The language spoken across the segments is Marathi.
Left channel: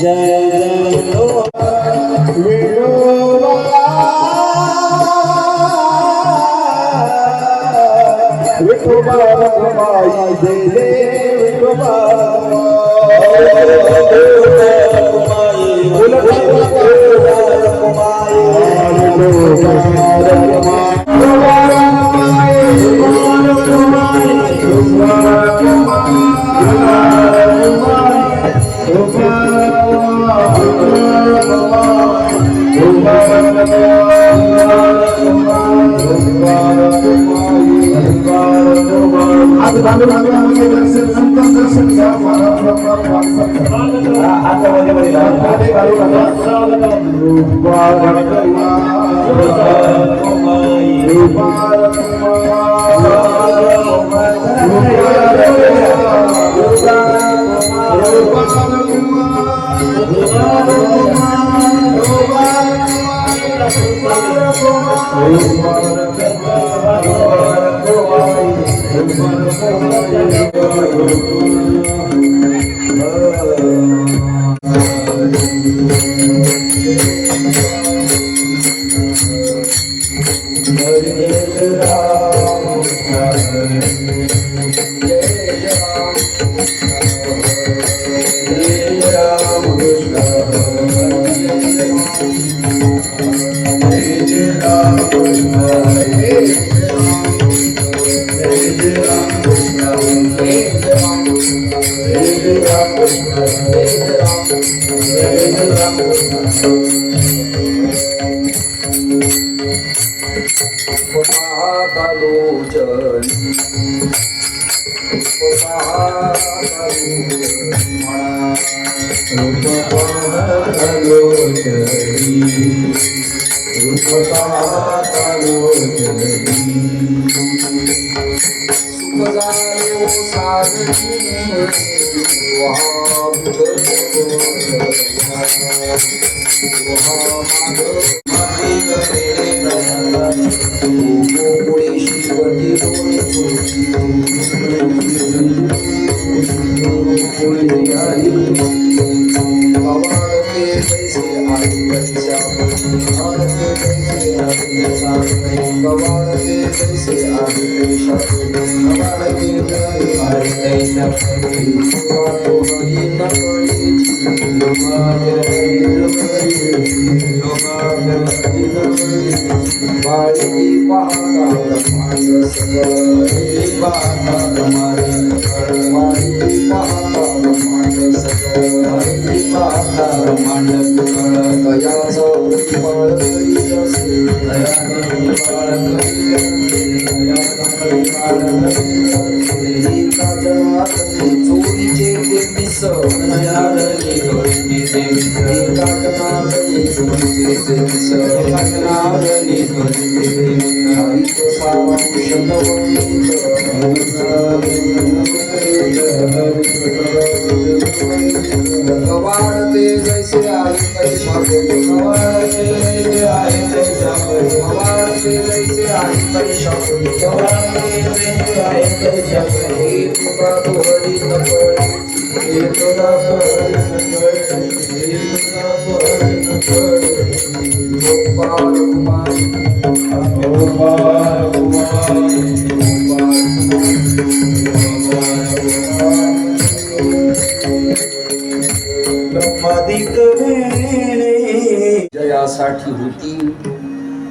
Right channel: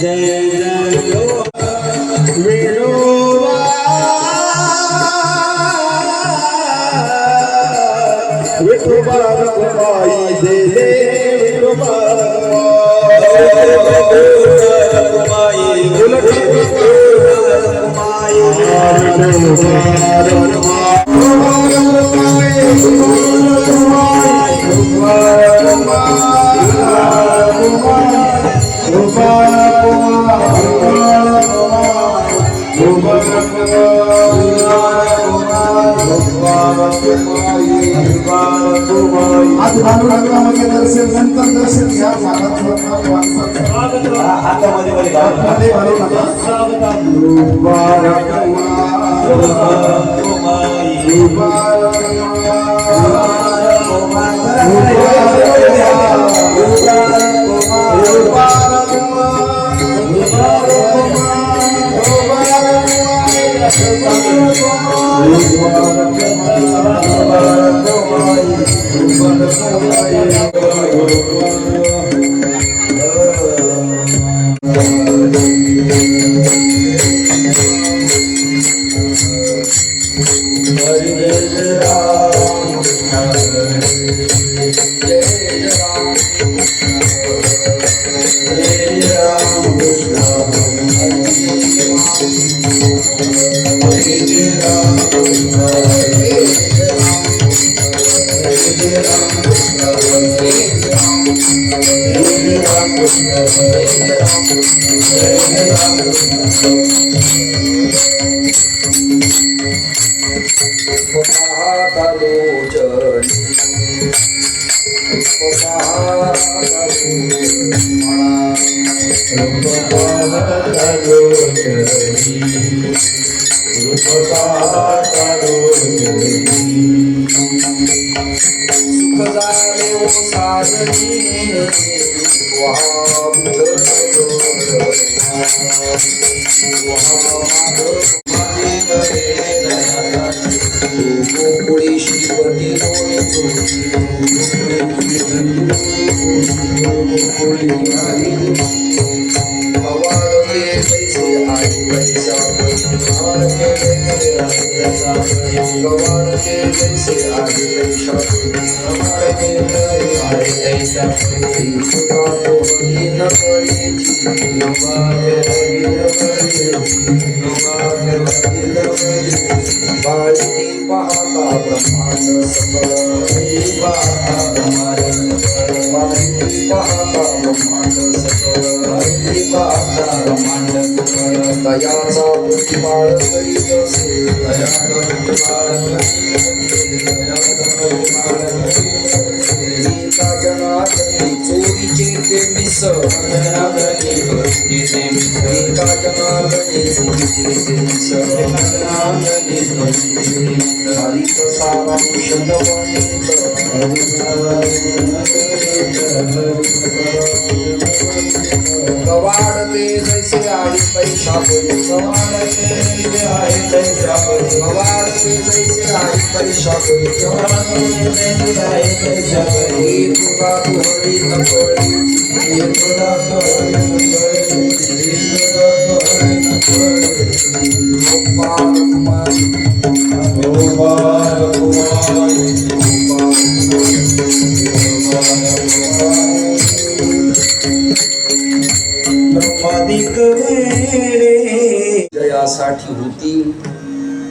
जय जय विठोबा विठोबा रखुमाई दे दे विठोबा जयासाठी होती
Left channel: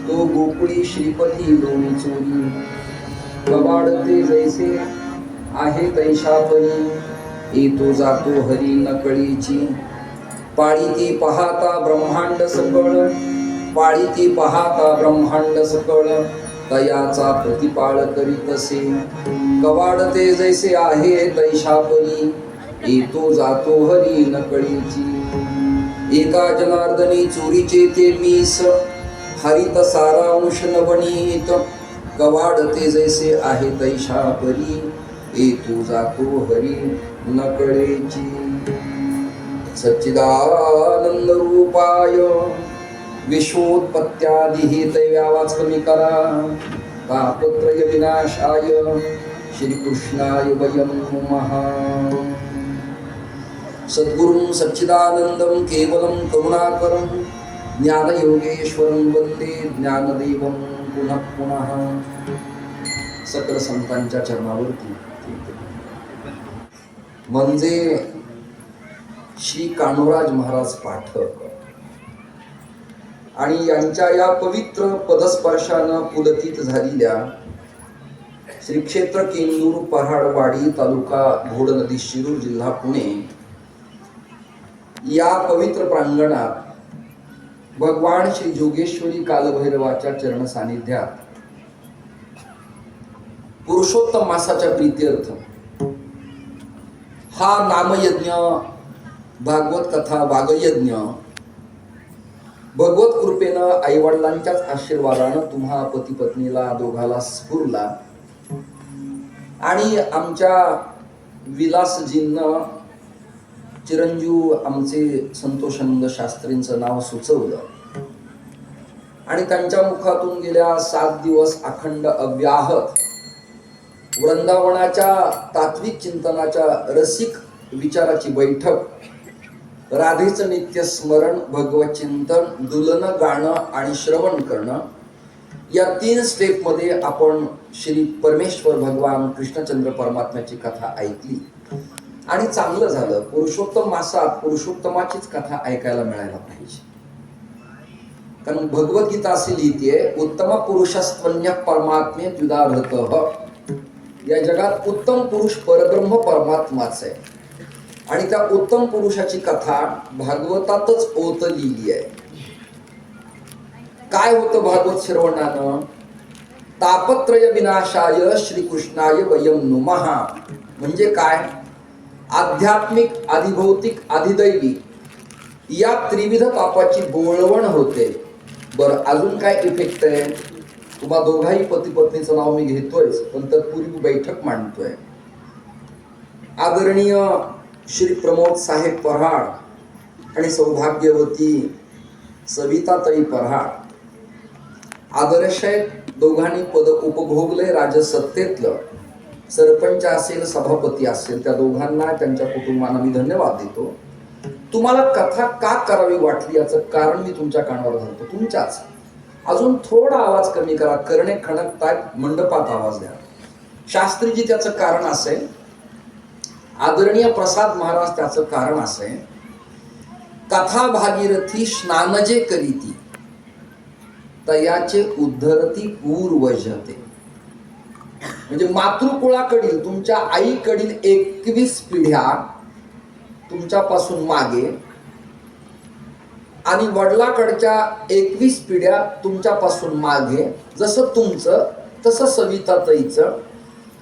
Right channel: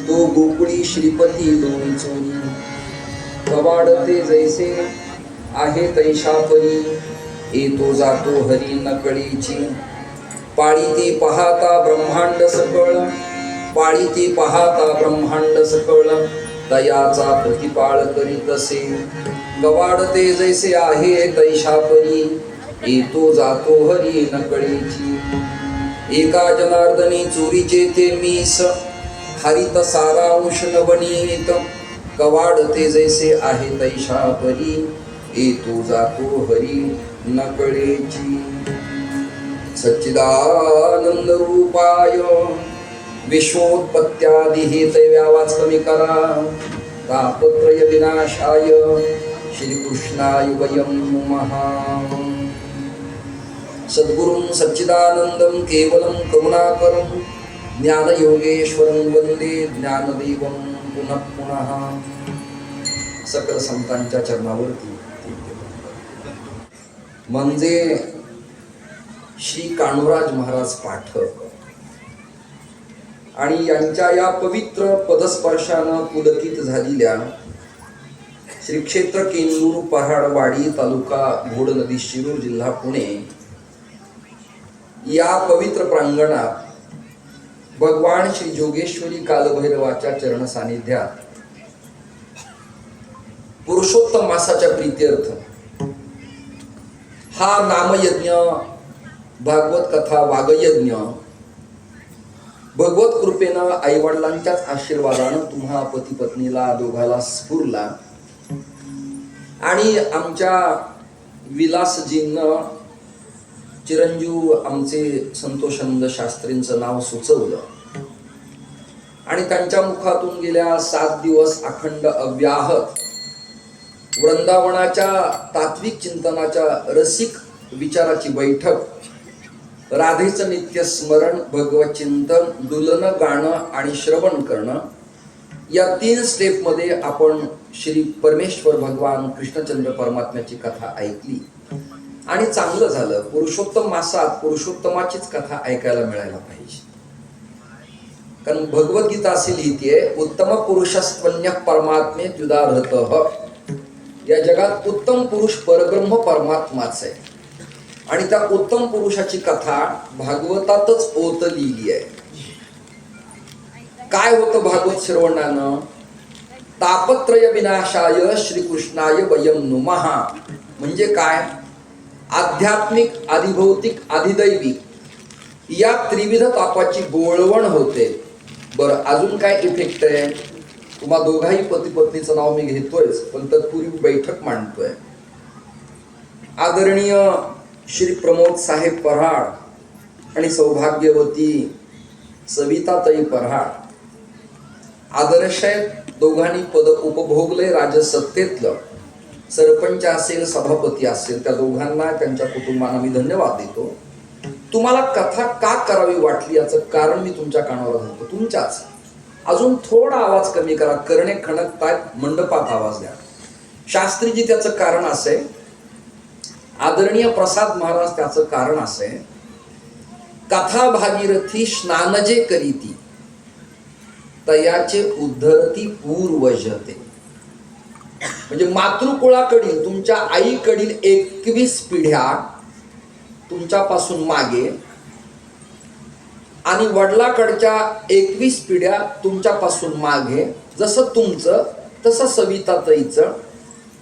तो गोकुळी श्रीपती दोन्ही चोरी कवाडते जैसे आहे तैशापरी येतो जातो हरी नकळीची पाळी ती पाहता ब्रह्मांड सकळ पाळी ती पाहता ब्रह्मांड सकळ दयाचा प्रतिपाळ करीत असे कवाडते जैसे आहे तैशापरी येतो जातो हरी नकळीची एका जनार्दनी चोरीचे ते मीस हरित सारांश नवनीत कवाडते जैसे आहे तैशापरी येतो जातो हरी नकळेची सच्चिदानंद रूपाय विश्वोत्पत्त्यादि हेतव्या वाच कमी करा तापत्रय विनाशाय श्रीकृष्णाय वयं नमः। सद्गुरुं सच्चिदानंदं केवलं करुणाकरं ज्ञानयोगेश्वरं वंदे ज्ञानदेवं पुनः पुनः. सकल संतांच्या चरणावरती म्हणजे श्री कान्होराज महाराज पाठक आणि यांच्या या पवित्र पदस्पर्शानं पुलकित झालेल्या श्री क्षेत्र केंदूर पहाडवाडी तालुका घोड नदी शिरूर जिल्हा पुणे या पवित्र प्रांगणात भगवान श्री जोगेश्वरी कालभैरवाच्या चरण सानिध्यात पुरुषोत्तम मासाच्या प्रीत्यर्थ हा नामयज्ञ, भागवत कथा, वागयज्ञ भगवत कृपेनं आईवडिलांच्याच आशीर्वादानं तुम्हा पती पत्नीला दोघाला स्फुरला आणि आमच्या विलासजींना चिरंजीव आमचे संतोषानंद शास्त्रींचं नाव सुचवलं आणि त्यांच्या मुखातून गेल्या 7 दिवस अखंड अव्याहत वृंदावनाच्या तात्विक चिंतनाच्या रसिक विचाराची बैठक, राधेचं नित्य स्मरण, भगवत चिंतन, दुलनं गाणं आणि श्रवण करणं या 3 स्टेपमध्ये आपण श्री परमेश्वर भगवान कृष्णचंद्र परमात्म्याची कथा ऐकली आणि चांगलं झालं. पुरुषोत्तम मासात पुरुषोत्तमाचीच कथा ऐकायला मिळायला पाहिजे. कारण भगवद्गीता असे लिहिते, उत्तम पुरुषस्त्वन्य परमात्मे द्विधारतः. या जगात उत्तम पुरुष परब्रह्म परमात्माच आहे आणि त्या उत्तम पुरुषाची कथा भागवतातच ओतलेली आहे. काय होतं भागवत श्रवणानं? तापत्रय विनाशाय श्रीकृष्णाय वयम नुमः. म्हणजे काय? आध्यात्मिक, आधिभौतिक, आधिदैविक या त्रिविध तापाची बोळवण होते. बरं, अजून काय इफेक्ट आहे? तुम्हा दोघाही पती पत्नीचं नाव मी घेतोयच, पण तत्पूर्वी बैठक मांडतोय. आदरणीय श्री प्रमोद साहेब पराड आणि सौभाग्यवती सविताताई पराड आदर्श आहेत. दोघांनी पद उपभोगले राजसत्तेतलं. सरपंच असेल, सभापती असेल, त्या दोघांना, त्यांच्या कुटुंबांना मी धन्यवाद देतो. तुम्हाला कथा का करावी वाटली याचं कारण मी तुमच्या कानावर घालतो, तुमच्याच. अजून थोडा आवाज कमी करा, करणे खणकतात, मंडपात आवाज द्या. शास्त्रीजी त्याचं कारण असे, आदरणीय प्रसाद महाराज त्याचं कारण असे, कथा भागीरथी स्नान जे करीती तयाचे उद्धरती पूर्वजते. म्हणजे मातृकुळाकडील, तुमच्या आईकडील 21 पिढ्या तुमच्यापासून मागे आणि वडिलाकडच्या 21 पिढ्या तुमच्यापासून मागे. जसं तुमचं तसं सविताताईचं,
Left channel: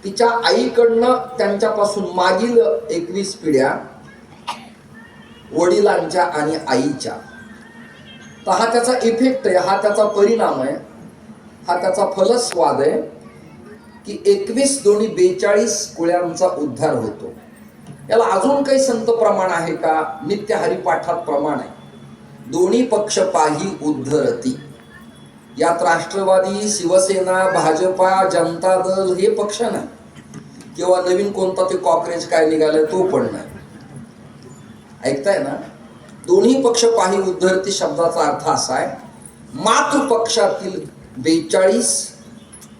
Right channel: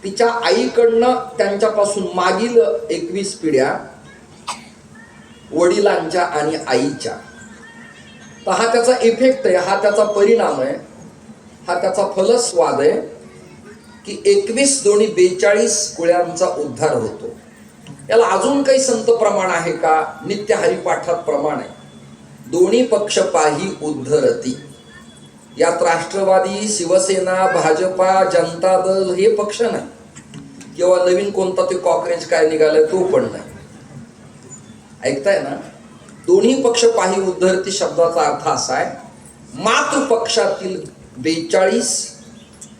तिच्या आईकडनं त्यांच्यापासून मागील 21 पिढ्या वडिलांच्या आणि आईच्या. तर हा त्याचा इफेक्ट आहे, हा त्याचा परिणाम आहे, हा त्याचा फलस्वाद आहे की 21 दोन्ही 42 कुळ्यांचा उद्धार होतो. याला अजून काही संत प्रमाण आहे का? नित्य हरिपाठात प्रमाण आहे, दोन्ही पक्ष पाही उद्धरती. यात राष्ट्रवादी, शिवसेना, भाजपा, जनता दल हे पक्ष नाही, किंवा नवीन कोणता ते कॉक्रेज काय निघालाय तो पण नाही. ऐकताय ना? दोन्ही पक्ष पाही उद्धरती शब्दाचा अर्थ असा आहे, मातृपक्षातील 42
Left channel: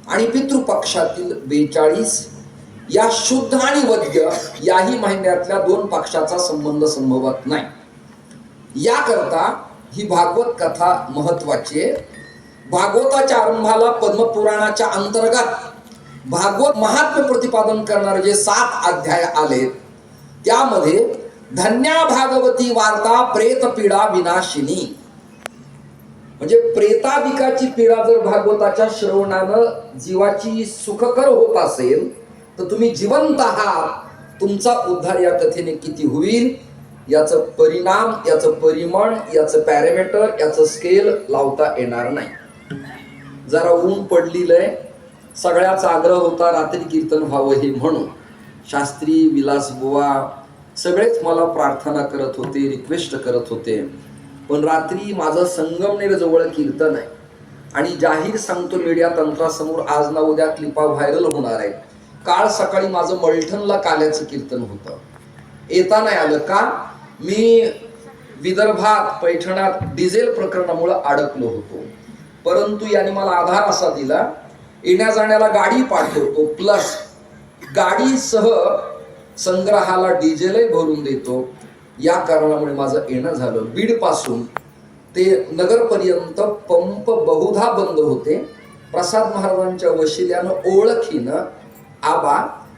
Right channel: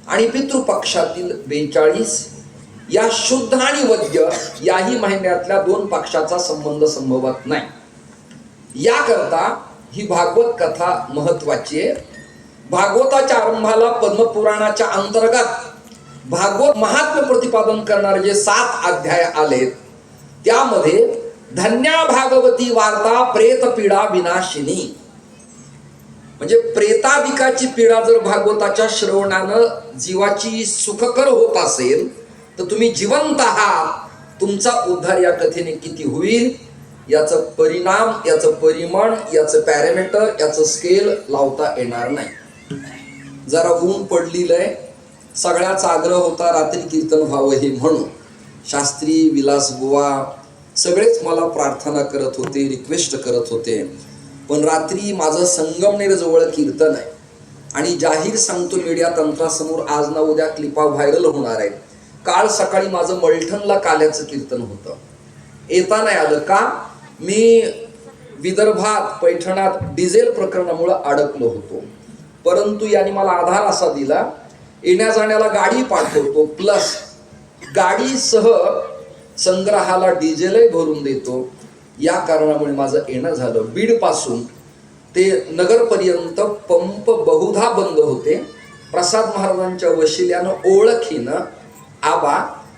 आणि पितृपक्षातील 42 या शुद्ध आणि वद्य याही महिन्यातल्या 2 पक्षाचा संबंध संभवत नाही. याकरता ही भागवत कथा महत्वाची आहे. भागवताच्या आरंभाला पद्मपुराणाच्या अंतर्गत भागवत महात्म्य प्रतिपादन करणारे जे 7 अध्याय आलेत त्यामध्ये धन्या भागवती वार्ता प्रेत पीडा विनाशिनी. म्हणजे प्रेतादिकाची पीडा जर भागवताच्या श्रवणानं जीवाची सुखकर होत असेल तर तुम्ही जिवंत आहात. तुमचा उद्धार या कथेने किती होईल याचं परिणाम, याचं परिमाण, याचं पॅरामीटर, याचं स्केल लावता येणार नाही. जरा ऊन पडलेलं आहे, सगळ्याचा आग्रह होता रात्री कीर्तन व्हावं हे म्हणून. शास्त्री, विलास बुवा सगळेच मला प्रार्थना करत होते, रिक्वेस्ट करत होते. पण रात्री माझं संगमनेर जवळ कीर्तन आहे आणि जाहीर सांगतो मीडिया तंत्रासमोर, आज ना उद्या क्लिपा व्हायरल होणार आहे. काल सकाळी माझं मलठणला काल्याचं कीर्तन होतं, येता नाही आलं. का? मी विदर्भात पैठणात डिझेल प्रकरणामुळे अडकलो होतो, परंतु यांनी मला आधार असा दिला, येण्या जाण्याला गाडी पाठवतो प्लस गाडीसह संग्रहाला डिझेलही भरून देतो. या कारणामुळे माझं येणं झालं. बीड पासून ते नगरपर्यंत पंप बहुधा बंद होते. प्रसाद महाराजांच्या वशिल्यानं ओळखीनं आबा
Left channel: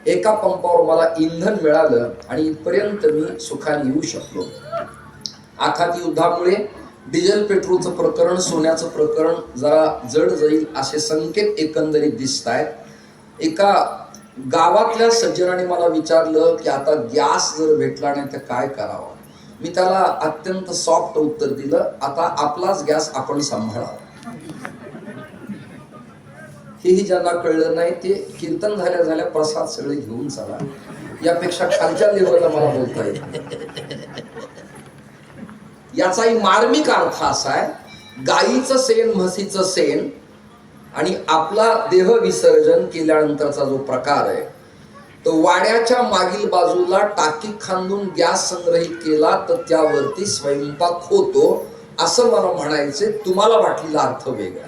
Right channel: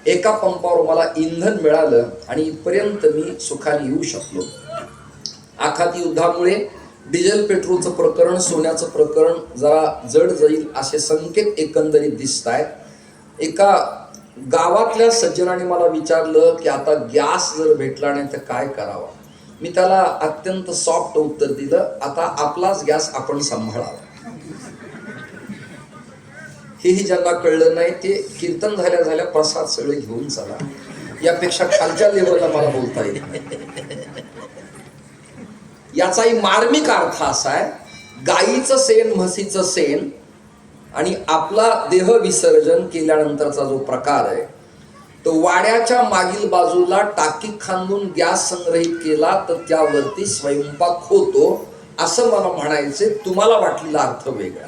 एका पंपावर मला इंधन मिळालं आणि इथपर्यंत मी सुखाने येऊ शकलो. आखाती युद्धामुळे डिझेल पेट्रोलचं प्रकरण, सोन्याचं प्रकरण जरा जड जाईल असे संकेत एकंदरीत दिसत आहेत. एका गावातल्या सज्जनाने मला विचारलं की आता गॅस जर भेटला नाही तर काय करावं. मी त्याला अत्यंत सॉफ्ट उत्तर दिलं, आता आपलाच गॅस आपण सांभाळावा. हेही ज्यांना कळलं नाही ते कीर्तन झाल्या झाल्या प्रसाद सगळे घेऊन चला. यापेक्षा खालच्या लेवलला मला बोलता येत. याचाही मार्मिक अर्थ असा आहे, गाईचं शेण, म्हशीचं शेण आणि आपला देह विसर्जन केल्यानंतरचा जो प्रकार आहे तो वाड्याच्या मागील बाजूला टाकी खांदून गॅस संग्रहित केला तर त्यावरती स्वयंपाक होतो असं मला म्हणायचे. तुम्हाला वाटलेला अर्थ वेगळा.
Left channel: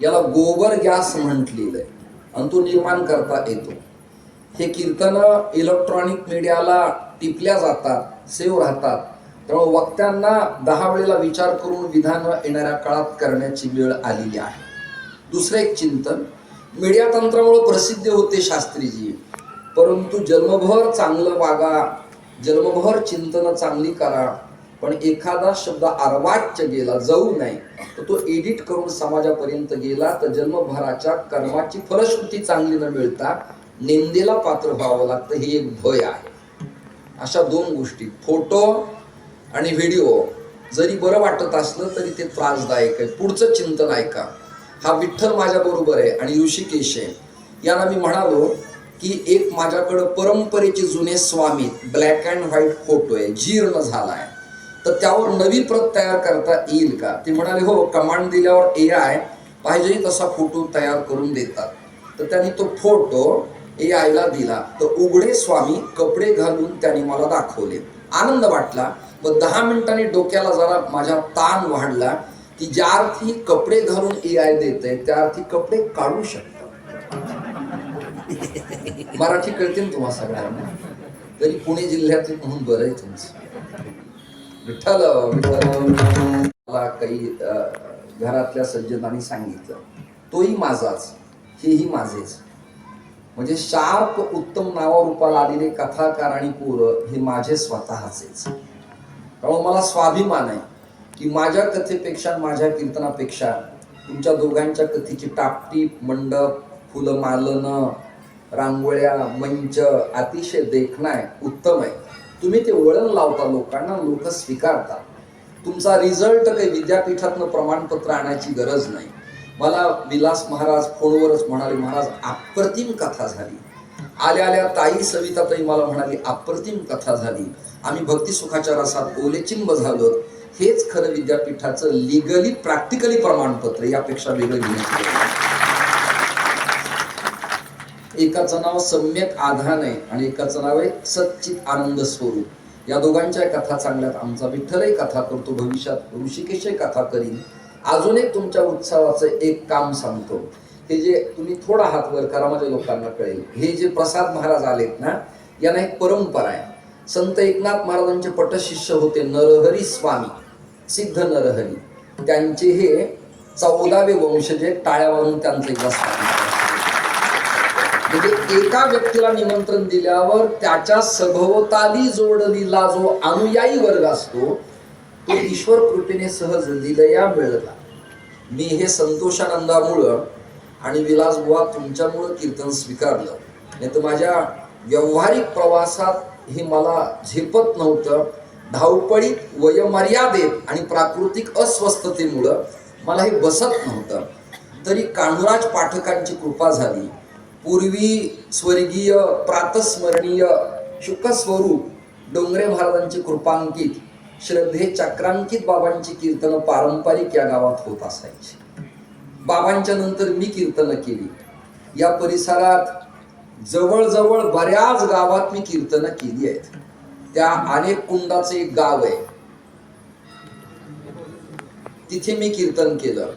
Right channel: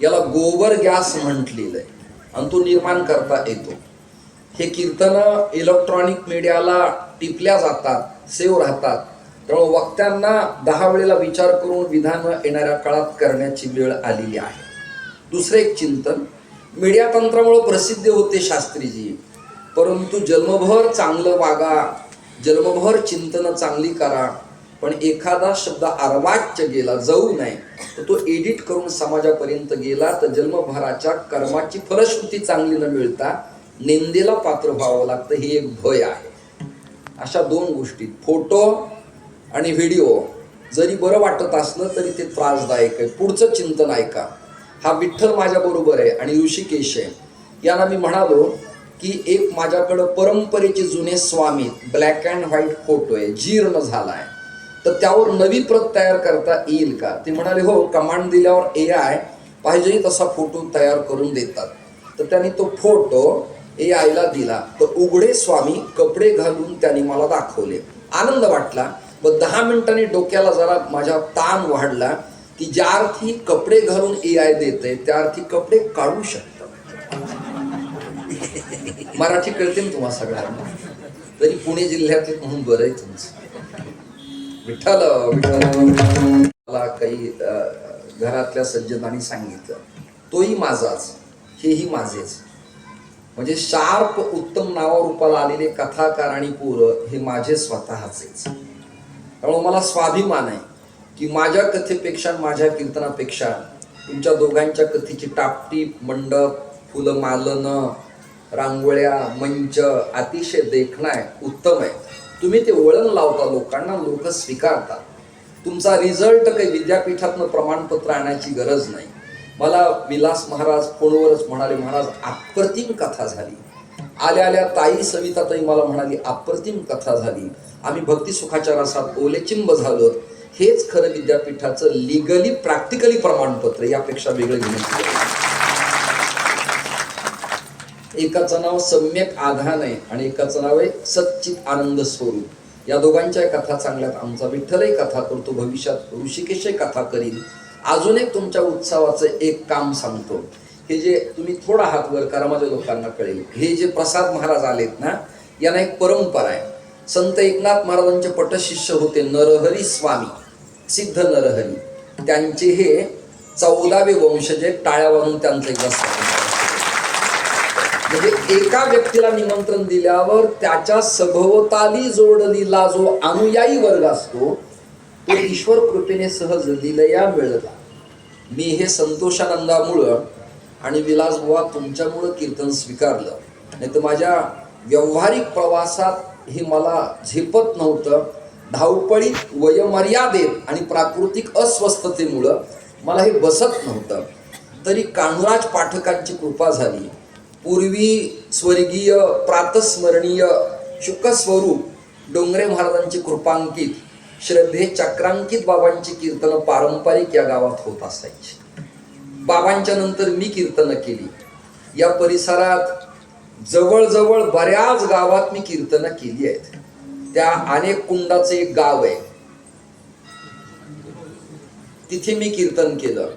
याला गोबर गॅस म्हटलेलं आहे आणि तो निर्माण करता येतो. हे कीर्तन इलेक्ट्रॉनिक मीडियाला टिपल्या जातात, सेव्ह राहतात. त्यामुळे वक्त्यांना 10 वेळेला विचार करून विधान येणाऱ्या काळात करण्याची वेळ आलेली आहे. दुसरं एक चिंतन, मीडिया तंत्रामुळे प्रसिद्ध होते शास्त्रीजी, परंतु जन्मभर चांगलं वागा, जन्मभर चिंतन चांगली करा, पण एखादा शब्द अर्वाच्य गेला, जाऊ नये तर तो एडिट करून समाजापर्यंत गेला तर जन्मभराच्या कर्माची फलश्रुती चांगली न मिळता निंदेला पात्र व्हावं लागतं. ही एक भय आहे. अशा 2 गोष्टी, फोटो आणि व्हिडिओ जरी बरं वाटत असलं तरी ते त्रासदायक आहे. पुढचं चिंतन ऐका. हा विठ्ठल माझ्या बरोबर आहे आणि ऋषिकेश आहे. याला मी म्हणालो की एक माझ्याकडं परंपरेचे जुने स्वामी ब्लॅक अँड व्हाईट फोटो आहे, जीर्ण झाला आहे, तर त्यावर नवी प्रत तयार करता येईल का. ते म्हणाले हो, कमांड दिल्यावर AI पाहिजे तसा फोटो तयार करून देतात. तर त्यांनी तो फोटो AI ला दिला तर उघडे स्वामी कपडे घालून त्यांनी मला दाखवले. आनंद वाटला. व 10 मिनिटांनी डोक्याला जरा माझ्या ताण वाढला की ज्या अर्थी कपडे घालून AI देते त्या अर्थी कपडे काढू शकतात. मराठी कळते ना तुम्हा सगळ्यांना, तरी पुणे जिल्ह्यातले म्हणून बरं आहे तुमचं. विठ्ठल विठ्ठल मला काही घरातल्या सज्जनांनी सांगितलं, तोही माझाच, हेही माझेच. म्हणजे शार्प उत्तम नावारूपाला आलेले कथाकार आणि पोरं हे माझे स्वतःचेच. त्यामुळे मला स्वाभिमान आहे की माझ्या कथेपेक्षा, माझ्या कीर्तनापेक्षा तुमच्या दोघांच्या कथेची टापटीप, मंडप, फुलं मालन, रांगोळ्या, मंच अतिशय देखणं आहे, उत्तम आहे. तुम्ही ते वळण लावता लोकांना, लोक स्वीकारतात. तुमचा रिझल्ट काही विद्यापीठातनं प्रमाणपत्र आणायची गरज नाही. मला विलास महाराज फोनवरच म्हणाले, महाराज अप्रतिम कथा झाली. आल्या आल्या ताई सविताताई मला म्हणाली अप्रतिम कथा झाली, आम्ही भक्ती सुखाच्या रसात ओलेचिंब झालो. हेच खरं विद्यापीठाचं लिगली प्रॅक्टिकली प्रमाणपत्र, यापेक्षा वेगळं घेण्याची. एकाचं नाव सम्यक आधान आहे आणि एकाचं नाव आहे सच्चित आनंद स्वरूप. या दोघांच्या कथा चांगल्यात. आमचा विठ्ठलही कथा करतो, भविष्यात ऋषिकेशही कथा करीन. अजून एक तुमच्या उत्सवाचं एक काम सांगतो. हे जे तुम्ही थोडा हात वर करा, माझ्या लोकांना कळेल. हे जे प्रसाद महाराज आलेत ना, यांना एक परंपरा आहे. संत एकनाथ महाराजांचे पटशिष्य होते नरहरी स्वामी, सिद्ध नरहरी. त्यांचे हे 14वे वंशज, टाळ्या वाजून त्यांचं एकदा स्वागत. म्हणजे एका व्यक्तीला निमंत्रण दिल्यावर त्याच्या सभोवताली जोडलेला जो अनुयायी वर्ग असतो तो ईश्वर कृपेने सहज लिलया मिळला. मी हे संतोषानंदामुळं आणि विलासबुवा तुमच्यामुळं कीर्तन स्वीकारलं. नाही तर माझ्या व्यावहारिक प्रवासात हे मला झेपत नव्हतं. धावपळीत, वयमर्यादेत आणि प्राकृतिक अस्वस्थतेमुळं मला हे बसत नव्हतं. तरी कान्हराज पाठकांची कृपा झाली. पूर्वी स्वर्गीय प्रातस्मरणीय शुकस्वरूप डोंगरे महाराजांची कृपांकित, श्रद्धे चक्रांकित बाबांची कीर्तनं पारंपरिक या गावात होत असायची. बाबांच्या नंतर मी कीर्तनं केली. या परिसरात जवळजवळ बऱ्याच गावात मी कीर्तनं केली आहेत. त्या अनेक कुंडाचं एक गाव आहे, तिथे मी कीर्तन केलं.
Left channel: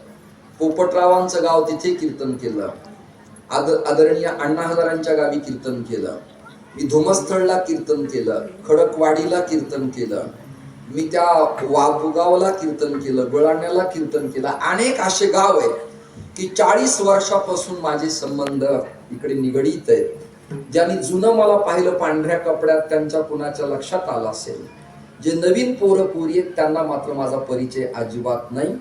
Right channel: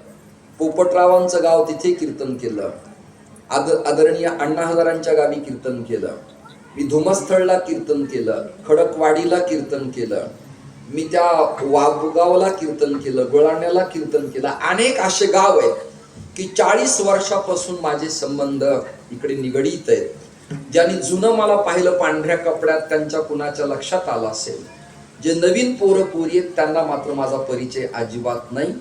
पोपटरावांचं गाव, तिथे कीर्तन केलं. आदरणीय अण्णा हजारांच्या गावी कीर्तन केलं. मी धुमस्थळला कीर्तन केलं, खडकवाडीला कीर्तन केलं, मी त्या वाघगावला कीर्तन केलं, गळाण्याला कीर्तन केलं. अनेक असे गाव आहेत की 40 वर्षापासून माझे संबंध इकडे निगडीत आहेत. ज्यांनी जुनं मला पाहिलं पांढऱ्या कपड्यात त्यांच्या कुणाच्या लक्षात आलं असेल. जे नवीन पोरं पोरी आहेत त्यांना मात्र माझा परिचय अजिबात नाही.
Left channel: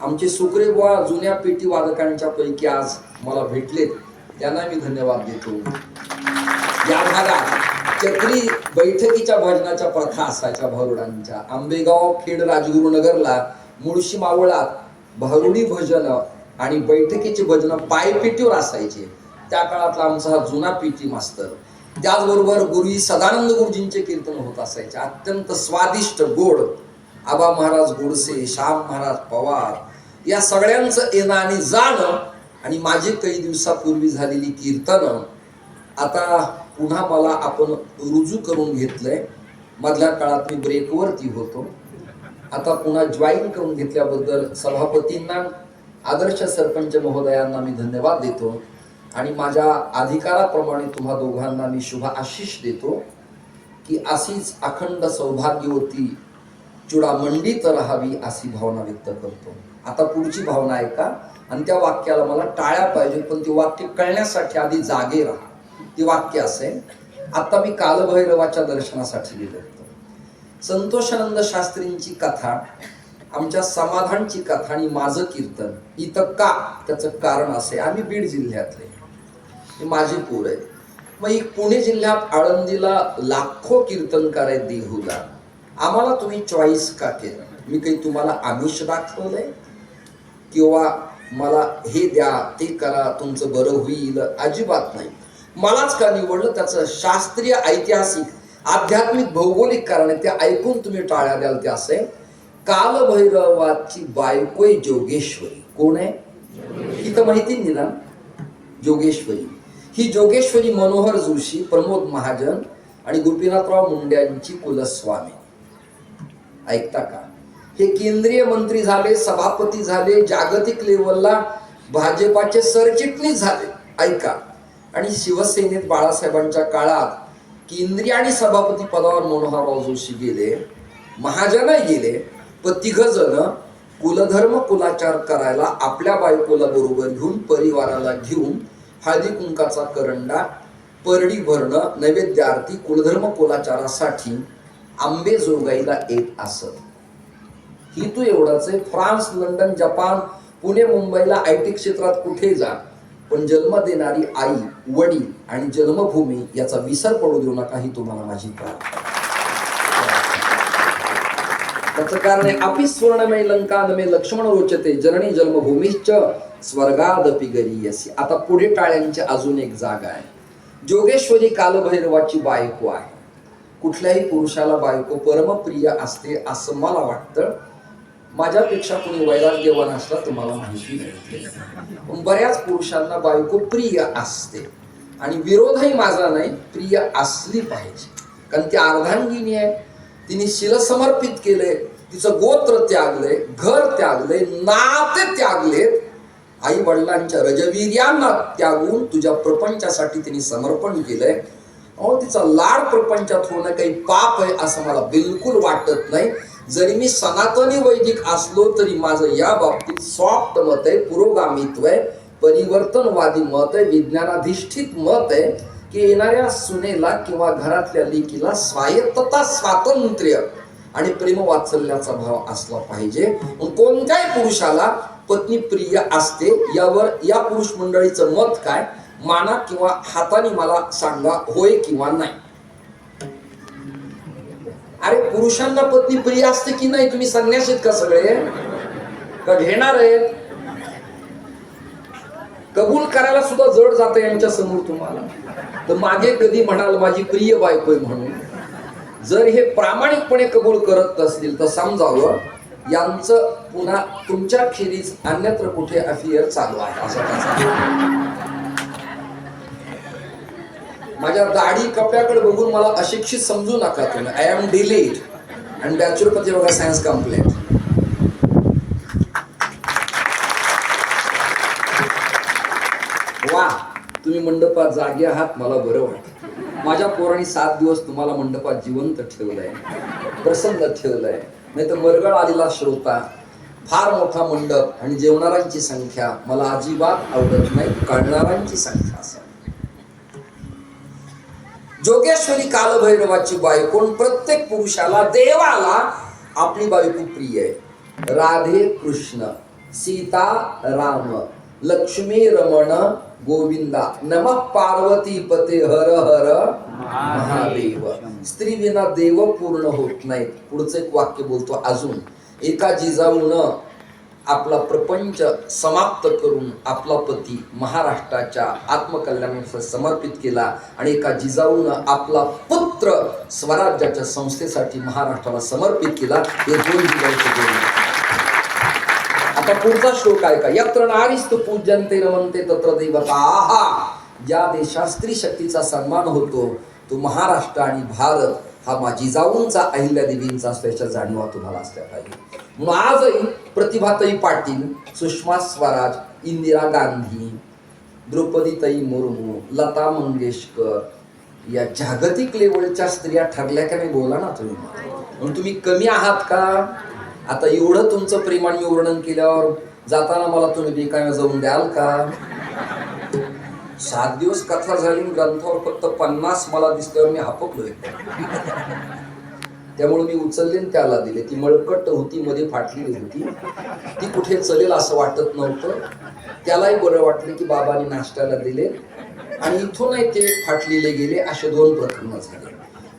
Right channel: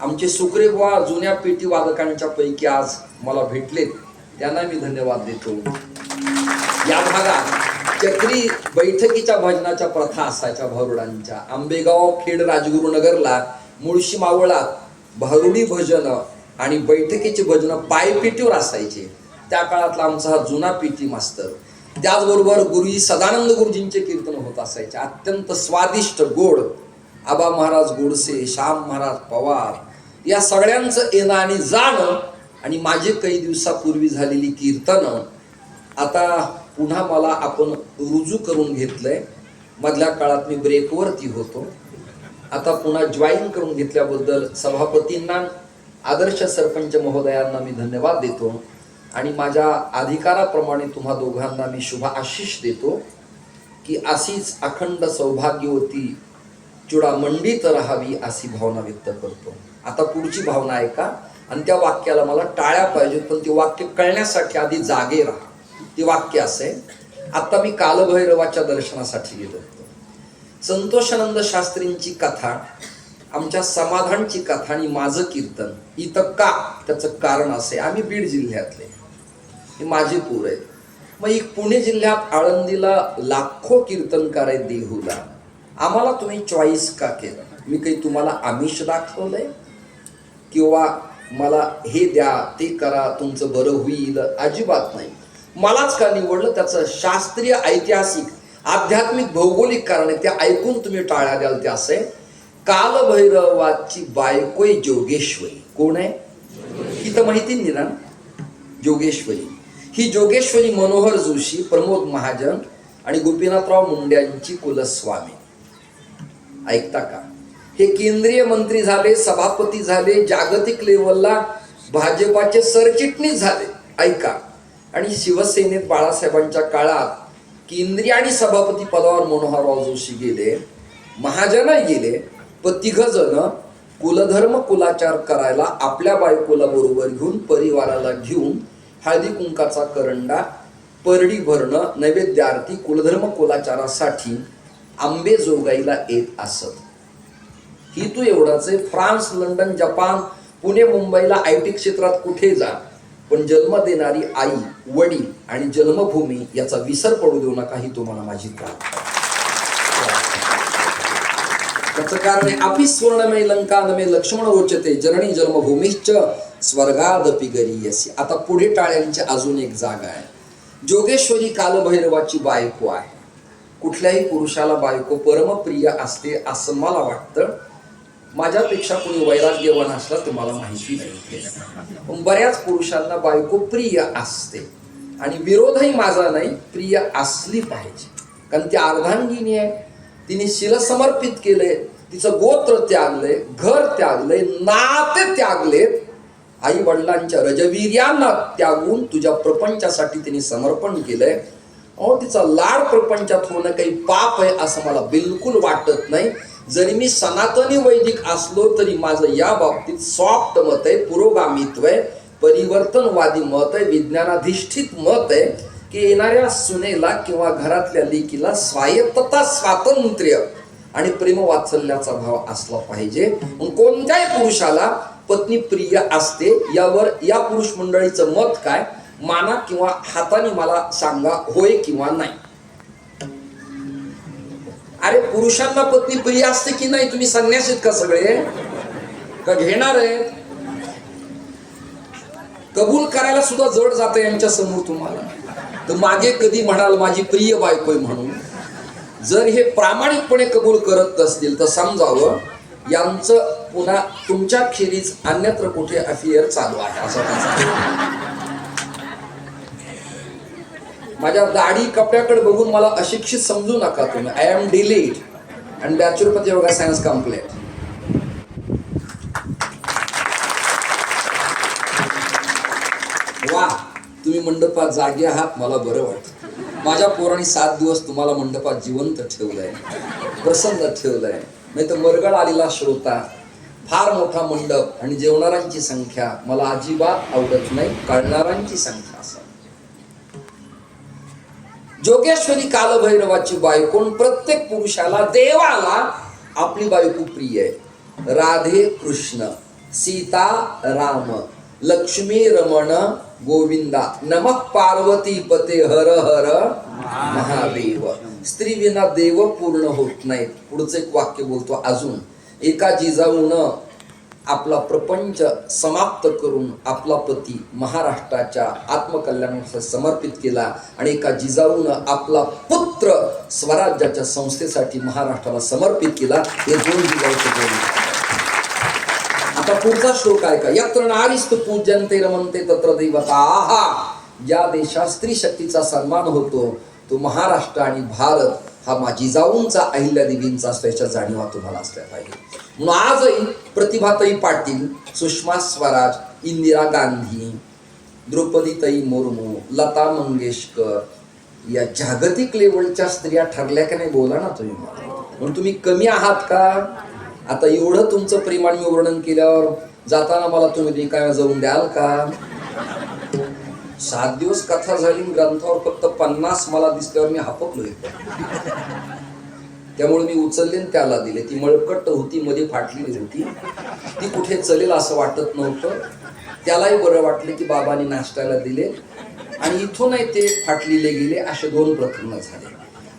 आमचे सुकरे बुवा जुन्या पेटी वादकांच्या पैकी आज मला भेटलेत, त्यांना मी धन्यवाद देतो. या भागात चक्री बैठकीच्या भजनाच्या प्रथा असायच्या भारुडांच्या. आंबेगाव, खेड, राजगुरुनगरला, मुळशी, मावळात भारुडी भजन आणि बैठकीचे भजन पायपेटीवर असायचे. त्या काळातला आमचा हा जुना पेटी मास्तर. त्याचबरोबर गुरुजी सदानंद गुरुजींचे कीर्तन होत असायचे, अत्यंत स्वादिष्ट गोड. आबा महाराज गोडसे, श्याम महाराज पवार या सगळ्यांचं येणं आणि जाणं आणि माझे काही दिवसापूर्वी झालेली कीर्तनं आता पुन्हा मला आपण रुजू करून घेतलंय. मधल्या काळात मी ब्रेकवरती होतो, आता पुन्हा जॉईन करून घेतल्याबद्दल सभापतींना, आदर्श सरपंच महोदयांना मी धन्यवाद देतो आणि माझ्या अधिकाराप्रमाणे तुम्हा दोघांना मी शुभ आशीष देतो की अशीच अखंड सौभाग्यवती चुडामंडीत राहावी अशी भावना व्यक्त करतो. आता पुढची भावना आहे का, आणि त्या वाक्याला मला टाळ्या पाहिजे, पण ती वाक्य कळण्यासाठी आधी जागे राहा. ती वाक्य असे, आता मी कालभैरवाच्या दर्शनासाठी गेलो होतो. संतोषानंद शास्त्रींची कथा, आमच्या समाधानची कथा आणि माझं कीर्तन इथं का, त्याचं कारण असे, आम्ही बीड जिल्ह्यातले, हे माझे पोर आहेत. मग एक पुणे जिल्ह्यात आळंदीला लाखो कीर्तनकार आहेत देहूला. आम्हाला तुम्ही चॉईस का केलं? मी काही तुम्हाला आमिष दाखवलंय किंवा मला हे द्या ते करा तुमचं बरं होईल? अजिबात नाही. मलाच का निवडलं त्याचं शास्त्रीय, ऐतिहासिक, आध्यात्मिक, भौगोलिक कारण आहे. ते ऐकून तुम्ही टाळ्या द्याल ते असे. कालभैरवाची बायको जोगेश्वरी. कोण आहे ही तर माहिती नाही ना? जोगेश्वरी. ही जोगेश्वरी मनोहर जोशी, प्रमोद महाजन आणि गोपीनाथराव मुंड्यांची कुलस्वामी. ऐकता का? हे केंद्रीय मंत्री झाले, सभापती झाले, जागतिक लेवलला भाजपाचे सरचिटणीस झाले. ऐका. आणि शिवसेनेत बाळासाहेबांच्या काळात केंद्रीय आणि सभापती पदावर मनोहरराव जोशी गेले, महाजन गेले, पण तिघजण कुलधर्म कुलाचार करायला आपल्या बायकोला बरोबर घेऊन, परिवाराला घेऊन हळदी कुंकाचा करंडा, परडी भरणं, नैवेद्य आरती, कुलधर्म कुलाचारासाठी आंबेजोगाईला येत असत. ही तू एवढंच आहे. फ्रान्स, लंडन, जपान, पुणे, मुंबईला IT क्षेत्रात कुठे जा, पण जन्म देणारी आई, वडील आणि जन्मभूमी याचा विसर पडू देऊ नका, ही तुम्हाला माझी प्रार्थना. त्याचं कारण आहे, अपि स्वर्णमय लंका नमे लक्ष्मण रोचते जननी जन्मभूमीश्च स्वर्गादपि गरीयसी. आता पुढे टाळ्यांची अजून एक जागा आहे. जोगेश्वरी कालभैरवाची बायको आहे. कुठल्याही पुरुषाला बायको परमप्रिय असते असं मला वाटतं. माझ्यापेक्षा कोणी वैराग्यवान असला तुम्हाला माहिती नाही, पण बऱ्याच पुरुषांना बायको प्रिय असते. आणि विरोधही माझा नाही, प्रिय असली पाहिजे, कारण ती अर्धांगिनी आहे. तिने शिल समर्पित केले, तिचं गोत्र त्यागलंय, घर त्यागलंय, नाते त्यागलेत, आई वडिलांच्या रजवीर्यांना त्यागून तुझ्या प्रपंचासाठी तिने समर्पण केलंय. अहो, तिचा लाड प्रपंचात होणं काही पाप आहे असं मला बिलकुल वाटत नाही. जरी मी सनातनी वैदिक असलो तरी माझं या बाबतीत सॉफ्ट मत आहे, पुरोगामित्व आहे, परिवर्तनवादी मत आहे, विज्ञानाधिष्ठित मत आहे की येणाऱ्या सुनेला किंवा घरातल्या लेकीला स्वायत्तता, स्वातंत्र्य आणि प्रेमवात्सल्याचा भाव असला पाहिजे. कोणत्याही पुरुषाला पत्नी प्रिय असते. यावर या पुरुष मंडळीचं मत काय? माना किंवा हाताने मला सांगा, होय किंवा नाही. अरे, पुरुषांना पत्नी प्रिय असते की नाही? तुम्ही संन्यासीत का सगळे? का घेणार आहेत? कबूल करायला सुद्धा जड जातं यांच्या समोर तुम्हाला. तर मागे कधी म्हणाल माझी प्रिय बायको म्हणून. जर हे प्रामाणिकपणे कबूल करत असतील तर समजावं यांचं पुन्हा तुमच्या खेरीज अन्यत्र कुठे अफेअर चालू आहे असं. माझ्या दाढी कपड्याकडे बघून मला अशिक्षित समजू नका तुम्ही. आय एम डिलीट आणि बॅचलर योगा सायन्स कम्प्लीट. वा, तुम्ही मंडपात जागे आहात, मला बरं वाटतं. माझ्या पोरांनी 7 दिवस तुम्हाला मंडपात जिवंत ठेवलंय, प्रसन्न ठेवलंय. नाही तर मरगळ आलेला श्रोता, फार मोठा मंडप आणि जेवणाऱ्यांची संख्या मला अजिबात आवडत नाही, काढणाऱ्यांची संख्या असावी. जोगेश्वरी कालभैरवाची बायको. प्रत्येक पुरुषाला, देवाला आपली बायको प्रिय आहे. राधे कृष्ण, सीता राम, लक्ष्मी रमण गोविंदा, नमः पार्वती पते हर हर महादेव. स्त्री विना देव पूर्ण होत नाहीत. पुढचं एक वाक्य बोलतो अजून. एका जिजाऊनं आपला प्रपंच समाप्त करून आपला पती महाराष्ट्राच्या आत्मकल्याणासाठी समर्पित केला आणि एका जिजाऊनं आपला पुत्र स्वराज्याच्या संस्थेसाठी महाराष्ट्राला समर्पित केला. हे 2 जिजाऊचे बोलणे. आता पुढचा श्लोक आहे का. यत्र नारीस्तु पूज्यन्ते रमन्ते तत्र देवता. आहा, ज्या देशात स्त्री शक्तीचा सन्मान होतो तो महाराष्ट्र आणि भारत हा जिजाऊंचा, अहिल्यादेवींचा असल्याच्या जाणीवा तुम्हाला असल्या पाहिजे. म्हणून आजही प्रतिभाताई पाटील, सुषमा स्वराज, इंदिरा गांधी, द्रौपदीताई मुर्मू, लता मंगेशकर या जागतिक लेवलच्या स्त्रिया ठरल्या का नाही, बोला ना तुम्ही. म्हणून तुम्ही कमी आहात का. आता एवढं तुमचं प्रेमाने वर्णन केल्यावर जाताना मला तुम्ही काय जाऊन द्याल का. 7 दिवस कथा झाली, ग्रंथावर फक्त 50 मला दिसल्यावर मी हापकलोय. त्यामुळे मी उचलले त्याला दिले. ती मळकट होती, मध्ये फाटलेली होती, ती कुठे चलेल असं वाटत नव्हतं. त्यालाही बरं वाटले की बाबांनी नाश्त्याला दिले आणि इथूनही ते फाटलेले गेले. असे 2 प्रकरणं झाले.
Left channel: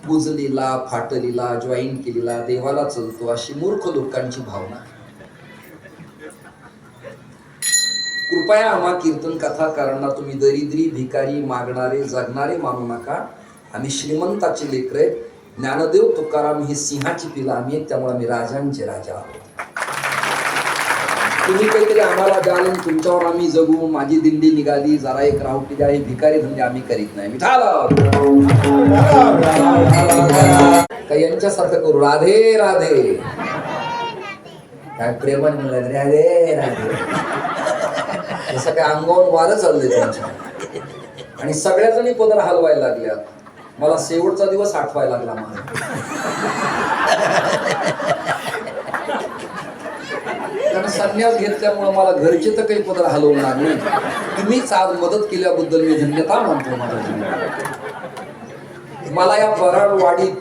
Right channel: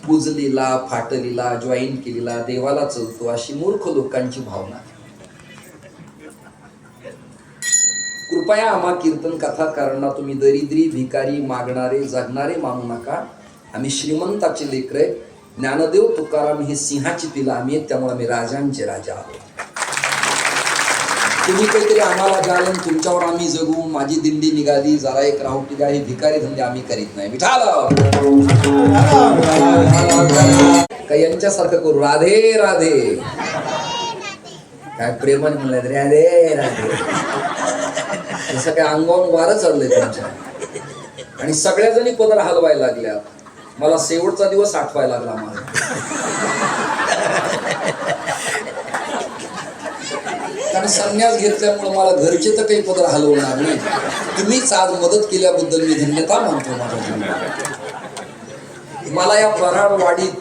बुजलेला, फाटलेला, जॉईन केलेला, देवाला चलतो अशी मूर्ख लोकांची भावना. कृपया आम्हा कीर्तन कथाकारांना तुम्ही दरिद्री, भिकारी, मागणारे, जगणारे मानू नका. आम्ही श्रीमंताचे लेकरे. ज्ञानदेव तुकाराम ही सिंहाची पिलं आम्ही, त्यामुळे आम्ही राजांचे राजा आहोत. तुम्ही काहीतरी आम्हाला द्याल, तुमच्यावर आम्ही जगू. माझी दिंडी निघाली, जरा एक राहू पिल्या, हे भिकारी धंदे आम्ही करीत नाही. काही यांच्यासारखं करू. राधे राधे, काय प्रेमाने म्हणलं राधे राधे, जसं काय अंगावर वारं चाललंय त्यांच्या. आणि सगळ्या जणी पदर हलवायला लागल्या. मला शेवटचा दिवस आठवायला लागला माझा. कारण संन्यास घेतल्यामुळे मला घरचे तर काही पदर हलवणार नाही. तुम्हीच आज मदत केल्याबद्दल मी धन्यता मानतो. माझ्या मला या वराडवाडीत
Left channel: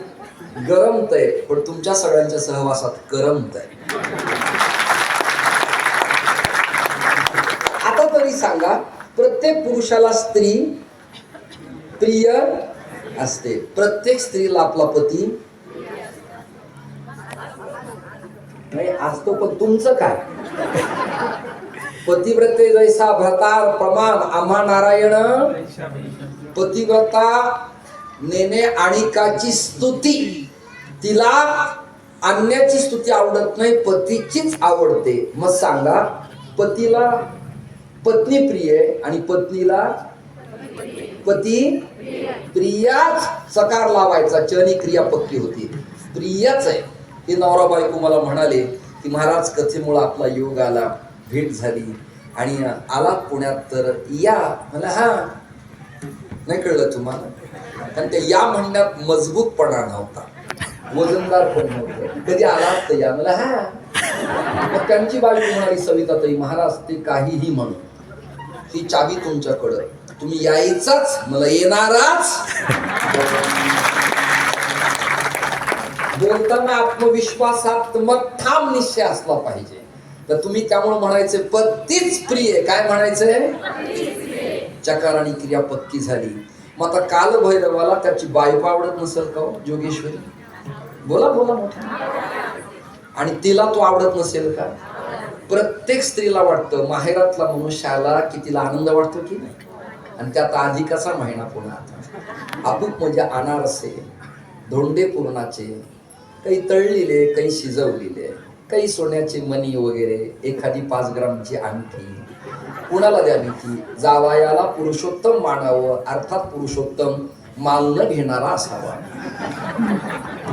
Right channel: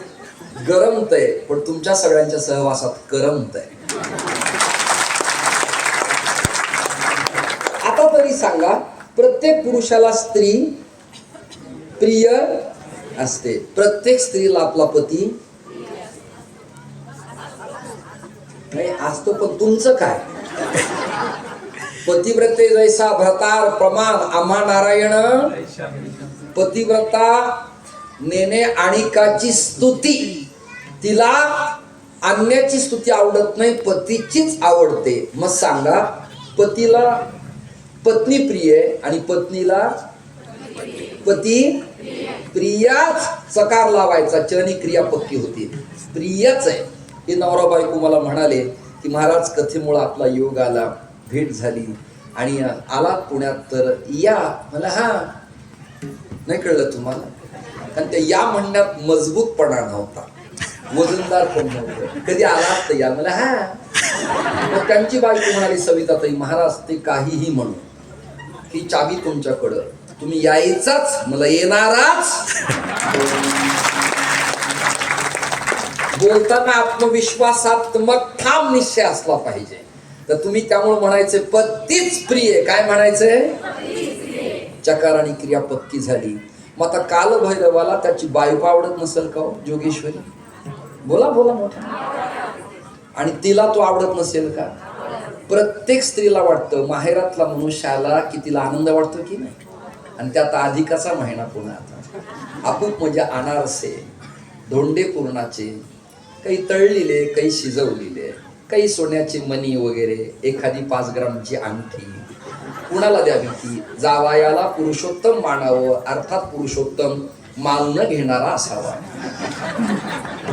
गरमतंय, पण तुमच्या सगळ्यांच्या सहवासात करमतंय. आता तरी सांगा, प्रत्येक पुरुषाला स्त्री प्रिय असते. प्रत्येक स्त्रीला आपला पती नाही असतो. पण तुमचं काय. पतिव्रते जैसा भ्रतार प्रमाण आम्हा नारायण. पतिव्रता नेने आणिकाची स्तुती, तिला अन्याची स्तुती आवडत नाही, पतीचीच आवडते. मग सांगा, पतीला पत्नी प्रिय आणि पत्नीला पती प्रियाच. सकार लावायचा, चनी क्रिया पक्की होती. प्रियच आहे. हे नवरा बायको मला म्हणाले की महाराज कथेमुळे आपला योग आला, भेट झाली आणि आला पुण्यात, तर या. मला हा नाही कळलं तुम्हाला. आणि ते या म्हणण्यात मजबूतपणा नव्हता, वजनदार पण नव्हतं. कधी आला तर या. मला हा. मग त्यांची बायको म्हणाली सविताताई, महाराज ते काहीही म्हणू, ही चावी तुमच्याकडं, तुम्ही यायचाच, मला येणाराच. बोलताना आत्मविश्वासात्मक ठाम निश्चय असला पाहिजे. तर तुम्ही त्यामुळे म्हणायचे पतीच प्रिय. काय म्हणायचंय. चकार आणि क्रिया पक्की झाली. मग आता कालभैरवाला त्याची बायको आवडत नसेल का हो जोगेश्वरी. बोला बोला मोठा. आणि तिला तो आवडत नसेल का. प्रत्येक स्त्रीला वाटतं माहेरातला मनुष्याला की तिला आनंद वाटतो की नाही. आणि त्यात अधिकाचा महिना पुन्हा आता आपूप म्हणजे अनारसे, धोंडे पूर्णाचे, काही तळलेले, काही शिजवलेले, काही सोन्याचे मणी वगैरे, एखादी 5 ग्रामची अंगठी. कुणाला द्यावी की जावयाला पुरुषोत्तम मानावं. अर्थात पुरुषोत्तम माल न घेणारा असावा.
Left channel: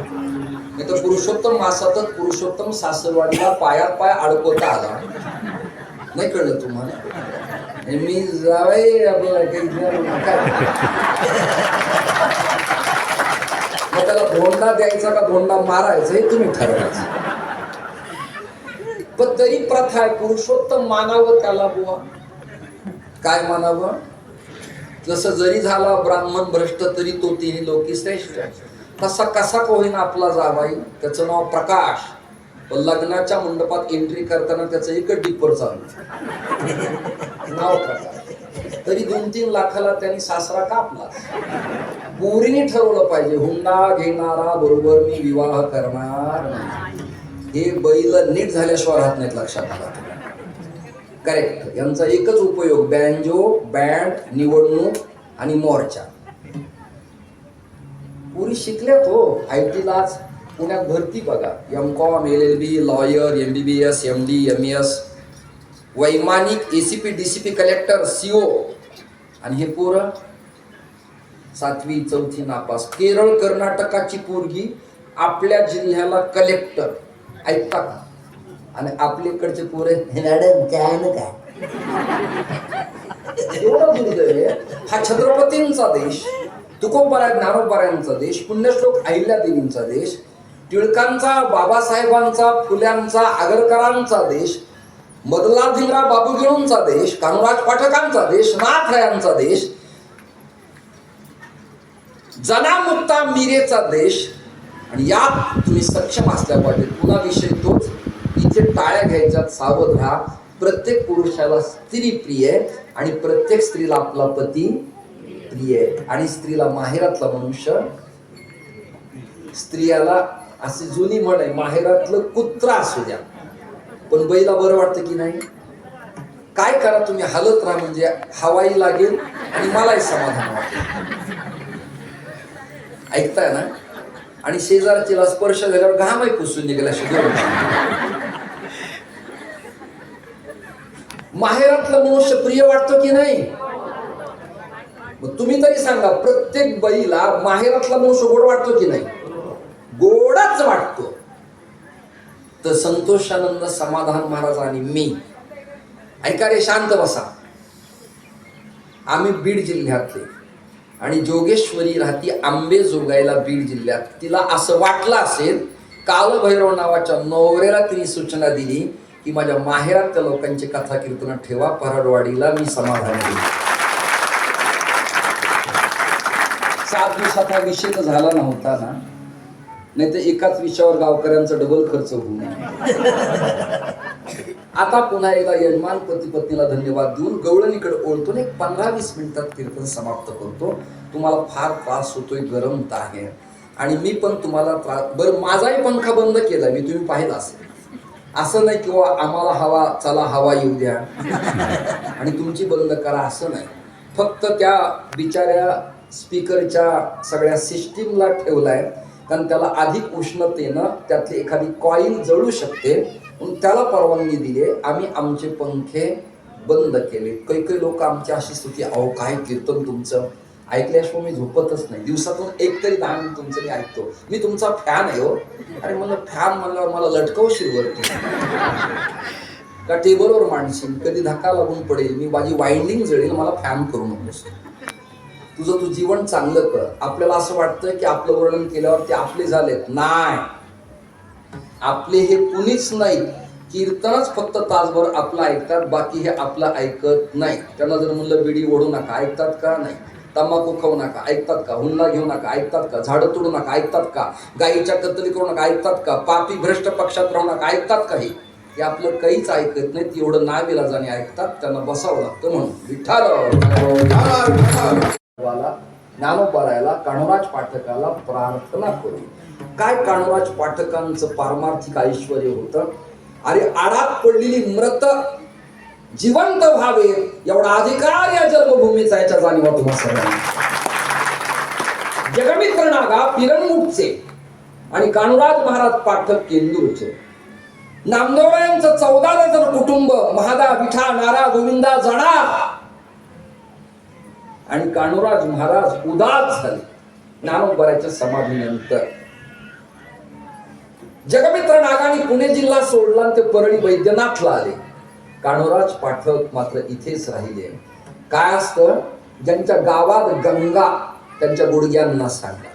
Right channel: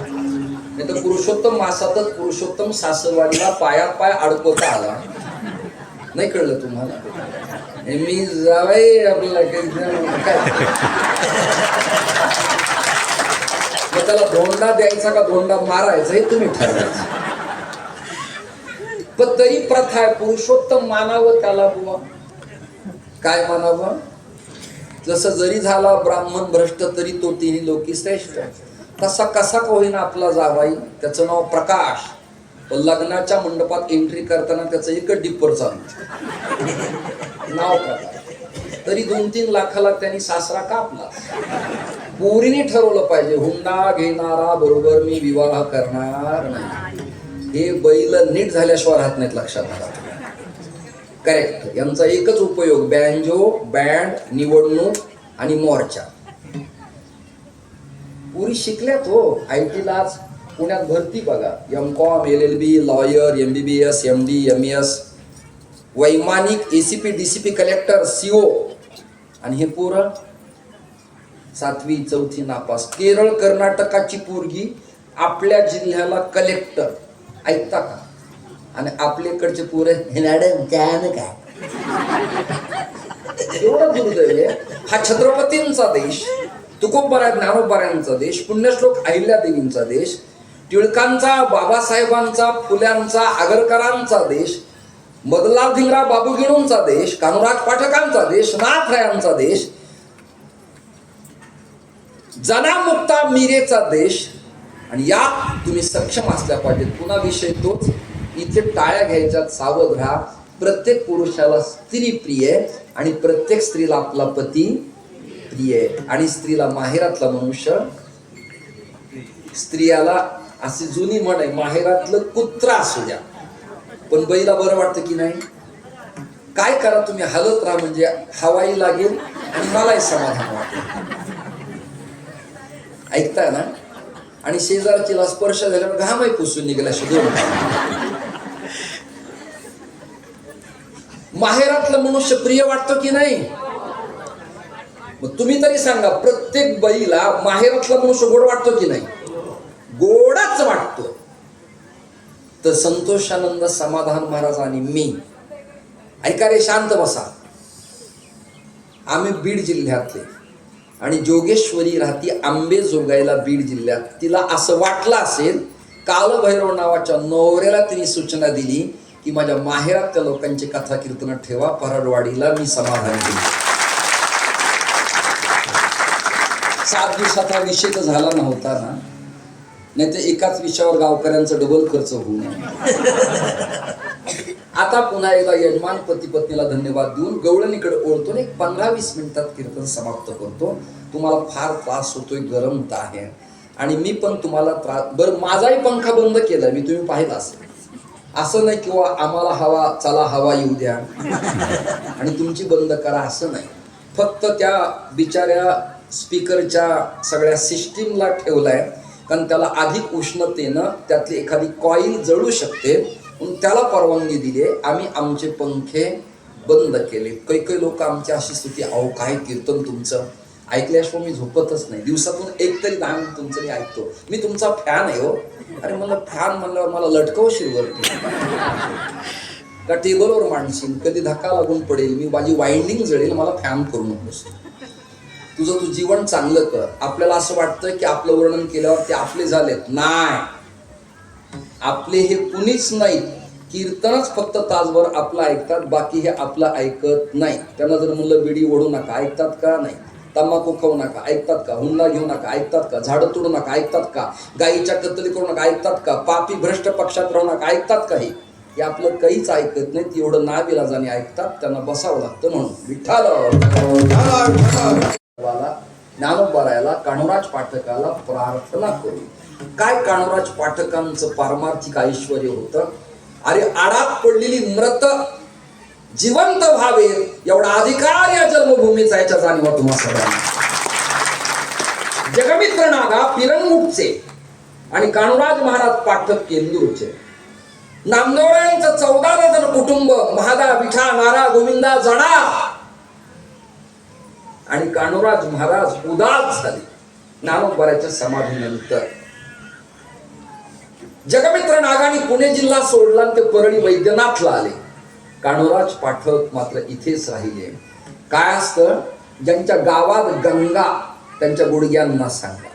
नाही तर पुरुषोत्तम मासातच पुरुषोत्तम सासरवाडीला पायात पाय अडकवता आला. नाही कळलं तुम्हाला? मी जावई आपल्याला काय मग त्याला धोंडा द्यायचा का धोंडा मारायचा हे तुम्ही ठरवायचं. पण तरी प्रथा आहे पुरुषोत्तम मानावं त्याला बुवा. काय मानावं? जसं जरी झाला ब्राह्मण भ्रष्ट तरी तो तिन्ही लोकी श्रेष्ठ. तसा कसा का होईना आपला जावाई, त्याचं नाव प्रकाश. पण लग्नाच्या मंडपात एंट्री करताना त्याचं एकच डिप्पर चालू नाव प्रकाश. तरी 2-3 लाखाला त्यांनी सासरा कापला. पोरीने ठरवलं पाहिजे हुंडा घेणारा बरोबर मी विवाह करणार नाही. हे बैल नीट झाल्याशिवाय राहत नाहीत, लक्षात घ्या. करेक्ट. यांचा एकच उपयोग बँजो, बँड, निवडणूक आणि मोर्चा. पुरी शिकल्यात हो. IT ला आज पुण्यात भरती बघा. MCOM, LLB, lawyer, MBBS, MD, MES, वैमानिक, ACP, DCP, कलेक्टर, CO. आणि हे पोरं 7वी 4थी नापास. केरळ कर्नाटकाची पोरगी आपल्या जिल्ह्याला कलेक्टर. ऐकता का? आणि आपल्याकडचे पोरे मॅडम काय काय. एवढं दुर्दैव आहे. हा छत्रपतींचा देश, तुकोबाराय ज्ञानोबारायांचा देश, पुण्यश्लोक अहिल्यादेवींचा देश, टिळकांचा, बाबासाहेबांचा, फुल्यांचा, आगरकरांचा देश, मदनलाल भिमराव बाबूगिळूंचा देश, कान्होराज पाठकांचा देश, नाथरायांचा देश, जनामुक्ता मीरेचा देश. आणि यात तुम्ही सक्षम असल्या पाहिजे. पुन्हा विषय तोच. इथे टाळ्या घ्यायच्यात, सावध राहा. प्रत्येक पुरुषाला स्त्री प्रिय आहे आणि प्रत्येक स्त्रीला आपला पती प्रिय आहे. आणि स्त्रीला माहेरातला मनुष्य, स्त्रियाला अशी जुनी म्हण आहे माहेरातलं कुत्रा असू द्या पण बैला बरं वाटतं की नाही. काय करा तुम्ही, हालत राहा म्हणजे हवाई लागेल आणि मलाही समाधान वाटेल. ऐकताय ना? आणि शेजारचीला स्पर्श झाल्यावर घामही पुसून निघाला. माहेरातलं मनुष्य प्रिय वाटतो की नाही? मग तुम्ही तरी सांगा, प्रत्येक बाईला माहेरातला मनुष्य गोड वाटतो की नाही? गोडाच वाटतो. तर संतोषानंद समाधान महाराज आणि मी, ऐका रे, शांत बसा. आम्ही बीड जिल्ह्यातले आणि जोगेश्वरी राहती आंबेजोगाईला बीड जिल्ह्यात. तिला असं वाटलं असेल, कालभैरव नावाच्या नवऱ्याला तिने सूचना दिली की माझ्या माहेरात त्या लोकांची कथा कीर्तन ठेवा, पराडवाडीला मी समाधान केली. 7 दिवसात हा विषय तर झाला नव्हता ना, नाही तर एकाच विषयावर गावकऱ्यांचा डबल खर्च होऊ नये. आता पुन्हा एकदा यजमान पती पत्नीला धन्यवाद देऊन गवळणीकडे ओळखतो. 15-20 मिनिटात कीर्तन समाप्त करतो. तुम्हाला फार त्रास होतोय, गरम आहे आणि मी पण तुम्हाला त्रास. बरं, माझाही पंखा बंद केला मी, तुम्ही पाहिला असेल. असं नाही किंवा आम्हाला हवा, चला हवा येऊ द्या आणि तुमची बंद करा, असं नाही. फक्त त्या बिचाऱ्या स्पीकरच्या सगळ्या सिस्टीमला ठेवलाय, कारण त्याला अधिक उष्णतेनं त्यातली एखादी कॉईल जळू शकते, म्हणून त्याला परवानगी दिली. आम्ही आमचे पंखे बंद केले. काही लोक आमची अशी स्तुती, अहो काय कीर्तन तुमचं, ऐकल्याशिवाय मी झोपतच नाही. दिवसातून एक तरी 10 मिनिट तुमचं मी ऐकतो. मी तुमचा फॅन आहे हो. अरे मला फॅन म्हणल्यावर मला लटकवशील वरती का टेबलवर मांडशील, कधी धक्का लागून पडेल, मी माझी वाइंडिंग जळेल, मला फॅन करू नकोस. तुझं तू जीवन चांगलं कर. आपल्याला असं वाटतं की आपलं वर्णन केल्यावर ते आपले झालेत. नाही, आपले हे कुणीच नाही. कीर्तनच फक्त तासभर आपलं ऐकतात, बाकी हे आपलं ऐकत नाही. त्यांना जर म्हणलं बिडी ओढू नका, ऐकतात का? नाही. तंबाखू खाऊ नका, ऐकतात का? हुंडा घेऊ नका, ऐकतात का? झाडं तोडू नका, ऐकतात का? गायीच्या कत्तली करू नका, ऐकतात का? पापी भ्रष्ट पक्षात राहू नका, ऐकतात का? हे आपलं काहीच ऐकत नाहीत. एवढं नाविलाजाने ऐकतात, त्यांना बसावं लागतं. म्हणून विठ्ठल ज्ञानोबारायाला, कान्होराज पाठकाला प्रार्थना करू. काय कान्होराज पाठकांचं पारमार्थिक ऐश्वर होतं. अरे आडात पडलेली मृत जिवंत व्हावे एवढा अधिकार या जन्मभूमीचा, याच्या जाणीवा तुम्हा सगळ्यांना. जगमित्र नागा पिरंगुटचे आणि कान्होराज महाराज पाठक केंदूरचे. नामदेवरायांचं 14 जण कुटुंब, महादा, विठा, नारा, गोविंदा, जडा आणि कान्होराज महाराज उदास झाले. ज्ञानोबाच्या समाधीनंतर जगमित्र नागाने पुणे जिल्हा सोडला आणि ते परळी वैद्यनाथला आले. कान्होराज पाठक मात्र इथेच राहिले. काय असतं, ज्यांच्या गावात गंगा त्यांच्या गुडघ्यांना सांगा.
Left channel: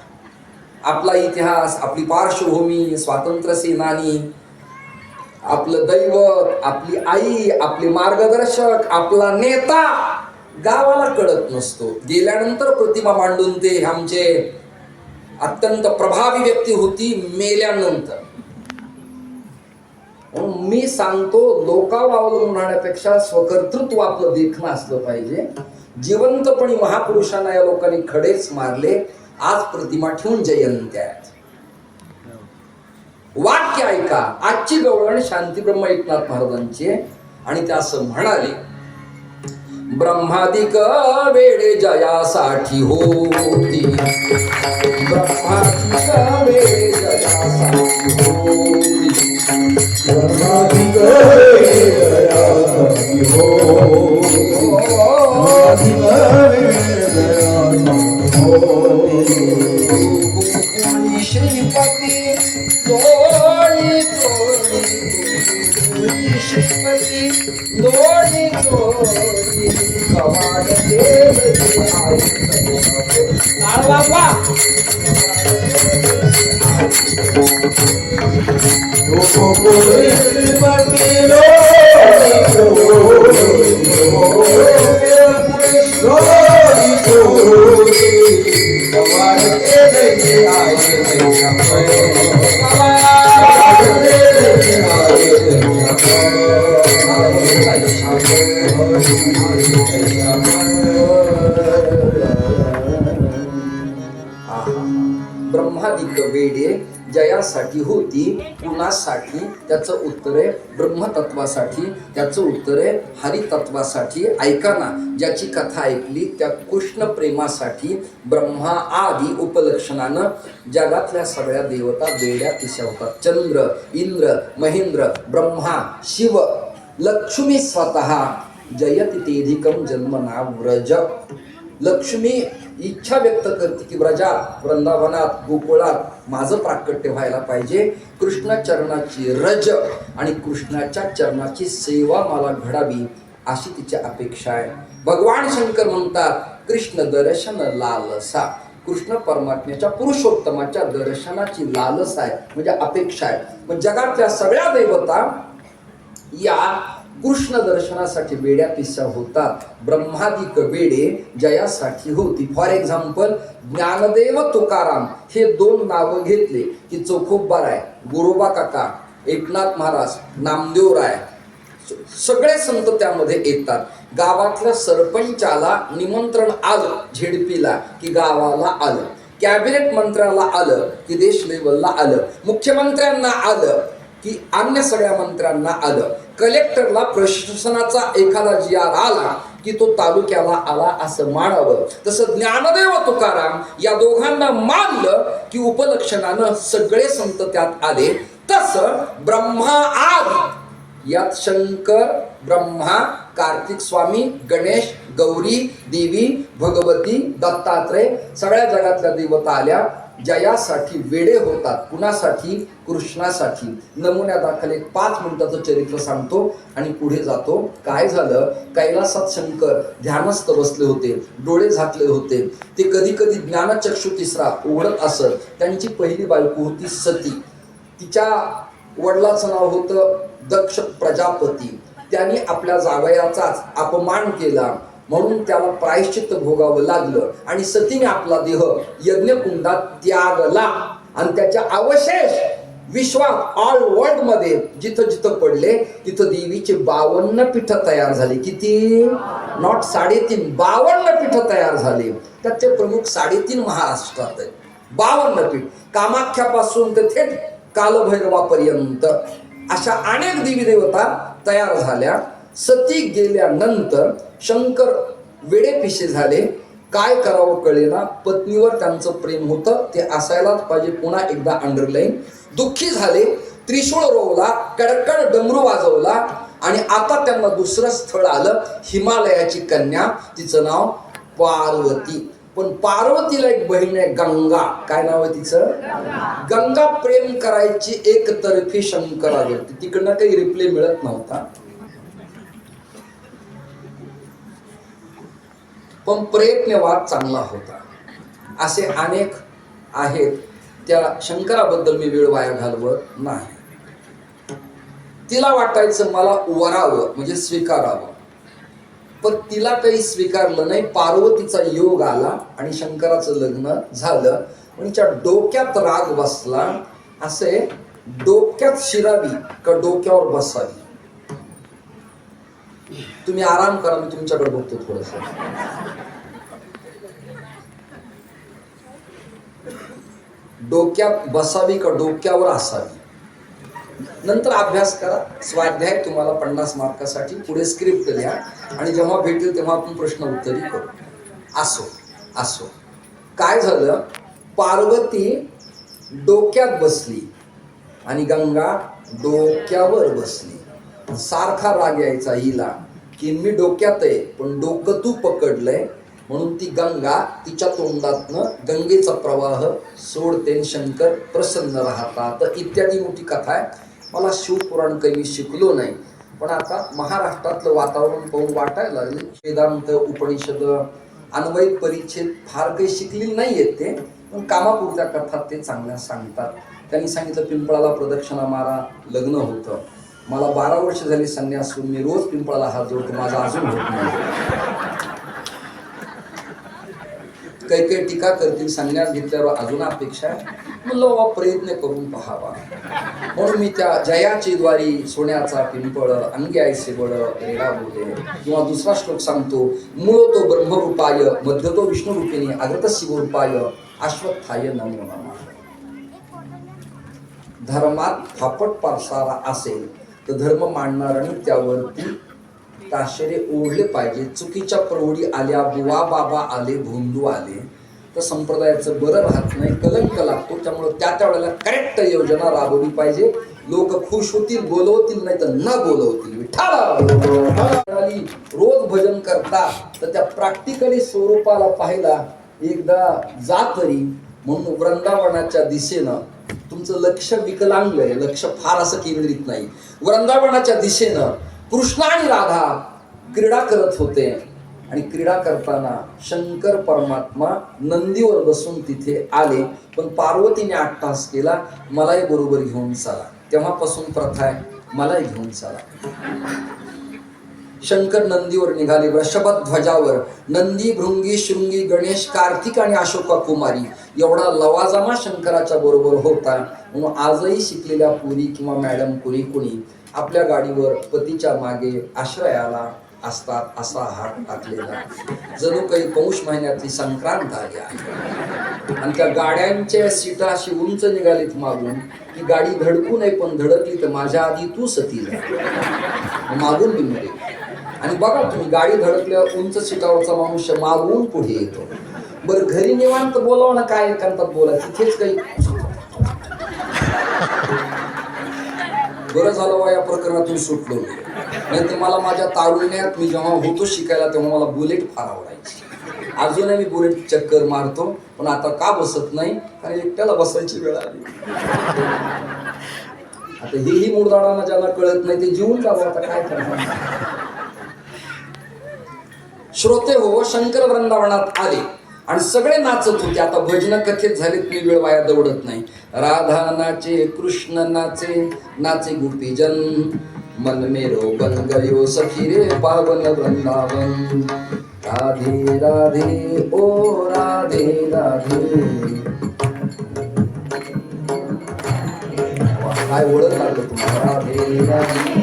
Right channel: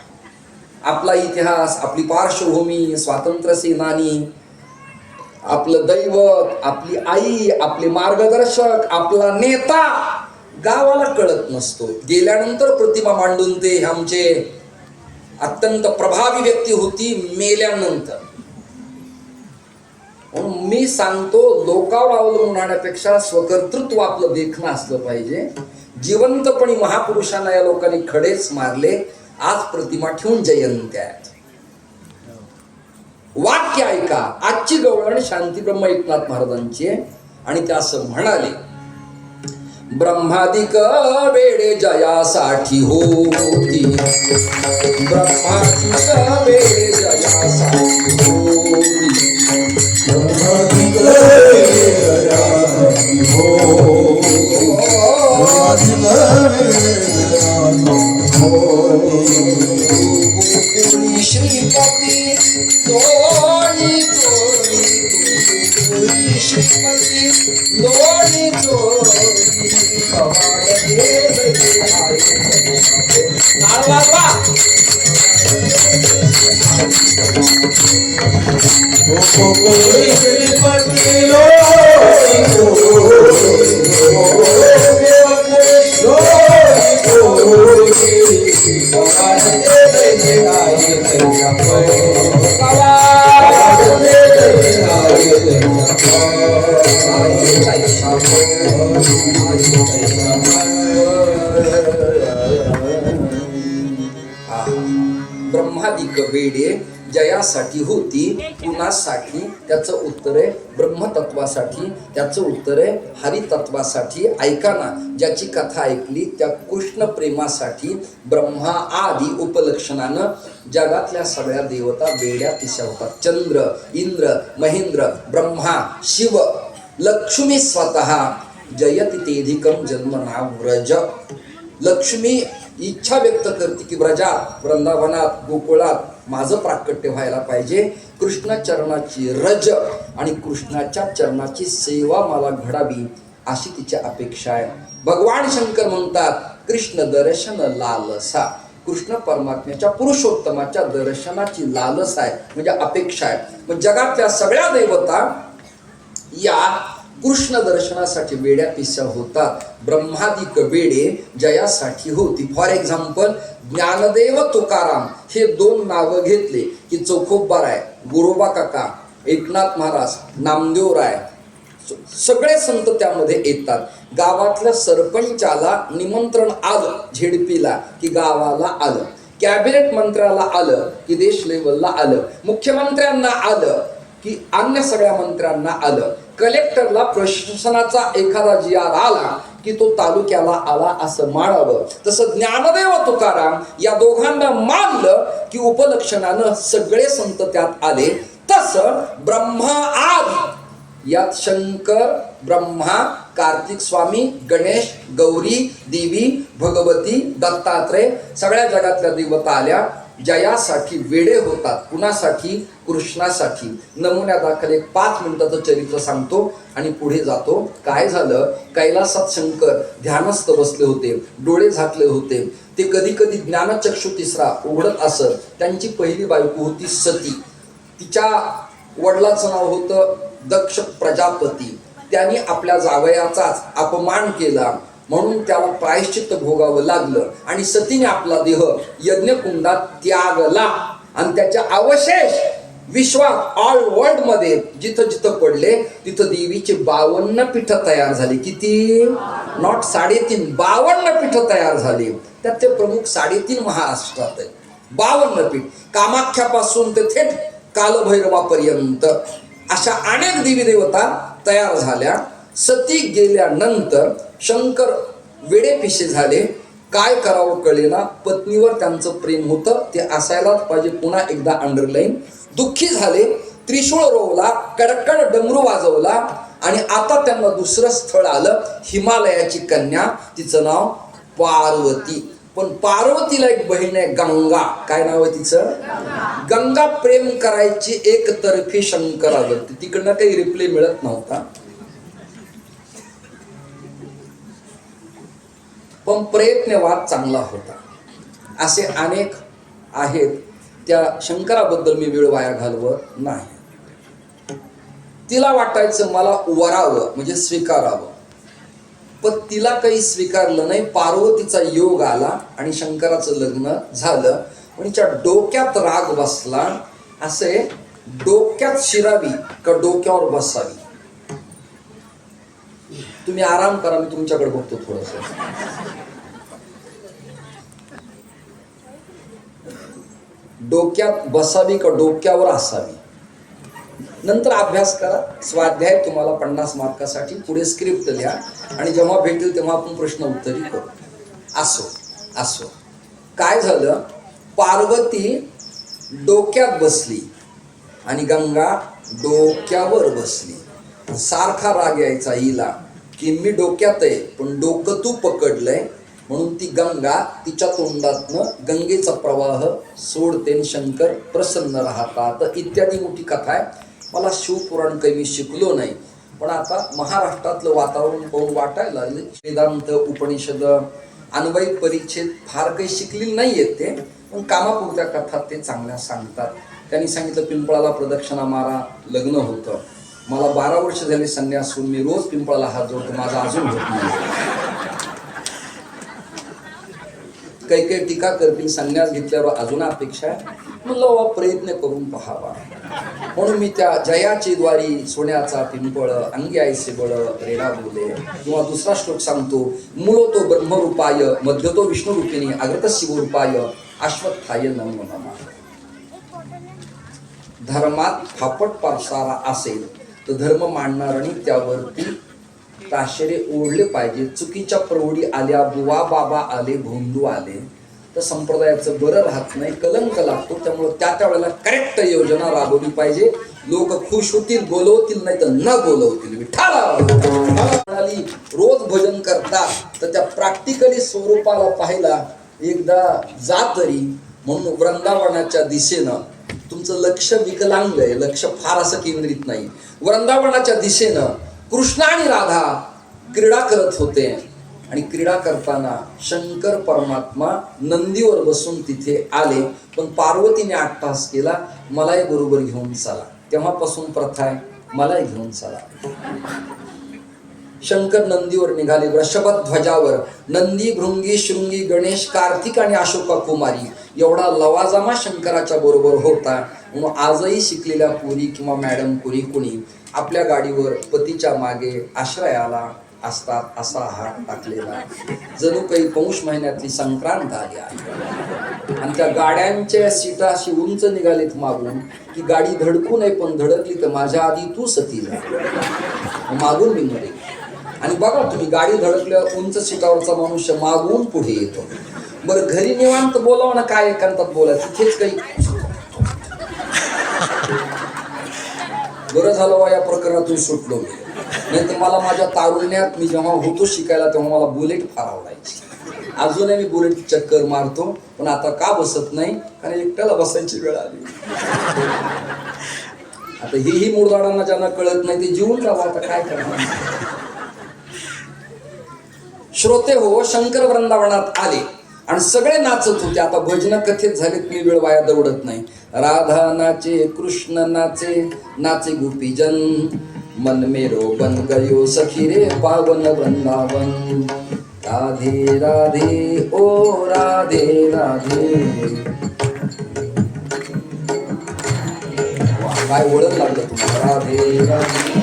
आपला इतिहास, आपली पार्श्वभूमी, स्वातंत्र्य सेनानी, आपलं दैवत, आपली आई, आपले मार्गदर्शक, आपला नेता गावाला कळत नसतो. गेल्यानंतर प्रतिमा मांडून ते आमचे अत्यंत प्रभावी व्यक्ती होती मेल्यानंतर. मी सांगतो, लोकांवर अवलंबून राहण्यापेक्षा स्वकर्तृत्व आपलं देखणं असलं पाहिजे. जिवंतपणी महापुरुषांना या लोकांनी खडेच मारले. आज प्रतिमा ठेवून जयंत्या आहेत. वाक्य ऐका, आजची गवळण शांतीब्रह्म एकनाथ महाराजांची, आणि ते असं म्हणाले, ब्रह्मादिक वेडे जयासाठी होती, ब्रह्मादिक वेडे जयासाठी होती, ब्रह्मादिक वेडे जयासाठी होती, गोकुळी श्रीपती दोणी चोरी, गोकुळी श्रीपती दोणी चोरी, कवाड देव ब्रह्मादिक वेडे जयासाठी होती, कुणासाठी? त्याचं उत्तर आहे ब्रह्मतत्वासाठी, त्याचं उत्तर आहे हरितत्वासाठी. ऐका ना, ज्याची कथा ऐकली त्या कृष्ण प्रेमासाठी ब्रह्मा आदी उपलक्षणानं जगातल्या सगळ्या देवता वेड्या तिशा होतात. चंद्र, इंद्र, महेंद्र, ब्रह्मा, शिव, लक्ष्मी स्वतः जयति तेधिकम जन्म नाम व्रज. लक्ष्मी इच्छा व्यक्त करते की व्रजात, वृंदावनात, गोकुळात माझं प्राकट्य व्हायला पाहिजे. कृष्ण चरणाची रज आणि कृष्णाच्या चरणाची सेवा मला घडावी अशी तिची अपेक्षा आहे. भगवान शंकर म्हणतात, कृष्ण दर्शन लालसा. कृष्ण परमात्म्याच्या पुरुषोत्तमाच्या दर्शनाची लालसा आहे, म्हणजे अपेक्षा आहे. मग जगातल्या सगळ्या देवता या कृष्ण दर्शनासाठी वेड्या पिस्या होतात. ब्रह्मादिक वेडे जयासाठी होती. फॉर एक्झाम्पल, ज्ञानदेव तुकाराम हे दोन नावं घेतले की चोखोबराय, गुरोबा काका, एकनाथ महाराज, नामदेव राय, सगळे संत त्यामध्ये येतात. गावातल्या सरपंचाला निमंत्रण आलं झेडपीला की गावाला आलं, कॅबिनेट मंत्र्याला आलं की देश लेवलला आलं, मुख्यमंत्र्यांना आलं की अन्य सगळ्या मंत्र्यांना आलं, कलेक्टरला प्रशासनाचा एखादा जी.आर. आला की तो तालुक्याला आला असं मानावं. तसं ज्ञानदेव तुकाराम या दोघांना मानलं की उपलक्षणानं सगळे संत त्यात आले. तसं ब्रह्मा आदी यात शंकर, ब्रह्मा, कार्तिक स्वामी, गणेश, गौरी, देवी, भगवती, दत्तात्रय, सगळ्या जगातल्या देवता आल्या. जयासाठी वेडे होतात. कुणासाठी? कृष्णासाठी. नमुन्यादाखल एक 5 मिनिटाचं चरित्र सांगतो आणि पुढे जातो. काय झालं, कैलासात शंकर ध्यानस्थ बसले होते, डोळे झाकले होते. ते कधी कधी ज्ञानचक्षु तिसरा उघडत असत. त्यांची पहिली बायको होती सती. तिच्या वडिलाचं नाव होतं दक्ष प्रजापती. त्यांनी आपल्या जावयाचाच अपमान केला म्हणून त्याला प्रायश्चित्त भोगावं लागलं आणि सतीने आपला देह यज्ञकुंडात त्यागला आणि त्याचे अवशेष विश्वात ऑल वर्ल्ड मध्ये जिथं जिथं पडले तिथं देवीचे 52 पीठं तयार झाली. किती? नॉट 3.5, 52 पीठं तयार झाली. त्याचे प्रमुख 3.5 महाराष्ट्रात आहेत. 52 पीठ, कामाख्यापासून ते थेट कालभैरवापर्यंत अशा अनेक देवी देवता तयार झाल्या. सती गेल्यानंतर शंकर वेडेपिशे झाले. काय करावं कळेना. पत्नीवर त्यांचं प्रेम होतं, ते असायलाच पाहिजे. पुन्हा एकदा अंडरलाईन. दुःखी झाले, त्रिशूळ रोवला, कडकड डमरू वाजवला आणि आता त्यांना दुसरं स्थळ आलं. हिमालयाची कन्या, तिचं नाव पार्वती. पण पार्वतीला एक बहीण आहे गंगा. काय नाव आहे तिचं? गंगा प्रेम करायची एकतर्फी शंकरावरती. तिकडनं काही रिप्लाय मिळत नव्हता, पण प्रयत्नवाद चांगला होता. असे अनेक आहेत. त्या शंकराबद्दल मी वेळ वाया घालवत नाही. तिला वाटायचं मला वरावं म्हणजे स्वीकारावं, पण तिला काही स्वीकारलं नाही. पार्वतीचा योग आला आणि शंकराचं लग्न झालं. तिच्या डोक्यात राग बसला. असे डोक्यात शिरावी का डोक्यावर बसावी? तुम्ही आराम करा, मी तुमच्याकडे बघतो थोडस. डोक्यात बसावी का डोक्यावर असावी? नंतर अभ्यास करा. स्वाध्याय तुम्हाला 50 मार्कासाठी. पुढे स्क्रिप्ट लिहा आणि जेव्हा भेटेल तेव्हा आपण प्रश्न उत्तरी करू. असो काय झालं, पार्वती डोक्यात बसली आणि गंगा डोक्यावर बसली. सारखा राग यायचा हिला की मी डोक्यात आहे पण डोकं तू पकडलंय. म्हणून ती गंगा तिच्या तोंडातनं गंगेचा प्रवाह सोडते. शंकर प्रसन्न राहतात इत्यादी मोठी कथा आहे. मला शिवपुराण काही मी शिकलो नाही, पण आता महाराष्ट्रातलं वातावरण पाहून वाटायला लागले. वेदांत, उपनिषद, अन्वयिक परिच्छेद फार काही शिकलेली नाही आहेत ते, पण कामापुरत्या कथा ते चांगल्या सांगतात. त्यांनी सांगितलं पिंपळाला प्रदक्षिणा मारा, लग्न होतं. मला 12 वर्ष झाले संन्यास होऊन, मी रोज पिंपळाला हात जोडतो, माझा अजून होत नाही. काही काही टीका करतील, संन्यास घेतल्यावर अजून अपेक्षा आहे. म्हणलं प्रयत्न करून पहावा. म्हणून मी त्या जयाची द्वारी सोन्याचा पिंपळ अंगी आयसे बळ रेडा बोले. किंवा दुसरा श्लोक सांगतो, मूळ तो ब्रह्मरूपाय मध्य तो विष्णुरूपिणी अग्रत शिवरूपाय अश्वत्थाय नमो नमः. धर्मात फापट पावसाळा असेल तर धर्म मांडणाऱ्यांनी त्यावरती ताशेरे ओढले पाहिजे. चुकीच्या प्रौढी आल्या, बुवा बाबा आले, भोंदू आले तर संप्रदायाचं बरं राहत नाही, कलंक लागतो. त्यामुळे त्या वेळेला करेक्ट योजना राबवली पाहिजे. लोक खुश होतील, बोलवतील, नाही तर न बोलवतील. विठ्ठला रोज भजन करता तर त्या प्रॅक्टिकली स्वरूपाला पाहिला एकदा जा तरी. म्हणून वृंदावनाच्या दिशेनं तुमचं लक्ष विकलांग आहे, लक्ष फार असं केंद्रित नाही. वृंदावनाच्या दिशेनं कृष्ण आणि राधा क्रीडा करत होते आणि क्रीडा करताना शंकर परमात्मा नंदीवर बसून तिथे आले. पण पार्वतीने अट्टहास केला, मलाही बरोबर घेऊन चला. तेव्हापासून प्रथा आहे, मलाही घेऊन चला. शंकर नंदीवर निघाले, वृषभध्वजावर. नंदी, भृंगी, शृंगी, गणेश, कार्तिक आणि अशोका कुमारी एवढा लवाजमा शंकराच्या बरोबर होता. म्हणून आजही शिकलेल्या पुरी किंवा मॅडम पुरी कुणी आपल्या गाडीवर पतीच्या मागे आश्रयाला असतात असा हात टाकलेला. जणू काही पौष महिन्यातली संक्रांत आली आहे. आणि त्या गाड्यांच्या सीटा अशी उंच निघालीत मागून की गाडी धडकू नये, पण धडकली तर माझ्या आधी तू सती जा, मागून मी मरे. आणि बघा तुम्ही, गाडी धडकल्यावर उंच सीटावरचा माणूस मागून पुढे येतो. बरं घरी निवांत बोलावं ना, काय एकांतात बोलायचं, तिथेच काही. बरं झालं वा या प्रकरणातून सुटलो मी. नाही तर मला माझ्या तारुण्यात मी जेव्हा होतो शिकायला तेव्हा मला बुलेट फार आवडायची. अजूनही मी बुलेट चक्कर मारतो, पण आता का बसत नाही, कारण एकट्याला बसायची वेळ आली. आता हेही मुरदाडांना ज्यांना कळत नाही ते जीवन जावं, आता काय करणार. श्रोते हो, शंकर वृंदावनात आले आणि सगळे नाचत होते. आता भजन कथेत झालेत, मी वेळ वाया दौडत नाही. राधा नाचे, कृष्ण नाचे, नाचे गोपीजन, मन मेरो बन गयो सखी रे पावन वृंदावन. राधे राधे ओ राधे राधे. काय ओळख लागलं तुम्हाला? राधे राधे.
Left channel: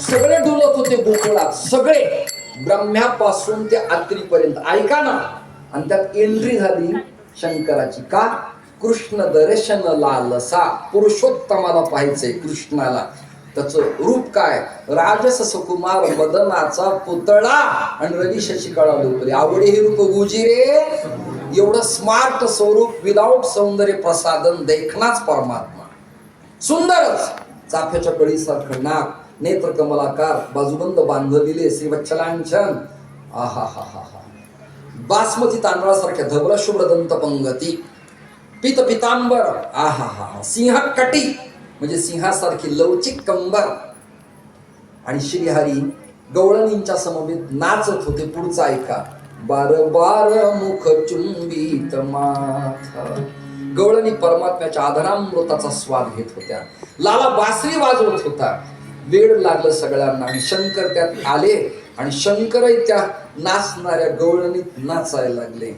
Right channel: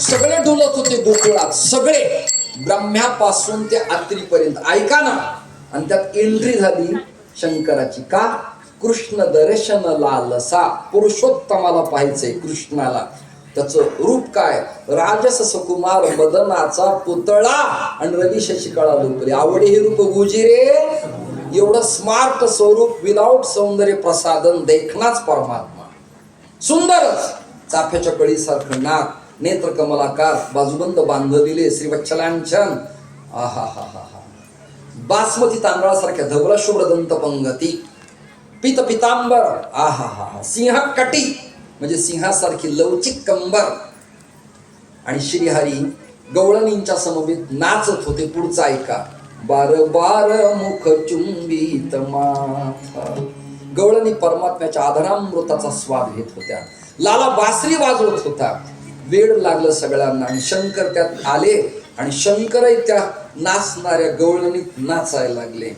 सगळे डुलत होते गोकुळात, सगळे ब्रह्म्यापासून ते आत्रीपर्यंत. ऐका ना. आणि त्यात एंट्री झाली शंकराची. का? कृष्ण दर्शन लालसा. पुरुषोत्तमाला पाहायचंय कृष्णाला. त्याचं रूप काय? राजस सुकुमार मदनाचा पुतळा आणि रवी शशिकळा लोकरे. आवडे हे रूप गुजिरे. एवढं स्मार्ट स्वरूप, विदाउट सौंदर्य प्रसादन, देखनाच परमात्मा. सुंदरच. चाफ्याच्या कळीसारखं नाक, नेत्र कमलाकार, बाजूबंद बांधलेले श्रीवत्सलांचन, आहा हा हा हा, बासमती तांदळासारख्या धवल शुभ्र दंत पंगती, पित पितांबर, आहा हा, सिंह कटी म्हणजे सिंहासारखी लवचिक कंबर. आणि श्रीहरी गवळणींच्या समवेत नाचत होते. पुढचा ऐका, बार बार मुख चुंबित माथा. गवळणी परमात्म्याच्या आधारामृताचा स्वाद घेत होत्या. लाला बासरी वाजवत होता. वेळ लागलं सगळ्यांना आणि शंकर त्यात आले आणि शंकरही त्या नाचणाऱ्या गवळणीत नाचायला लागले.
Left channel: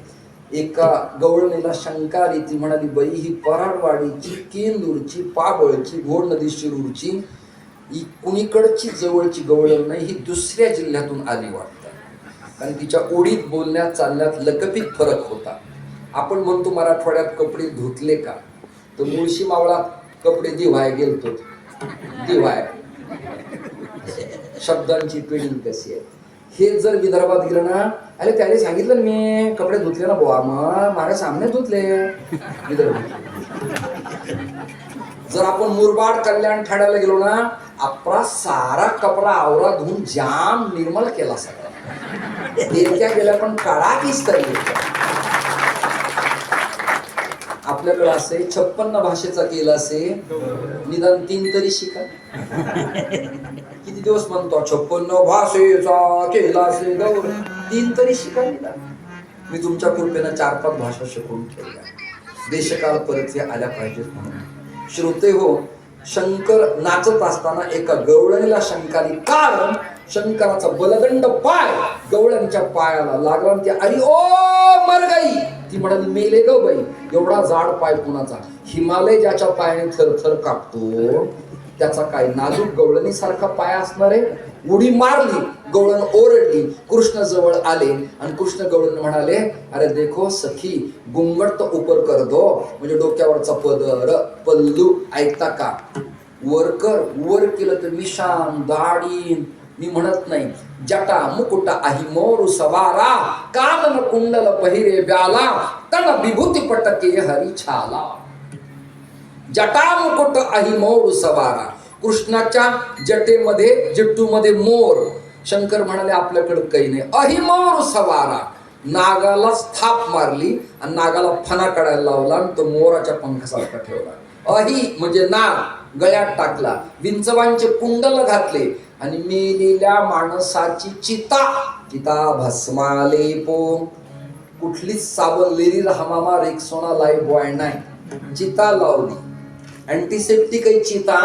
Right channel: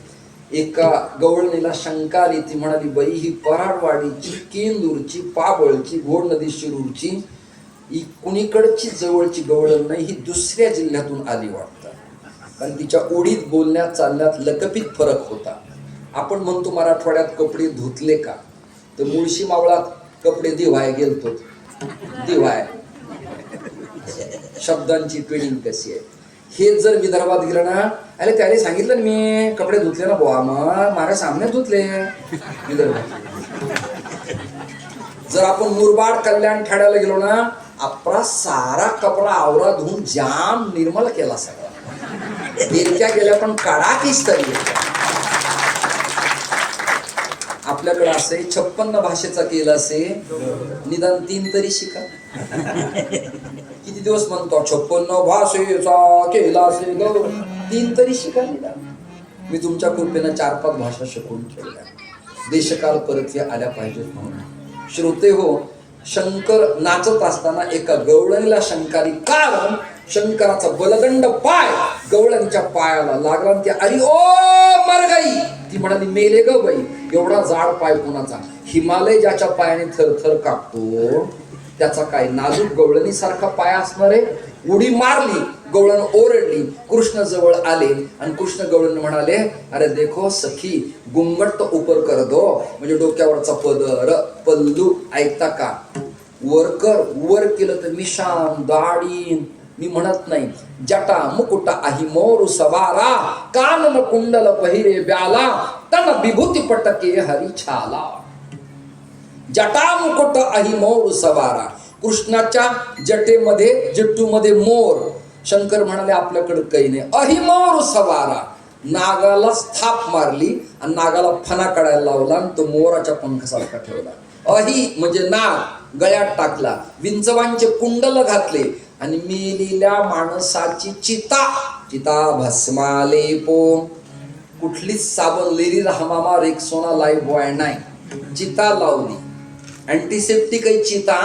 एका गवळणीला शंका आली. ती म्हणाली, बाई ही पराडवाडीची, केंदूरची, पाबळची, घोड नदी शिरूरची, ही कुणीकडची जवळची गवळण नाही, ही दुसऱ्या जिल्ह्यातून आली वाटतं. कारण तिच्या ओढीत, बोलण्यात, चालण्यात लकपीत फरक होता. आपण म्हणतो मराठवाड्यात कपडे धुतले का, तर मुळशी मावळात कपडे दिवाय गेलतो. दिवाय शब्दांची ट्रेनिंग कशी आहे. हे जर विदर्भात गेलं ना, अरे त्याने सांगितलं ना मी कपडे धुतले ना बुवा, मग माझ्या सामने धुतले. विदर्भात जर आपण मुरबाड, कल्याण, ठाण्याला गेलो ना, आपला सारा कपडा आवरा धुवून जाम निर्मळ केला सगळा. देरक्या गेल्या पण काढाकीच तरी. आपल्याकडे असे 56 भाषेचा केला असे, निदान 3 तरी शिका. किती दिवस म्हणतो 56 भाषेचा केला असे, 3 तरी शिका निदान. मी तुमच्या कृपेनं 4-5 भाषा शिकवून ठेवल्या. देशकाल परत आल्या पाहिजेत म्हणून. श्रोते हो, शंकर नाचत असताना एका गवळणीला शंकाली. कारण शंकराचा बलदंड पाय गवळणीच्या पायाला लागला. ती अरे ओ मर गई. ती म्हणाली, मेले ग बाई. एवढा जाड पाय कुणाचा? हिमालय ज्याच्या पायाने थरथर कापतो त्याचा काय नाजूक गवळणी सारखा पाय असणार आहे. उडी मारली, गवळण ओरडली. कृष्ण जवळ आले आणि कृष्ण गवळण म्हणाले, अरे देखो सखी, गुंगट तो ऊपर कर दो. म्हणजे डोक्यावरचा पदर, पल्लू ऐकता का? वर कर. वर केलं तर मिशान, दाढी. मी म्हणत नाही, जटा मुकुटा आही मोर सवारा, कानन कुंडल पहिरे ब्याला, तन विभूती पटके हरी छाला. जटा मुकुट आही मोर सवारा. कृष्णाच्या जटेमध्ये, जट्टूमध्ये मोर. शंकर म्हणाले, आपल्याकडे काही नाही. अही मोर सवारा. नागाला स्थाप मारली आणि नागाला फणा काढायला लावला आणि तो मोराच्या पंखासारखा ठेवला. अही म्हणजे नाग, गळ्यात टाकला. विंचवांचे कुंडल घातले आणि मेलेल्या माणसाची चिता, चिता भस्माले पो. कुठलीच साबण, लेरी, हमामा, रेक्सोना, लाईफ बॉय नाही. चिता लावली. अँटीसेप्टिक आहे चिता.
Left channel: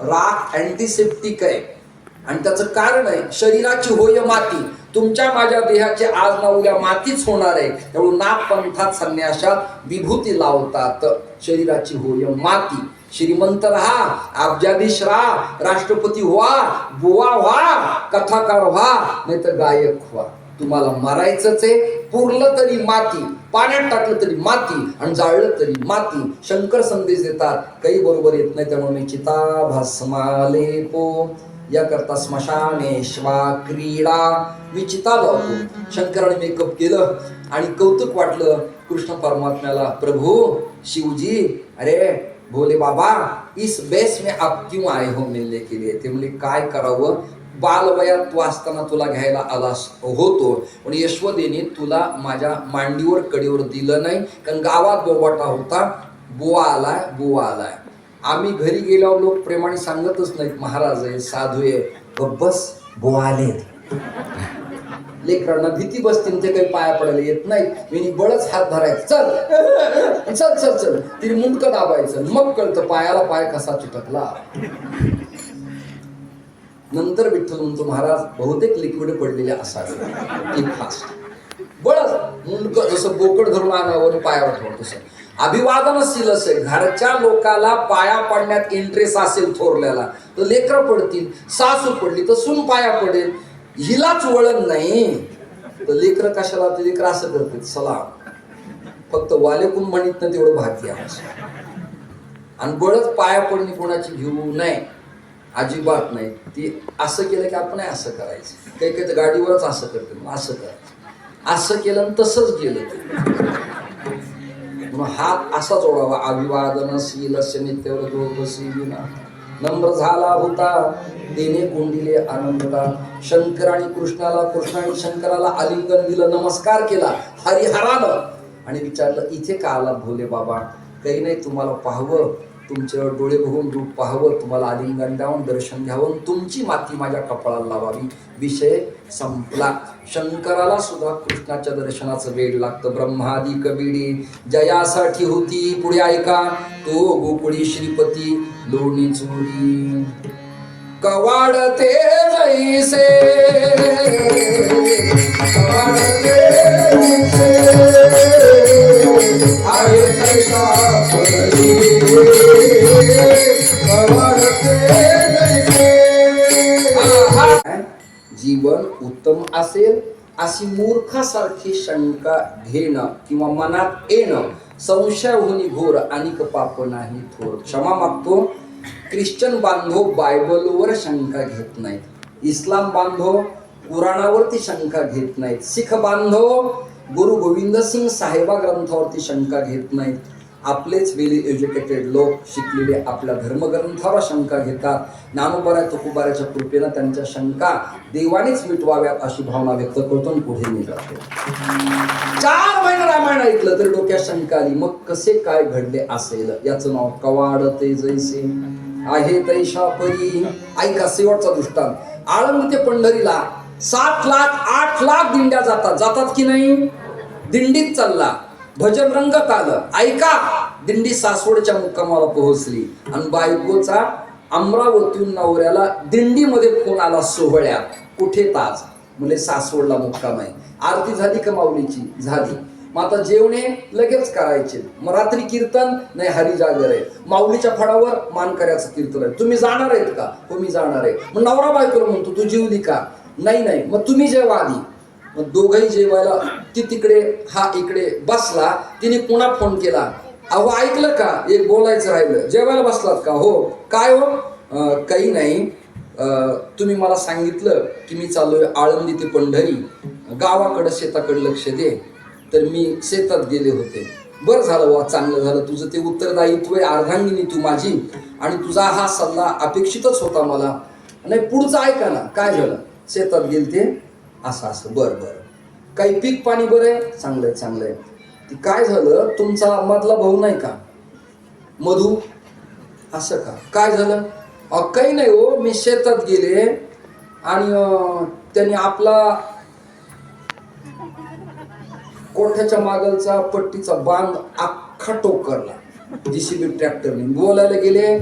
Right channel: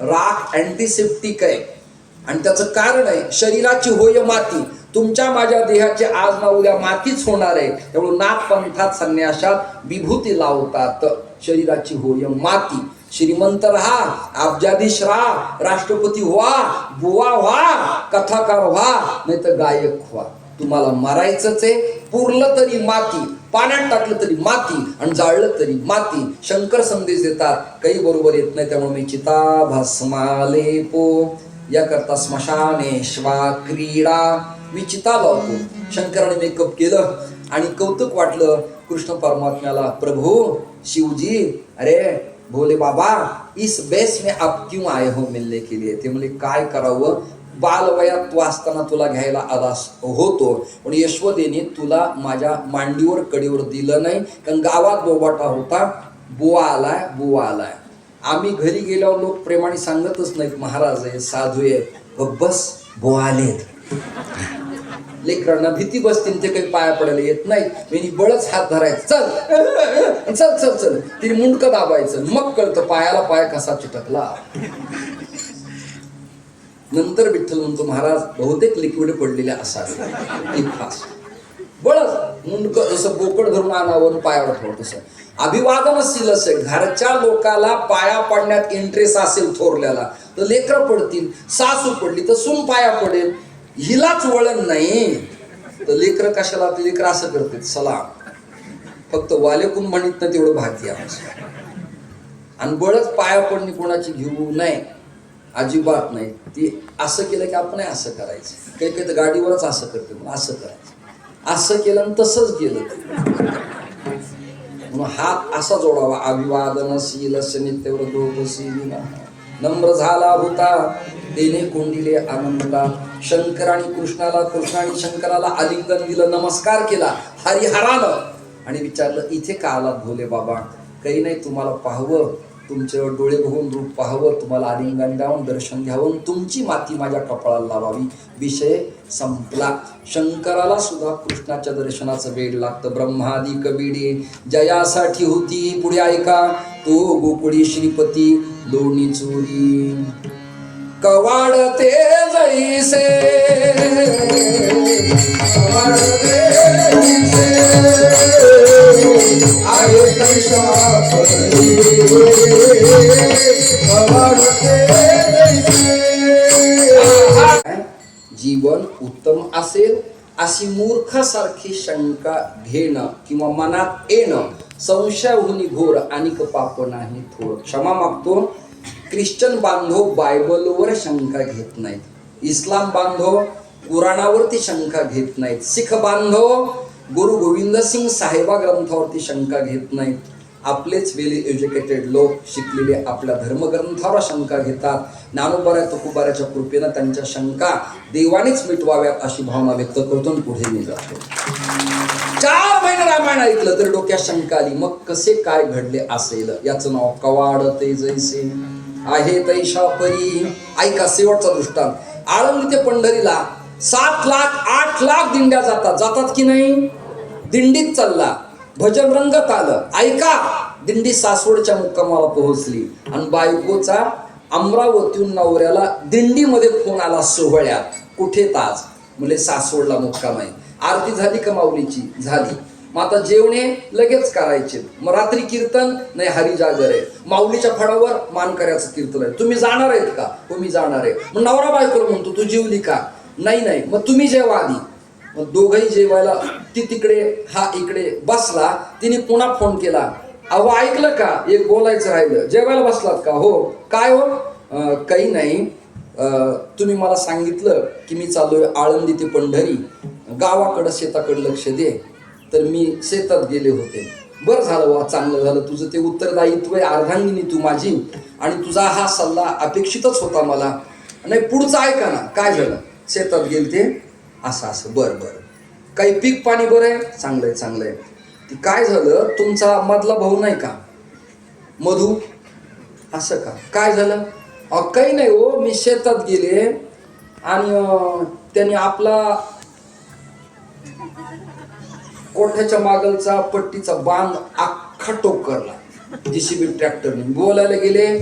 राख अँटीसेप्टिक आहे. आणि त्याचं कारण आहे, शरीराची होय माती. तुमच्या माझ्या देहाचे आज ना उद्या मातीच होणार आहे. त्यामुळे नाथ पंथात संन्यासात विभूती लावतात. शरीराची होय माती. श्रीमंत राहा, अब्जाधीश राहा, राष्ट्रपती व्हा, बुवा व्हा, कथाकार व्हा, नाही तर गायक व्हा. तुम्हाला मरायचंच आहे. पुरलं तरी माती, पाण्यात टाकलं तरी माती आणि जाळलं तरी माती. शंकर संदेश देतात, काही बरोबर येत नाही. त्यामुळे मी चिता भस्माले पो. याकरता स्मशानेश्वा क्रीडा. मी चिता लावतो. शंकराने मेकअप केलं आणि कौतुक वाटलं कृष्ण परमात्म्याला. प्रभू शिवजी, अरे भोले बाबा, इस बेस में आप क्यों आए हो मिलने के लिए? ते म्हणजे काय करावं, बालवयात तू असताना तुला घ्यायला आला होतो, पण यशोदेने तुला माझ्या मांडीवर कडेवर दिलं नाही. कारण गावात बोबाटा होता, बुवा आलाय, बुवा आलाय. आम्ही घरी गेल्यावर लोक प्रेमाने सांगतच नाहीत, महाराज आहे, साधू आहे, बस बुवा आलेत. लेकरांना भीती बसते, ते काही पाया पडायला येत नाही. मी बळच हात धरायचं, चल चल चल चल, तिने मुंडकं दाबायचं, मग कळतं पायाला पाय कसा चिटकला. नंतर विठ्ठल म्हणतो, महाराज बहुतेक लिक्विड पडलेले असावे. बळच मुंडकं जसं बोकड धरून आणावं पायावर ठेवत तसं. अभिवादनशील असेल, घरच्या लोकाला पाया पडण्यात इंटरेस्ट असेल थोरल्याला, तर लेकरं पडतील. सासू पडली तर सून पाया पडेल. हिलाच वळण नाही तर लेकरं कशाला? ते लेकरं असं करतात, सलाम. फक्त वालेकून म्हणत ना तेवढं भाती आमचं. आणि बळच पाया पडणी कोणाची घेऊ नये, अजिबात नाही. ती असं केलं की आपण असं करायचं. काही काही तर गाडीवरच असं करते, मग असं करायचं. असं केलं आणि तसंच गेलं. हात असा जोडावा. अभिवादनशील नित्यव्रतोपशील नम्र झाला होता तेने कोंडिले आनंदला. शंकर आणि कृष्णाला, कृष्ण आणि शंकराला आलिंगन दिलं, नमस्कार केला हरिहरानं आणि विचारलं इथे का आलात भोले बाबा? काही नाही, तुम्हाला पाहावं, तुमच्यावर डोळे बघून रूप पाहावं, तुम्हाला आलिंगन द्यावं, दर्शन घ्यावं, तुमची माती माझ्या कपाळाला लावावी. विषय संपला. शंकराला सुद्धा कृष्णाच्या दर्शनाचं वेळ लागतं. ब्रह्मादी कबिडे जयासाठी होती, पुढे ऐका, तो गोकुळी श्रीपती दोन्ही चोरी कवाडते जैसे, कवाडते जैसे, आहे तैसा परी, कवाडते जैसे. जीवन उत्तम असेल अशी मूर्खासारखी शंका घेणं किंवा मनात येणं संशयाहुनी घोर अनिक पाप नाही थोर. क्षमा मागतो. ख्रिश्चन बांधव बायबलवर शंका घेत नाहीत, इस्लाम बांधव कुराणावरती शंका घेत नाहीत, शीख बांधव गुरु गोविंद सिंग साहेबा ग्रंथावरती शंका घेत नाहीत. आपलेच वेली एज्युकेटेड लोक शिकलेले आपल्या धर्मग्रंथावर शंका घेतात. ज्ञानोबा तुकोबाराच्या कृपेनं त्यांच्या शंका देवानेच मिटवाव्यात अशी भावना व्यक्त करतो आणि पुढे मी जातो. 4 महिने रामायण ऐकलं तर डोक्यात शंका आली, मग कसे काय घडले असेल? याचं नाव कवाडते जैसे, आहे तैशा परी. ऐका शेवटचा दृष्टांत. आळंदी ते पंढरीला 7 लाख 8 लाख दिंड्या जातात की नाही? दिंडीत चालला, भजन रंगत आलं. ऐका, दिंडी सासवडच्या मुक्कामाला पोहोचली आणि बायकोचा अमरावतीहून नवऱ्याला दिंडीमध्ये फोन आला सोहळ्यात. कुठे ताज? म्हणजे सासवडला मुक्काम आहे. आरती झाली का माऊलीची? झाली. मग आता जेवणे लगेच करायचे. मग रात्री कीर्तन नाही, हरिजागर आहे. माऊलीच्या फडावर मानकऱ्याचं कीर्तन आहे. तुम्ही जाणार आहेत का? हो मी जाणार आहे. मग नवरा बायकोला म्हणतो तू जेवली का? नाही. मग तुम्ही जेवा आधी. मग दोघंही जेवायला, ती तिकडे हा इकडे बसला. तिने पुन्हा फोन केला, अहो ऐकलं का, एक बोलायचं राहिलं, जेवायला बसलात का? हो. काय हो? काही नाही, तुम्ही मला सांगितलं की मी चाललोय आळंदी ते पंढरी, गावाकडं शेताकडे लक्ष दे. तर मी शेतात गेले होते. बरं झालं वा, चांगलं झालं. तुझं ते उत्तरदायित्व आहे, अर्धांगिनी तू माझी, आणि तुझा हा सल्ला अपेक्षितच होता मला. नाही पुढचं ऐका ना. काय झालं? शेतात गेलते असं. बरं. काही पीक पाणी बरं आहे? चांगलं आहे. ती काय झालं, तुमचा मधला भाऊ नाही का मधू? असं का? काय झालं? काही नाही हो, मी शेतात गेले आणि त्यांनी आपला कोठ्याच्या मागलचा पट्टीचा बांध अख्खा टोकरला JCB ट्रॅक्टरने. बोलायला गेले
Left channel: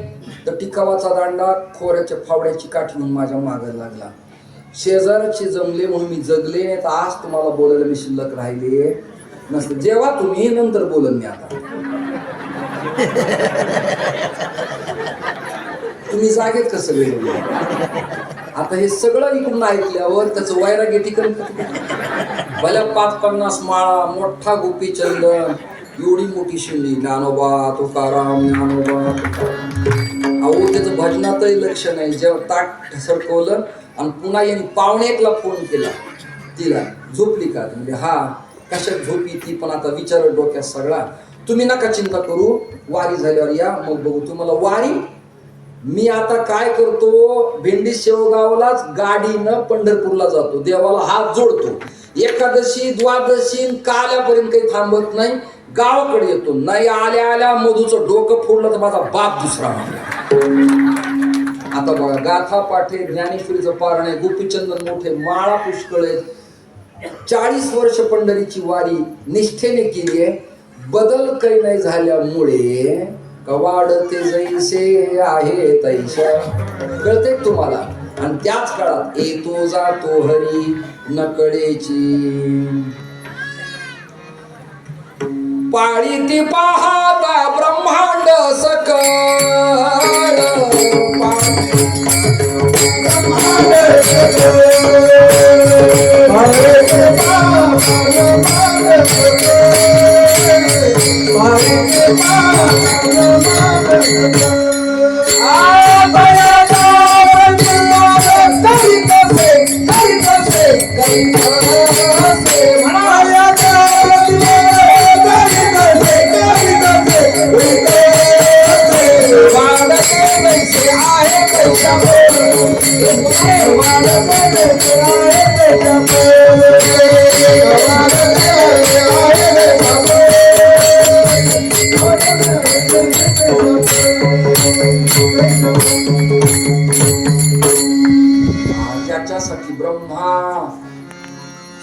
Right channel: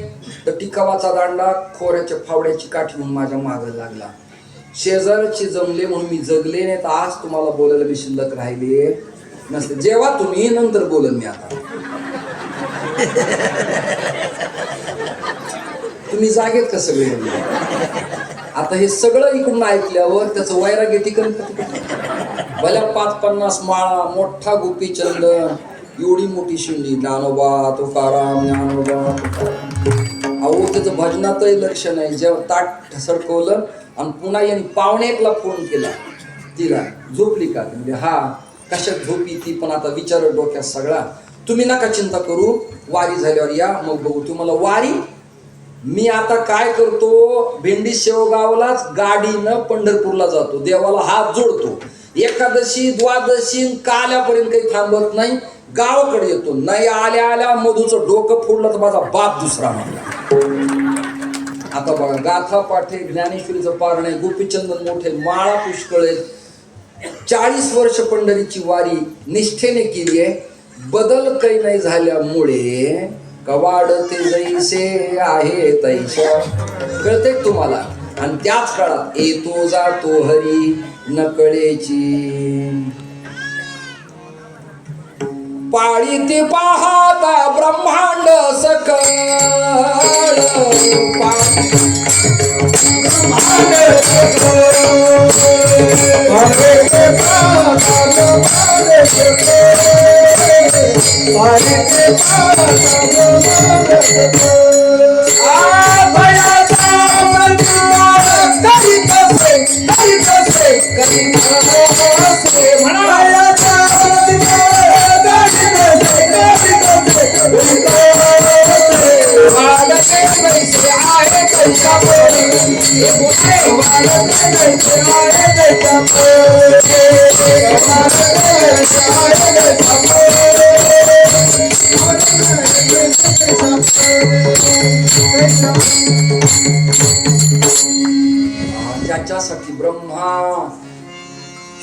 तर टिकावाचा दांडा खोऱ्याच्या फावड्याची काठी म्हणून माझ्या मागे लागला. शेजारचे जमले म्हणून मी जगले, नाही तर आज तुम्हाला बोलायला मी शिल्लक राहिले नसते. जेव्हा तुम्ही नंतर बोलन मी. आता तुम्ही जागेत कसं वेळ? आता हे सगळं इकडून ऐकल्यावर त्याचं वैराग्य ठिकाण भल्या 5-50 माळा, मोठा गोपीचंद, एवढी मोठी शिंडी, ज्ञानोबा तुकाराम, ज्ञानोबा. अहो त्याचं भजनातही लक्ष नाही. जेव्हा ताट सरकवलं आणि पुन्हा यांनी 1:45ला फोन केला, तिला झोपली का? म्हणजे हा. कशात झोपी ती पण आता विचार डोक्यात सगळा. तुम्ही नका चिंता करू, वारी झाल्यावर या, मग बघू तुम्हाला वारी. मी आता काय करतो, भेंडी शेवगावलाच गाडीनं पंढरपूरला जातो, देवाला हात जोडतो. एकादशी द्वादशी काल्यापर्यंत काही थांबत नाही, गावाकडे येतो. नाही आल्या मधूचं डोकं फोडलं तर माझा बाप दुसरा म्हणला. आता बघा, गाथा पाठे, ज्ञानेश्वरीचं पारण आहे, गोपीचंदन मोठे, माळा पुष्कळ आहेत. 40 वर्ष पंढरीची वारी निष्ठेने केली आहे. बदल काही नाही झाल्यामुळे कवाडते जैसे आहे तैशा. कळते तुम्हाला? आणि त्याच काळात येतो जातो हरी नकळेची. पाळी ती पाहता ब्रह्मांड सकळ, आहे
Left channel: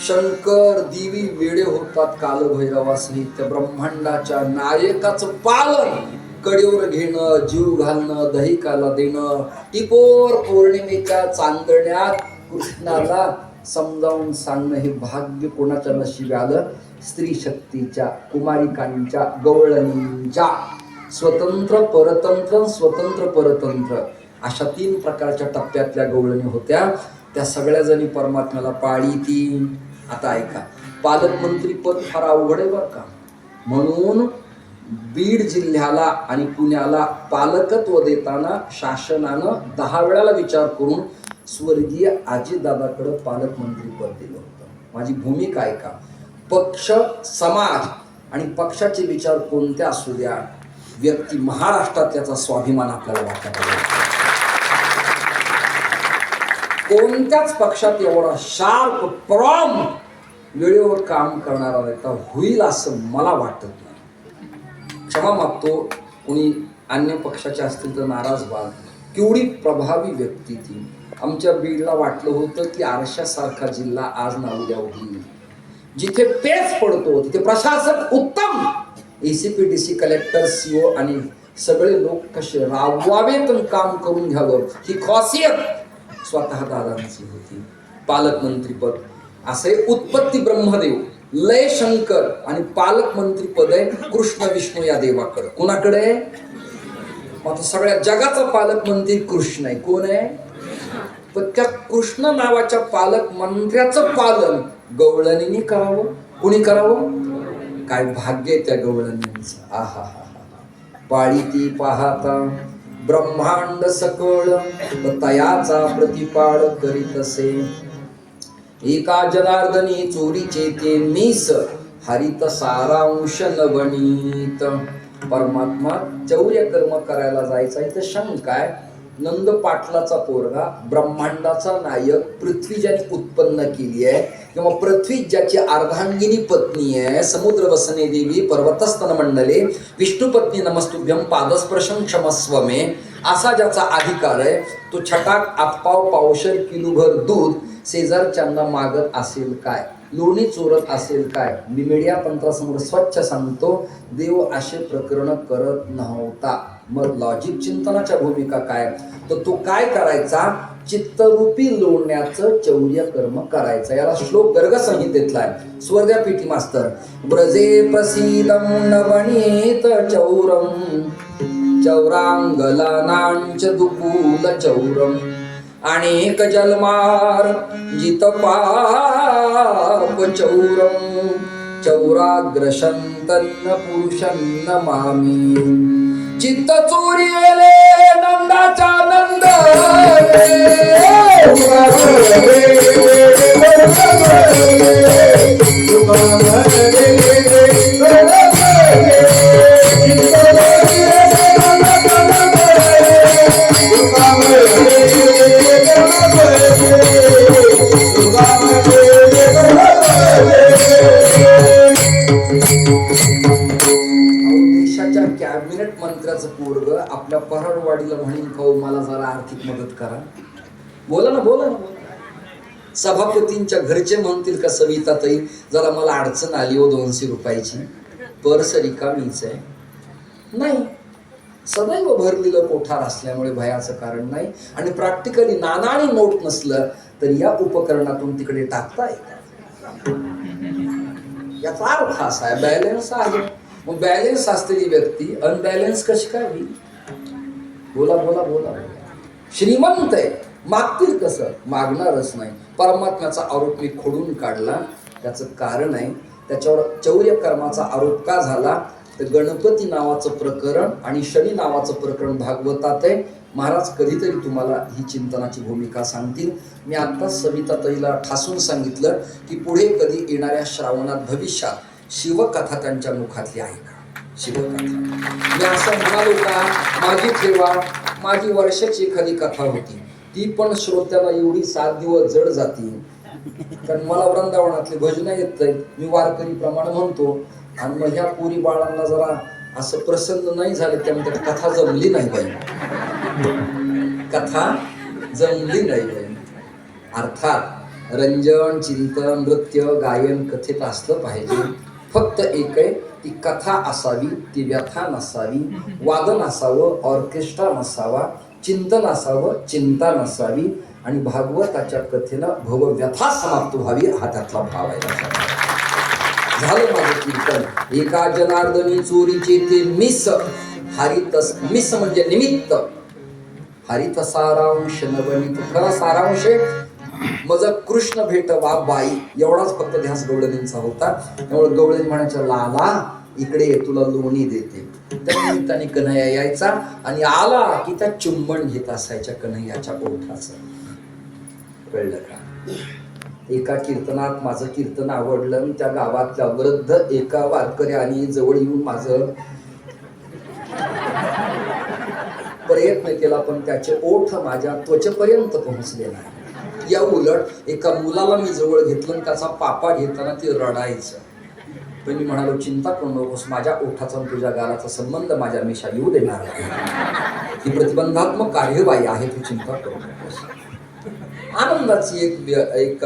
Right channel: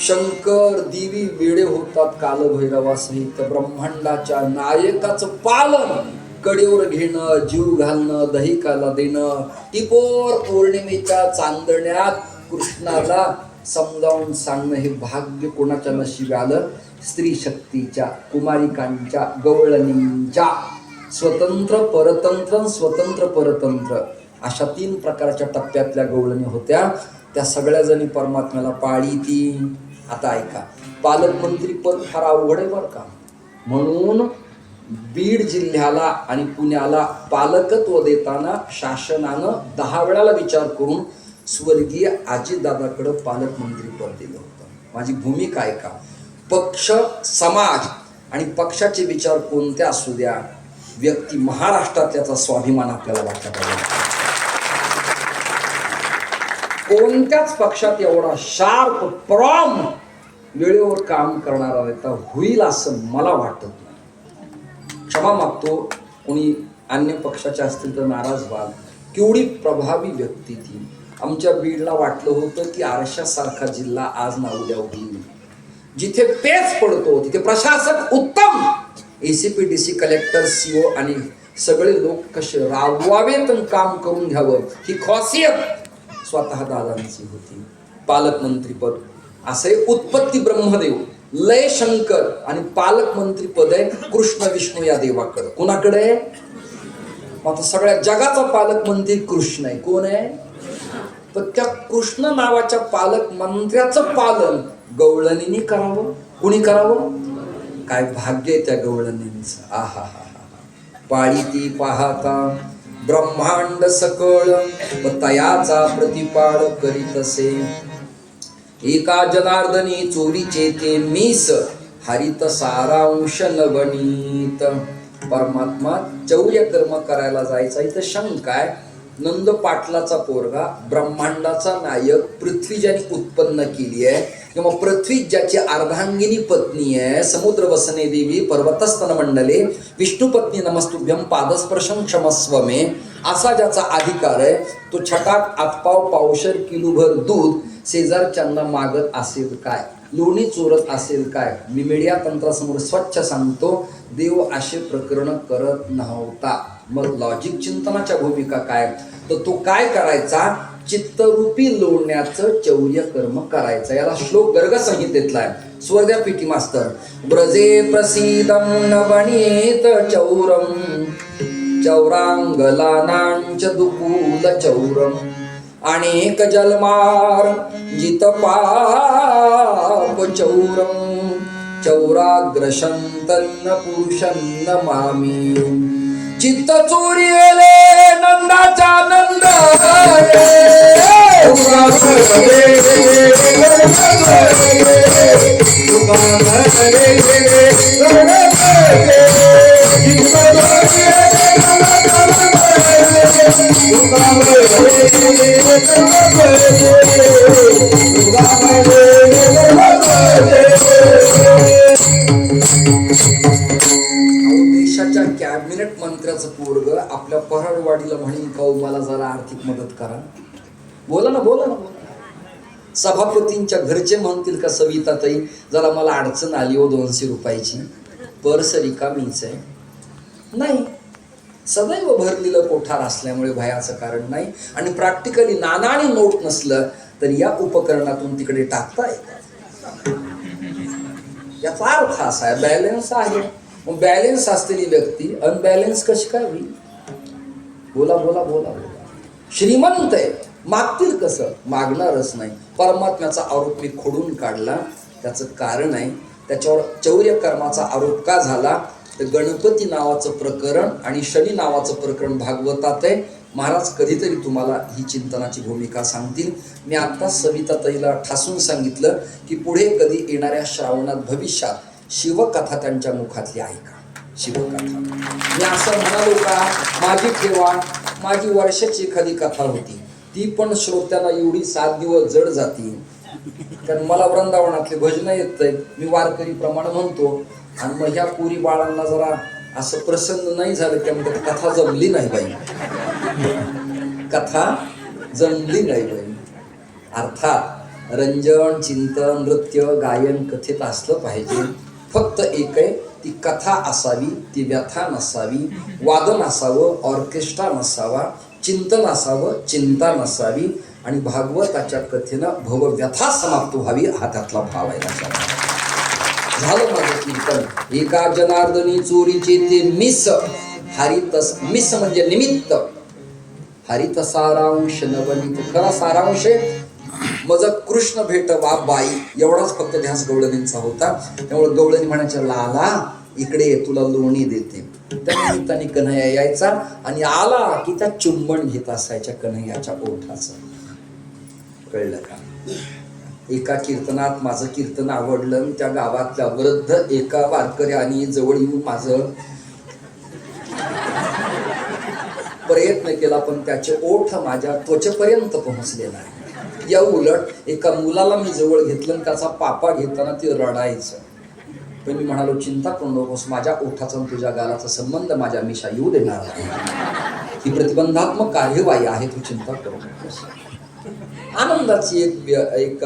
शंकर दिवी वेडे होतात कालभैरवासहित. त्या ब्रह्मांडाच्या नायकाचं पालन, कडेवर घेणं, जीव घालणं, दहिकाला देणं. टिपोर पौर्णिमेच्या चांदण्यात कृष्णाला समजावून सांगणं हे भाग्य कोणाच्या नशिबी आलं? स्त्री शक्तीच्या, कुमारिकांच्या, गवळणींच्या. स्वतंत्र परतंत्र, स्वतंत्र परतंत्र अशा 3 प्रकारच्या टप्प्यातल्या गवळणी होत्या. त्या सगळ्या जणी परमात्म्याला पाळीती. आता ऐका, पालकमंत्री पद फार अवघड आहे बरं का. म्हणून बीड जिल्ह्याला आणि पुण्याला पालकत्व देताना शासनानं 10 वेळाला विचार करून स्वर्गीय अजितदादाकडं पालकमंत्री पद दिलं होतं. माझी भूमिका ऐका. पक्ष, समाज आणि पक्षाचे विचार कोणते असू द्या, व्यक्ती महाराष्ट्रात याचा स्वाभिमान आपल्याला वाटत आहे. कोणत्याच पक्षात एवढा शार्प प्रॉम वेळेवर काम करणारा नेता होईल असं मला वाटत नाही. क्षमा मागतो कोणी अन्य पक्षाचे असतील तर नाराज व्हाल. केवढी प्रभावी व्यक्ती ती. आमच्या बीडला वाटलं होतं की आरशासारखा जिल्हा आज ना उद्या होईल. जिथे पेच पडतो तिथे प्रशासक उत्तम, ACPDC, कलेक्टर, CO आणि सगळे लोक कसे राबवावेत आणि काम करून घ्यावं ही खासियत स्वतः दादांची होती. पालकमंत्रीपद असे उत्पत्ती ब्रह्मदेव, लय शंकर आणि पालकमंत्री पद आहे कृष्ण विष्णू या देवाकडे. कोणाकडे? आता सगळ्या जगाचा पालकमंत्री कृष्ण आहे. कोण आहे? पण त्या कृष्ण नावाच्या पालकमंत्र्याचं पालन गवळणींनी करावं. कुणी करावं? काय भाग्य आहे त्या गवळणींचं. आहा हा हा. पाळी ती पाहता ब्रह्मांड सकळ तयाचा प्रतिपाळ करीत असे. एका जनार्दनी चोरीचे ते मीस हरित सारांश नवनीत. परमात्मा चौर्य कर्म करायला जायचा. इथं शंका आहे. नंद पाटलाचा पोरगा, ब्रह्मांडाचा नायक, पृथ्वी ज्याने उत्पन्न केली आहे किंवा पृथ्वी ज्याची अर्धांगिनी पत्नी आहे, समुद्र वसने देवी पर्वतस्तन मंडले विष्णुपत्नी नमस्तुभ्यम पादस्पर्शं क्षमस्व मे, असा ज्याचा अधिकार आहे तो छटाक आतपाव पावशर किलोभर दूध शेजारच्यांना मागत असेल काय? लोणी चोरत असेल काय? मी मीडिया तंत्रासमोर स्वच्छ सांगतो, देव असे प्रकरण करत नव्हता. मग लॉजिक चिंतनाच्या भूमिका काय? तर तो काय करायचा? चित्तरूपी लोण्याचं चौर्य कर्म करायचं. याला श्लोक गर्ग संहितेतला आहे. स्वर्गीय पीटी मास्तर. ब्रजे प्रसीदं नवनीत चौरम चौरांगलानांच दुकूल चौरम अनेक जलमार जित पाप चौरम चौराग्रशंतन्न पुरुषन्न मामी. चित्त चोरीले नंदाचा नंद देशाच्या कॅबिनेट मंत्र्याचं पोरग आपल्या पराडवाडीला म्हणेन का मला जरा आर्थिक मदत करा. बोला ना बोला ना बोला. सभापतींच्या घरचे म्हणतील का सविताताई जरा मला अडचण आली हो 200 रुपयाची, पर्स रिकामीच आहे. नाही, सदैव भरलेलं कोठार असल्यामुळे भयाचं कारण नाही. आणि प्रॅक्टिकली नाणं आणि नोट नसलं तर या उपकरणातून तिकडे टाकता येतात. याचा अर्थ असा आहे बॅलन्स आहे. मग बॅलन्स असलेली व्यक्ती अनबॅलन्स कशी काय होईल? बोला बोला बोला बोला. श्रीमंत आहे, मागतील कसं? मागणारच नाही. परमात्म्याचा आरोप मी खोडून काढला. त्याचं कारण आहे त्याच्यावर चौर्य कर्माचा आरोप का झाला तर गणपती नावाचं प्रकरण आणि शनी नावाचं प्रकरण भागवतात आहे. महाराज कधीतरी तुम्हाला ही चिंतनाची भूमिका सांगतील. मी आता सविताताईला ठासून सांगितलं की पुढे कधी येणाऱ्या श्रावणात भविष्यात शिवकथा त्यांच्या मुखातली आहे का? शिवकथा मी असं म्हणालो का माझी ठेवा, माझी वर्षाची एखादी कथा होती ती पण श्रोत्याला एवढी 7 दिवस जड जाती. कारण मला वृंदावनातले भजनं येत आहेत, मी वारकरी प्रमाणे म्हणतो. आणि मग ह्या पुरी बाळांना जरा असं प्रसन्न नाही झालं त्यामुळे कथा जमली नाही बाई. कथा जमली नाही बाई. अर्थात रंजन, चिंतन, नृत्य, गायन, कथेत असलं पाहिजे. फक्त एक आहे, ती कथा असावी, ती व्यथा नसावी, वादन असावं, ऑर्केस्ट्रा नसावा, चिंतन असावं, चिंता नसावी आणि भागवताच्या कथेनं भवव्यथा समाप्त व्हावी हा त्यातला भाव आहे. झालं माझं कीर्तन. एका जनार्दनी चोरीचे ते मिस हरितस, मिस म्हणजे निमित्त, हरित सारांश नवनीत. खरा सारांश मज कृष्ण भेटवा बाई, एवढाच फक्त ध्यास गवळणींचा होता. त्यामुळे गवळणी म्हणायच्या, लाला इकडे ये, तुला लोणी देते. त्या निमित्ताने कन्हैया यायचा आणि आला की त्या चुंबन घेत असायच्या कन्हैयाच्या ओठाचं. कळलं का? एका कीर्तनात माझं कीर्तन आवडलं. त्या गावातल्या वृद्ध एका वारकऱ्याने जवळ येऊन माझं प्रयत्न केला, पण त्याचे ओठ माझ्या त्वचेपर्यंत पोहोचले नाही. या उलट एका मुलाला मी जवळ घेतलं आणि त्याचा पापा घेताना ते रडायचं. पण मी म्हणालो, चिंता करू नकोस, माझ्या ओठाचा तुझ्या गालाचा संबंध माझ्या मिशा येऊ देणार नाही. ही प्रतिबंधात्मक कार्यवाही आहे, तू चिंता करू नकोस. आनंदाची एक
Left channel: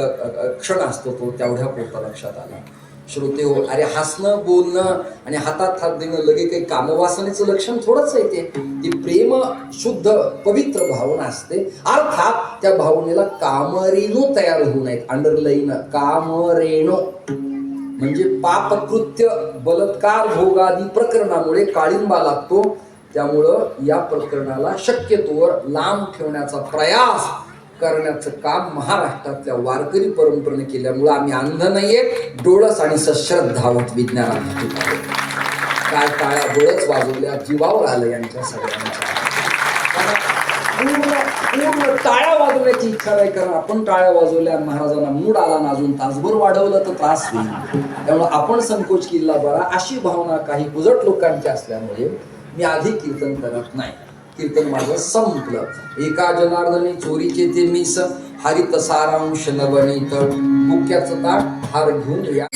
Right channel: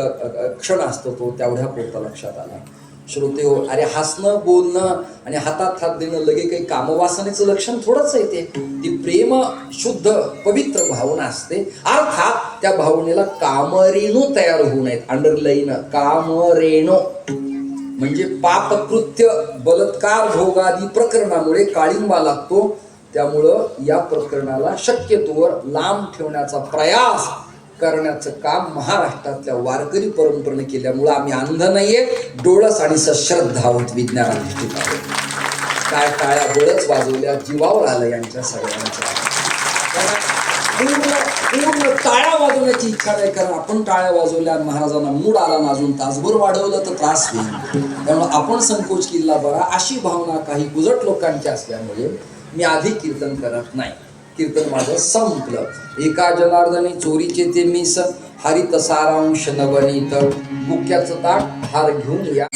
क्षण असतो तो, तेवढ्या पुरता लक्षात आला. श्रोते हो, अरे हसणं, बोलणं आणि हातात हात देणं लगे काही कामवासनेचं लक्षण थोडंच आहे. ती प्रेम शुद्ध पवित्र भावना असते. अर्थात त्या भावनेला कामरेणू तयार होऊ नयेत. अंडरलाईन, कामरेणू म्हणजे पापकृत्य, बलात्कार, भोगादी प्रकरणामुळे काळिंबा लागतो. त्यामुळं या प्रकरणाला शक्यतोवर लांब ठेवण्याचा प्रयास करण्याचं काम महाराष्ट्रातल्या वारकरी परंपरेने केल्यामुळं आम्ही अंध नाहीये, डोळस आणि सश्रद्धा आहोत. विज्ञानाने काय टाळ्या बळच वाजवल्या, जीवावर आलं यांच्या सगळ्यांच्या. पूर्ण टाळ्या वाजवण्याची इच्छा नाही, कारण आपण टाळ्या वाजवल्या, महाराजांना मूड आला ना, अजून तासभर वाढवलं तर त्रास होईल. त्यामुळे आपण संकोच केला बरा, अशी भावना काही उजट लोकांची असल्यामुळे मी अधिक कीर्तन करत नाही. कीर्तन माझं संपलं. एका जनार्दनी चोरीचे ते मिस हरित सारांश नवनीत. मुख्याचं ताट हार घेऊन या.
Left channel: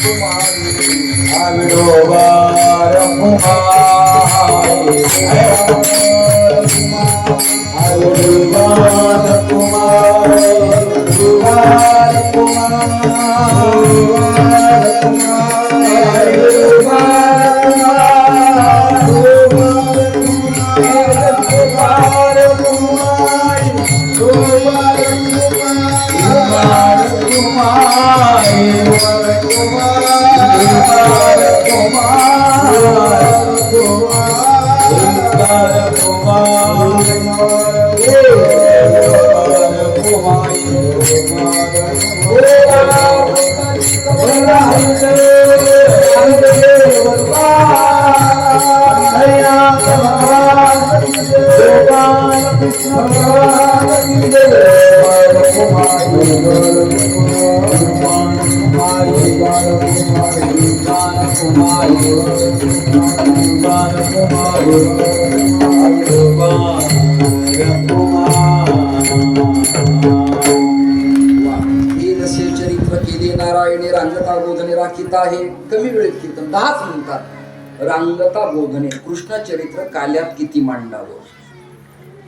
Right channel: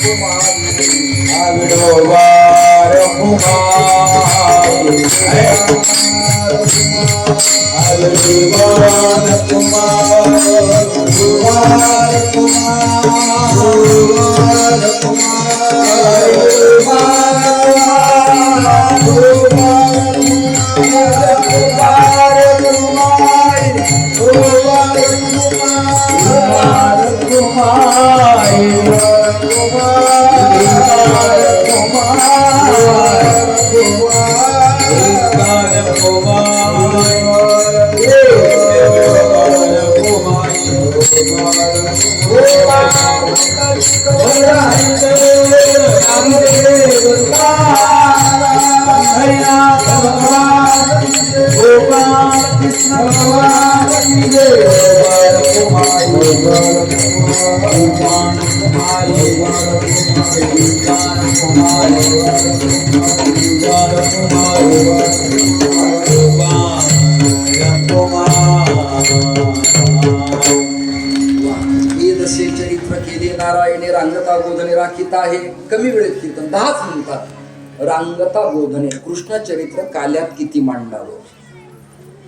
आहे. कमी वेळेत कीर्तन 10च मिनिटात. रांगता बोधने, कृष्ण चरित्र काल्यात किती मांडावं.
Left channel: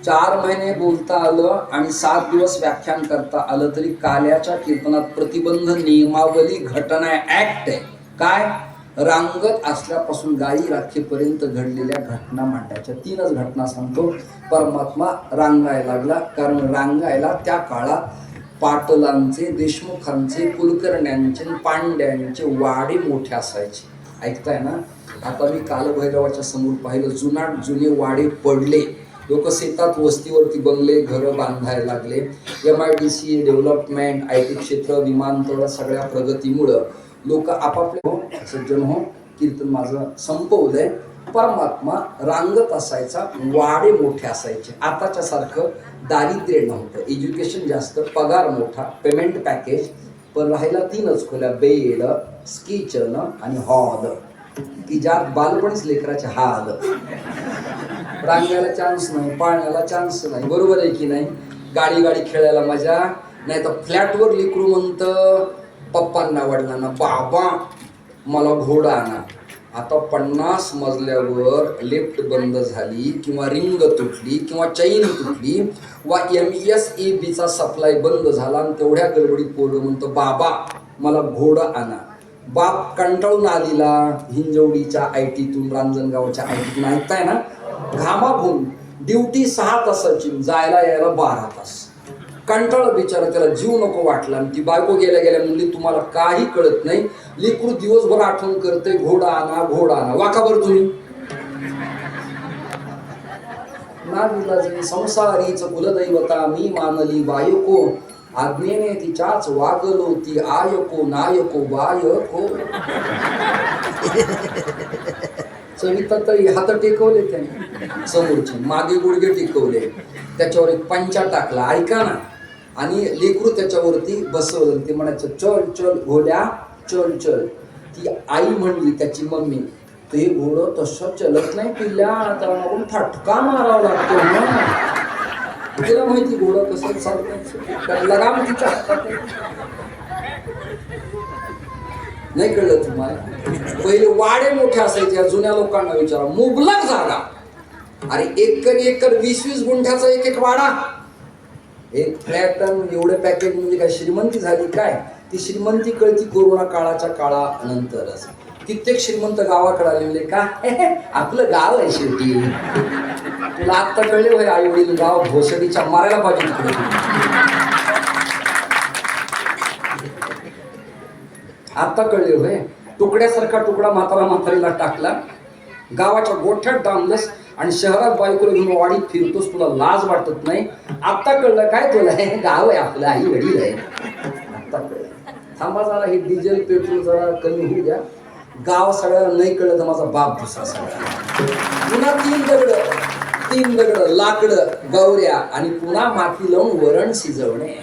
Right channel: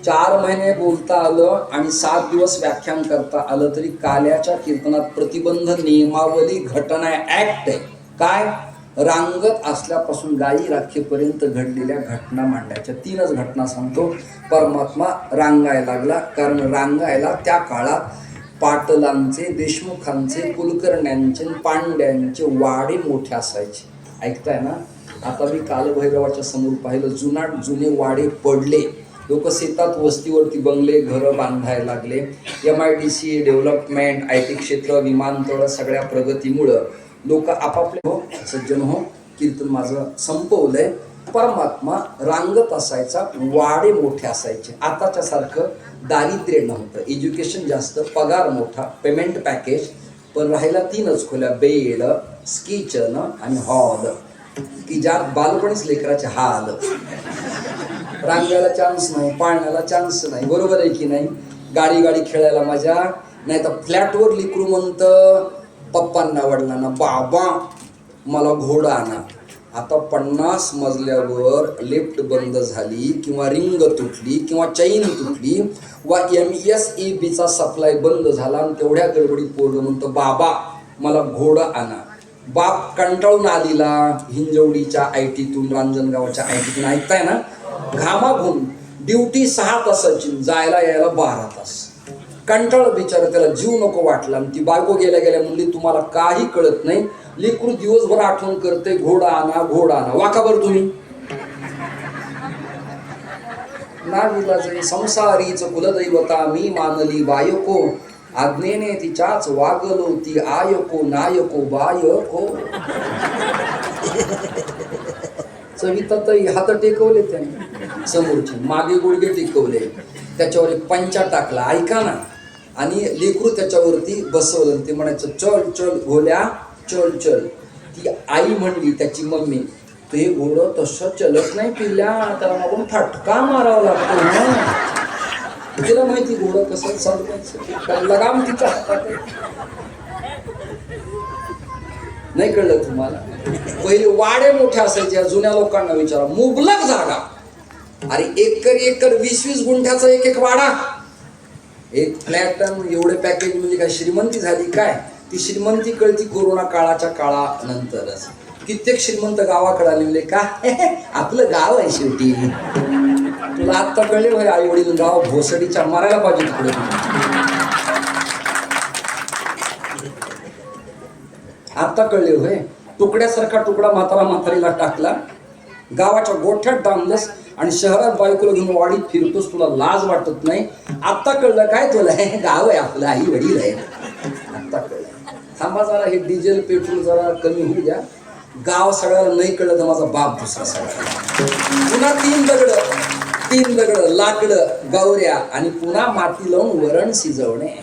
4 महिने बोलता आलं आणि 7 दिवस व्याख्यान करता आलं तरी काल्याच्या कीर्तनात प्रतिबंध, नियमावली, घटना, ऍक्ट आहे. काय? रांगत असल्यापासून गायी राखेपर्यंत घडलेल्या घटना मांडायच्या. 3च घटना सांगतो. परमात्मा रांगायला लागला, कारण रांगायला त्या काळात पाटलांचे, देशमुखांचे, कुलकर्ण्यांचे, पांड्यांचे वाडे मोठे असायचे. ऐकताय ना? आता मी कालभैरवाच्या समोर पाहिलं, जुने वाडे पडले. लोक शेतात, वस्तीवरती बंगले, घरं बांधायला लागले. MIDC डेव्हलपमेंट, IT क्षेत्र, विमानतळ, सगळ्या प्रगतीमुळं लोक आपापले. हो सज्जन हो, कीर्तन माझं संपवलंय. परमात्मा रांगत असायचा, वाडे मोठे असायचे. आताच्या सारखं दारिद्र्य नव्हतं, एज्युकेशन जास्त, पगार मोठा, पेमेंट पॅकेज. पण राहायला 3च खोल्या, बेड, किचन आणि हॉल, की ज्यात बालपणीच लेकराचे हाल. रांगायला चान्स नाही, पाळण्याला चान्स नाही. बरोबर आहे की नाही? गाडी खेळायला मजा नाही. तर फ्लॅटवर लेकरू म्हणतं पप्पांना, वडिलांना, बाबा मला घोडा आणा. आता 50 मजल्यावर लिफ्ट बंद झाली किंवा रिंग तुटली किंवा चैन तुटली वा MSEBचा सप्लाय बंद झाला आणि तेवढ्या गडबडीत पोरगं म्हणतो बाबा मला घोडा आणा. बाप कंटाळून आलेला हिंजवडीच्या ITतून रांजणगावच्या ITतून ऐकताय ना, घामाघूम ड्युटी 6 तासाची, जायला यायला 12 तास. कंटाळ बिचारा, त्याला जीव नको वाटला. आणि ती बायको गेल्या गेल्या म्हणली तुम्हाला काही कळत नाही, लेकरू दिवसभर आठवण करते घोडा आणा घोडा आणा. वाका बरं तुम्ही ना विलाजे संसारीच कुलदैवता मी मानली बायको, आज्ञेने तिच्याच वागलो ती आयको नायको बायको. चवितातही हात टेकवले त्याने समोरचे, मागे गुडघे टेकवले, त्याच्यावर एक पंचा टाकला ऐका ना, आणि लेकरू त्याच्यावरती बसवलं. ते म्हणायचं चल चल घोड्या चल चल. ती आई म्हणली त्याची मम्मी, ते घोडं तसं चलत नाही पिल्ल्या, त्याला मागून फटका मारावा लागतो ना. तिला माहिती घोडं कसं चालतं, लगाम तिच्या हातात आहे. नाही कळलं तुम्हाला? पहिले वाडे मोठे असायचे, जुन्या लोकांना विचारा, मुबलक जागा. अरे एकर 20-20 गुंठ्याचा एक वाडा, एक फ्लॅट. एवढे पॅकेज म्हणजे काय श्रीमंती झाली काय? ती श्रीमंती कळती कोरोना काळाच्या काळानंतरच. कित्येक श्रीमंत गावाकडे आले म्हणजे का आपलं गाव आहे शेवटी. तुला आत्ता कळले भाई आई वडील गाव भोसडीच्या मारायला पाहिजे तिकडे. आता कळले होय. तुकड्यासारखा तुकडा म्हातारीला टाकला, गावाच्या गोठ्यात डांबलस आणि शहरात बायकोला घेऊन वाडीत फिरतोस, तुला लाज वाटत नाही. आता कळलं काय तुला, हे गाव आहे आपलं, आई वडील आहे. आता कळलं. थांबा जरा, हे डिझेल पेट्रोल जरा कमी होऊ द्या. गाव सगळ्याला नाही कळलं तर माझा बाप दुसरा सगळ्याला. पुन्हा 3 दगड लाकडं गौऱ्या आणि पुन्हा माती लावून वरण शिजवणे.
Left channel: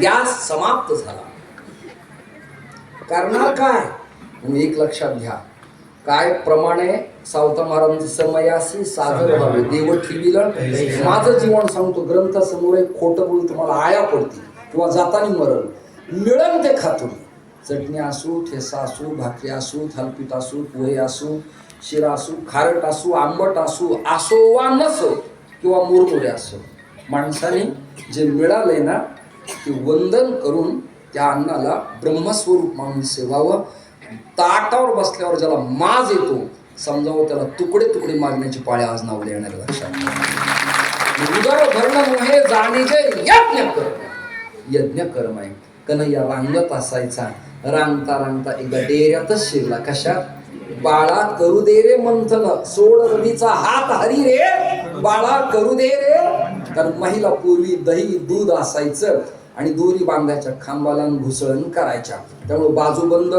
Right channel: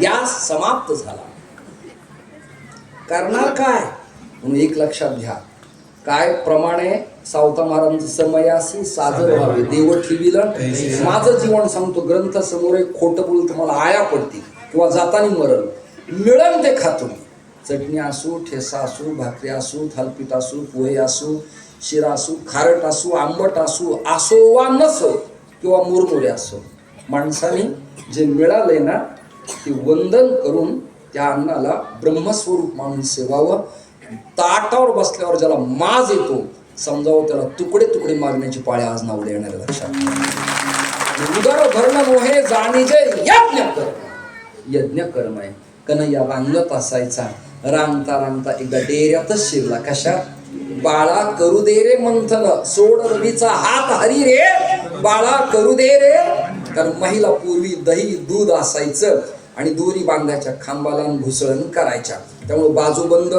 गॅस समाप्त झाला. करणार काय म्हणून एक लक्षात घ्या, काय प्रमाणे सावता महाराजांची समयासी साधन व्हावे देव ठेविलं. माझं जीवन सांगतो, ग्रंथ समोर एक खोटं बोल तुम्हाला आया पडती किंवा जातानी मरण. मिळन ते खातो. चटणी असू, ठेसा असू, भाकरी असू, थालपीठ असू, पोहे असू, शिरा असू, खारट असू, आंबट असू, असो वा नसो किंवा मुरमुरे असो, माणसाने जे मिळालंय ना ते वंदन करून त्या अन्नाला ब्रह्मस्वरूप मानून सेवावं. ताटावर बसल्यावर ज्याला माज येतो समजावं, त्याला तुकडे तुकडे मारण्याची पाळी आज नावले येणार. लक्षात उदर भरण मोहे जाणीजे यज्ञ कर्म. यज्ञ कर्म आहे. कन्हैया रांगत असायचा, रांगता रांगता एकदा डेऱ्यातच शिरला. कशा? बाळा करू दे रे मंथन, सोड रवीचा हात हरी रे, बाळा करू दे रे. कारण महिला पूर्वी दही दूध असायचं आणि दोरी बांधायच्या खांबाला घुसळण करायच्या. त्यामुळे बाजूबंद,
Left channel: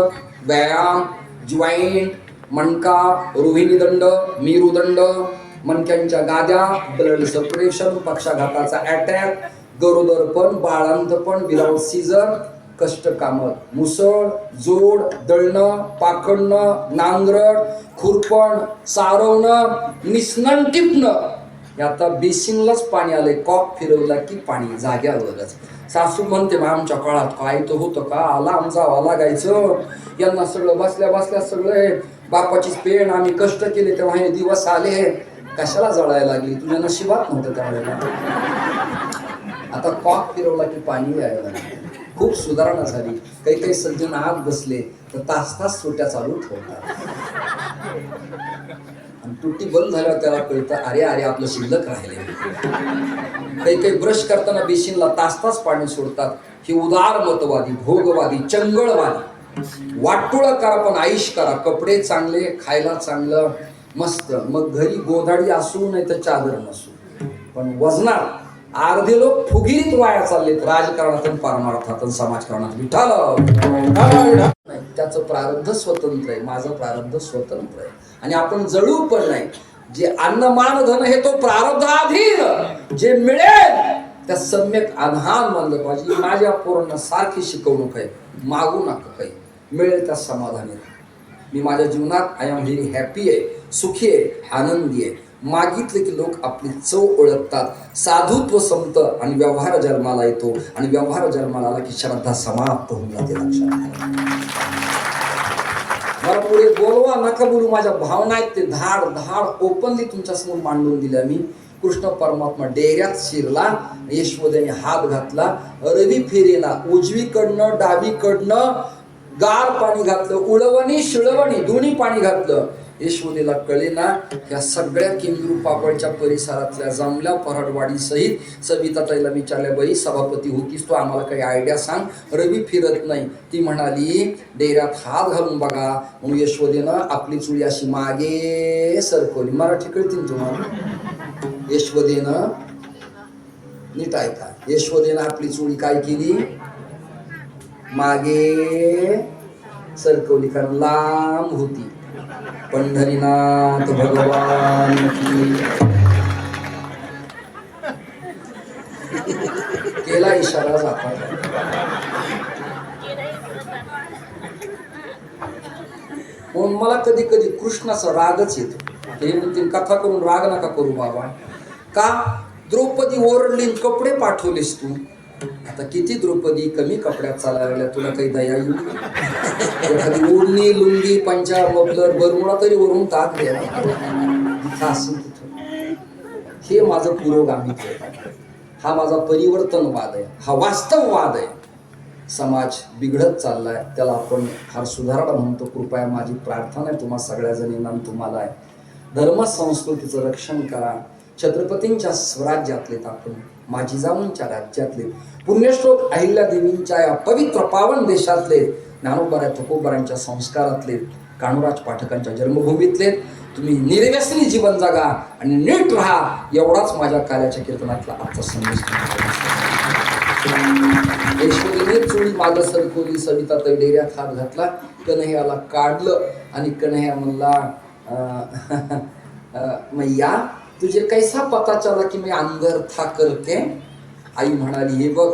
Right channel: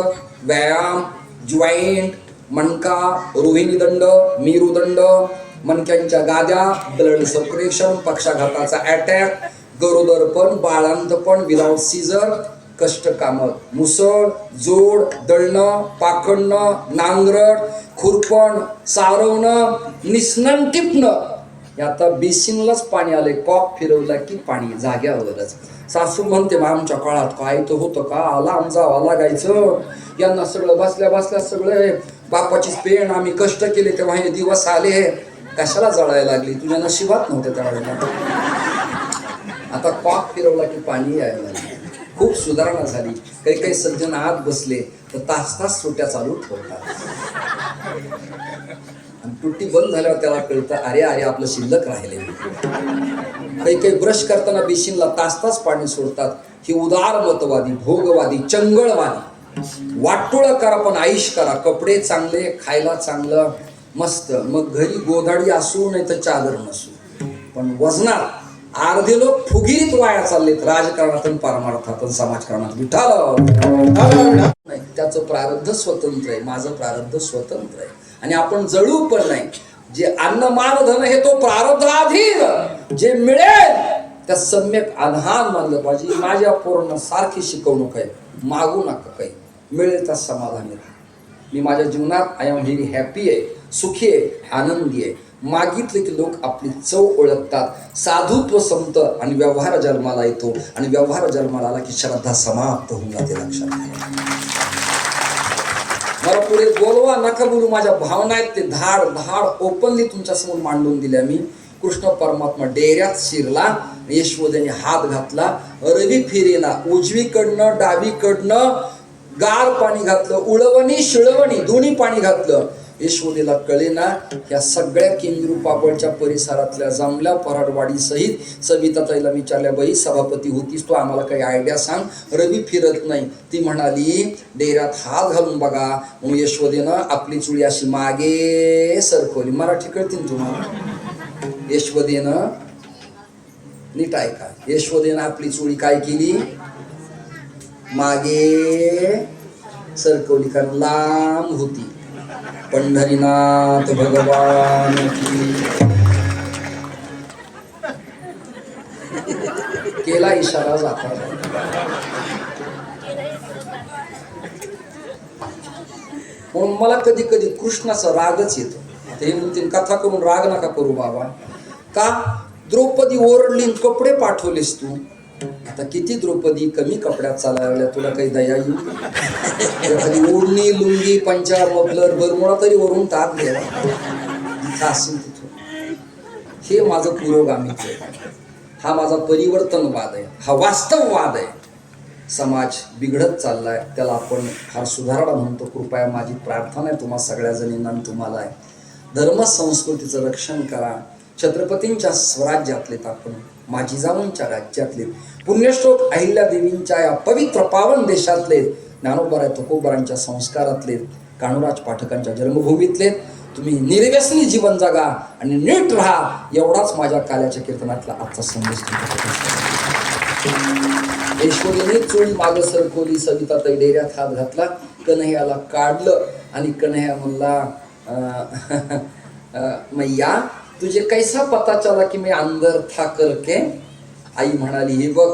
व्यायाम, जॉईंट, मणका, रोहिणी दंड, मेरुदंड, मणक्यांच्या गाद्या, ब्लड सपरेशन, पक्षाघाताचा अटॅक, गरोदरपण, बाळांतपण विदाउट सीझर, कष्टकाम, मुसळ, जोड, दळणं, पाखडणं, नांगरट, खुरपण, सारवणं, निस्नन टिपणं. आता बेसिनलाच पाणी आलंय, कॉक फिरवला की पाणी जाग्यावरच. सासू म्हणते आमच्या काळात काय तर होतं का, आला जावा लागायचं. यांना सगळं बसल्या बसल्या सगळे बापाचीच पेण, आम्ही कष्ट केले तेव्हा हे दिवस आले, कशाला जळायला लागली, तुझ्या नशिबात नव्हतं त्यावेळेला. आता कॉक फिरवला की पाणी यायला लागले. खूप सुधारणा झाली. काही काही सज्जन आत बसले तर तास तास सुट्या चालू ठेवतात. आणि तुटी बंद झाल्यावर त्याला कळतं अरे अरे आपलं शिल्लक राहिले. काही काही ब्रश करताना बेसिनला तास तास पाणी सोडतात. ही उदारमतवादी, भोगवादी, चंगळवादी. वाटोळं करा पण आईश करा, कपडे चांगले, खायला चांगलं, मस्त. मग घरी गोधाडी असू नाही तर चादर नसू, पण वजनात अर्धे लोक फुगिरीत वाया चाललेत, राजकारणात, परमार्थात, समाजकारणात. विठाल त्याचं प्रारब्ध स्वतंत्र आहे, माझं प्रारब्ध स्वतंत्र आहे. आणि आपण जळू पण नाही. जे अन्न मान धन हे तो प्रारब्धाधीन, जे मिळेल त्या सम्यक आधान मानलं पाहिजे. माझ्या पोरांना सारखी शिकवणूक आहे, मागू नका काही, मिळेल त्या समाधानी राहा. मी माझ्या जीवनात आय एम व्हेरी हॅपी आहे, सुखी आहे, आनंदी आहे. मागितले की लोक आपली चव ओळखतात. साधुत्व संपतं आणि व्यवहार जन्माला येतो, आणि व्यवहार जन्माला आला की श्रद्धा समाप्त होऊन जाते. लक्षात मला पुढे बोलवा नका बोलू, माझ्या भावना आहेत ते धाड धाड ओपनली तुमच्या समोर मांडून दिल्या मी. कृष्ण परमात्मा डेऱ्यात शिरला, यशोदेने हात घातला, रवी फेरीला उजवीकडनं डावीकडनं गार पाणी घातलं, उळवणी शिळवणी दोन्ही पाणी घातलं. यशोदेला कळेना ह्या सगळ्या किंगरू पापडच्या परिसरातल्या जमल्या पराडवाडी सहित सविताताईला विचारल्या, बाई सभापती होतीस तू, आम्हाला काही आयडिया सांग, रवी फिरत नाही. ती म्हणाली डेऱ्यात हात घालून बघा. म्हणून यशोदेनं आपली चुळी अशी मागे सरकवली. मराठी कळतील तुम्हाला? यशोदेनं नीट ऐका, यशोदेनं आपली चुळी काय केली, मागे सरकवली, कारण लांब होती. पंढरीनाथ भगवान की. केला इशारा जाता. म्हणून मला कधी कधी कृष्णाचा रागच येतो. आता हे म्हणतील कथा करून राग नका करू बाबा. का द्रौपदी ओरडली, कपडे पाठवलेस तू. आता किती द्रौपदी कमी कपड्यात चालायला लागल्या, तुला काही दया येऊ? एखादी ओढणी लुंगी पंचार मफलर बरमुडा तरी वरून टाक द्या. हे माझं पुरोगामित्व आहे, हा माझा परिवर्तनवाद आहे, हा वास्तववाद आहे. समाज बिघडत चाललाय, त्याला आपण फार सुधारणा म्हणतो. कृपया माझी प्रार्थना आहे तुम्हा सगळ्या जणींना तुम्हाला आहे, धर्म संस्कृतीचं रक्षण करा. छत्रपतींच्या स्वराज्यातले आपण, माझी जाऊंच्या राज्यातले, पुण्यश्लोक अहिल्यादेवींच्या या पवित्र पावन देशातले, ज्ञानोबराय तुकोबरांच्या संस्कारातले, काणूराज पाठकांच्या जन्मभूमीतले. तुम्ही निर्व्यसनी जीवन जगा आणि नीट राहा, एवढाच माझ्या काल्याच्या कीर्तनातला आजचा संदेश. यशोदेने चोळी माग सरकवली, सविताताई डेऱ्यात हात घातला, कन्हैयाला काढलं आणि कन्हैया म्हणला, मैया तुझे कैसा पता चला की मी अंदर था करके. आई म्हणाली, हे बघ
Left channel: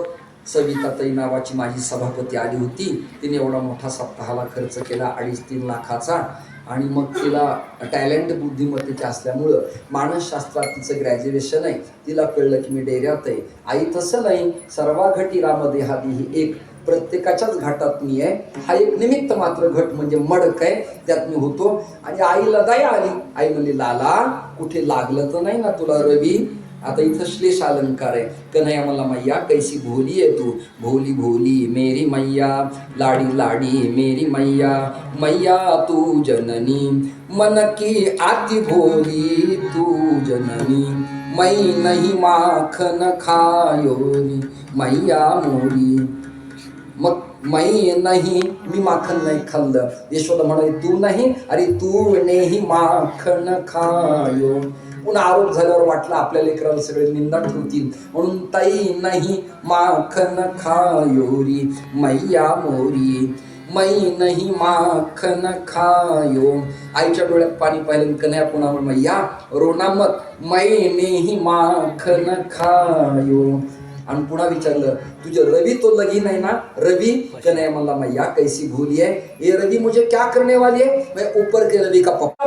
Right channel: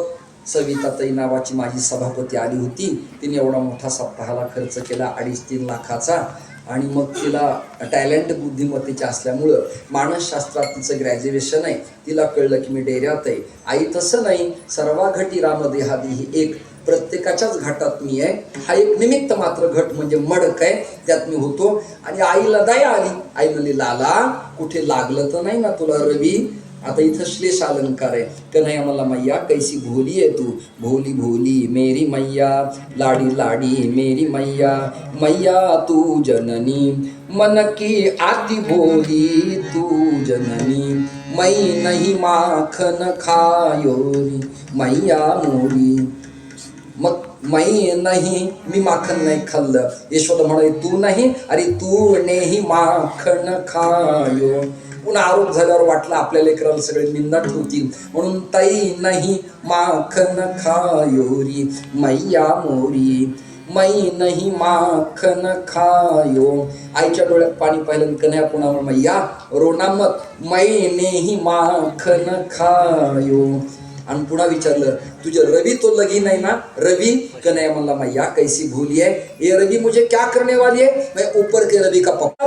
सविताताई नावाची माझी सभापती आली होती, तिने एवढा मोठा सप्ताहाला खर्च केला 2.5-3 लाखाचा, आणि मग तिला टॅलेंट बुद्धिमत्तेचे असल्यामुळं मानसशास्त्रात तिचं ग्रॅज्युएशन आहे, तिला कळलं की मी डेऱ्यात आहे. आई तसं नाही, सर्वा घटी रामदेहादी ही एक प्रत्येकाच्याच घाटात मी आहे, हा एक निमित्त मात्र घट म्हणजे मडक आहे, त्यात मी होतो. आणि आईला दया आली, आई म्हणली, लाला कुठे लागलं तर नाही ना तुला रवी? आता इथं श्लेष अलंकार आहे. कन्हैया मला, मैया कैसी भोली आहे तू, भोली भोली मेरी मैया, लाडी लाडी मेरी मैया, मैया तू जननी मन की आती भोली तू जननी, मै नहीं माखन खायोरी मैया मोरी. मग मै नाही, मी माखन नाही खाल्लं. यशोदा म्हणाली, तू नाही, अरे तू नेही माखन खायो. पुन्हा आरोप झाल्यावर वाटलं आपल्या लेकराला सगळे निंदा ठेवतील, म्हणून ताई नाही माखन खायोरी मैया मोरी, मै नाही माखन खायो. आईच्या डोळ्यात पाणी पाहिलं, कन्हैया पुन्हा, मैया रोना मत, मै नेही माखन खायो. आणि पुन्हा विचारलं, तुझे रवि तो लगी नहीं ना रवि? कन्हैया म्हणला, मैया कैसी भूली है ये रवि, मुझे क्या करने वाली है, मैं ऊपर के रवि का पप्पा.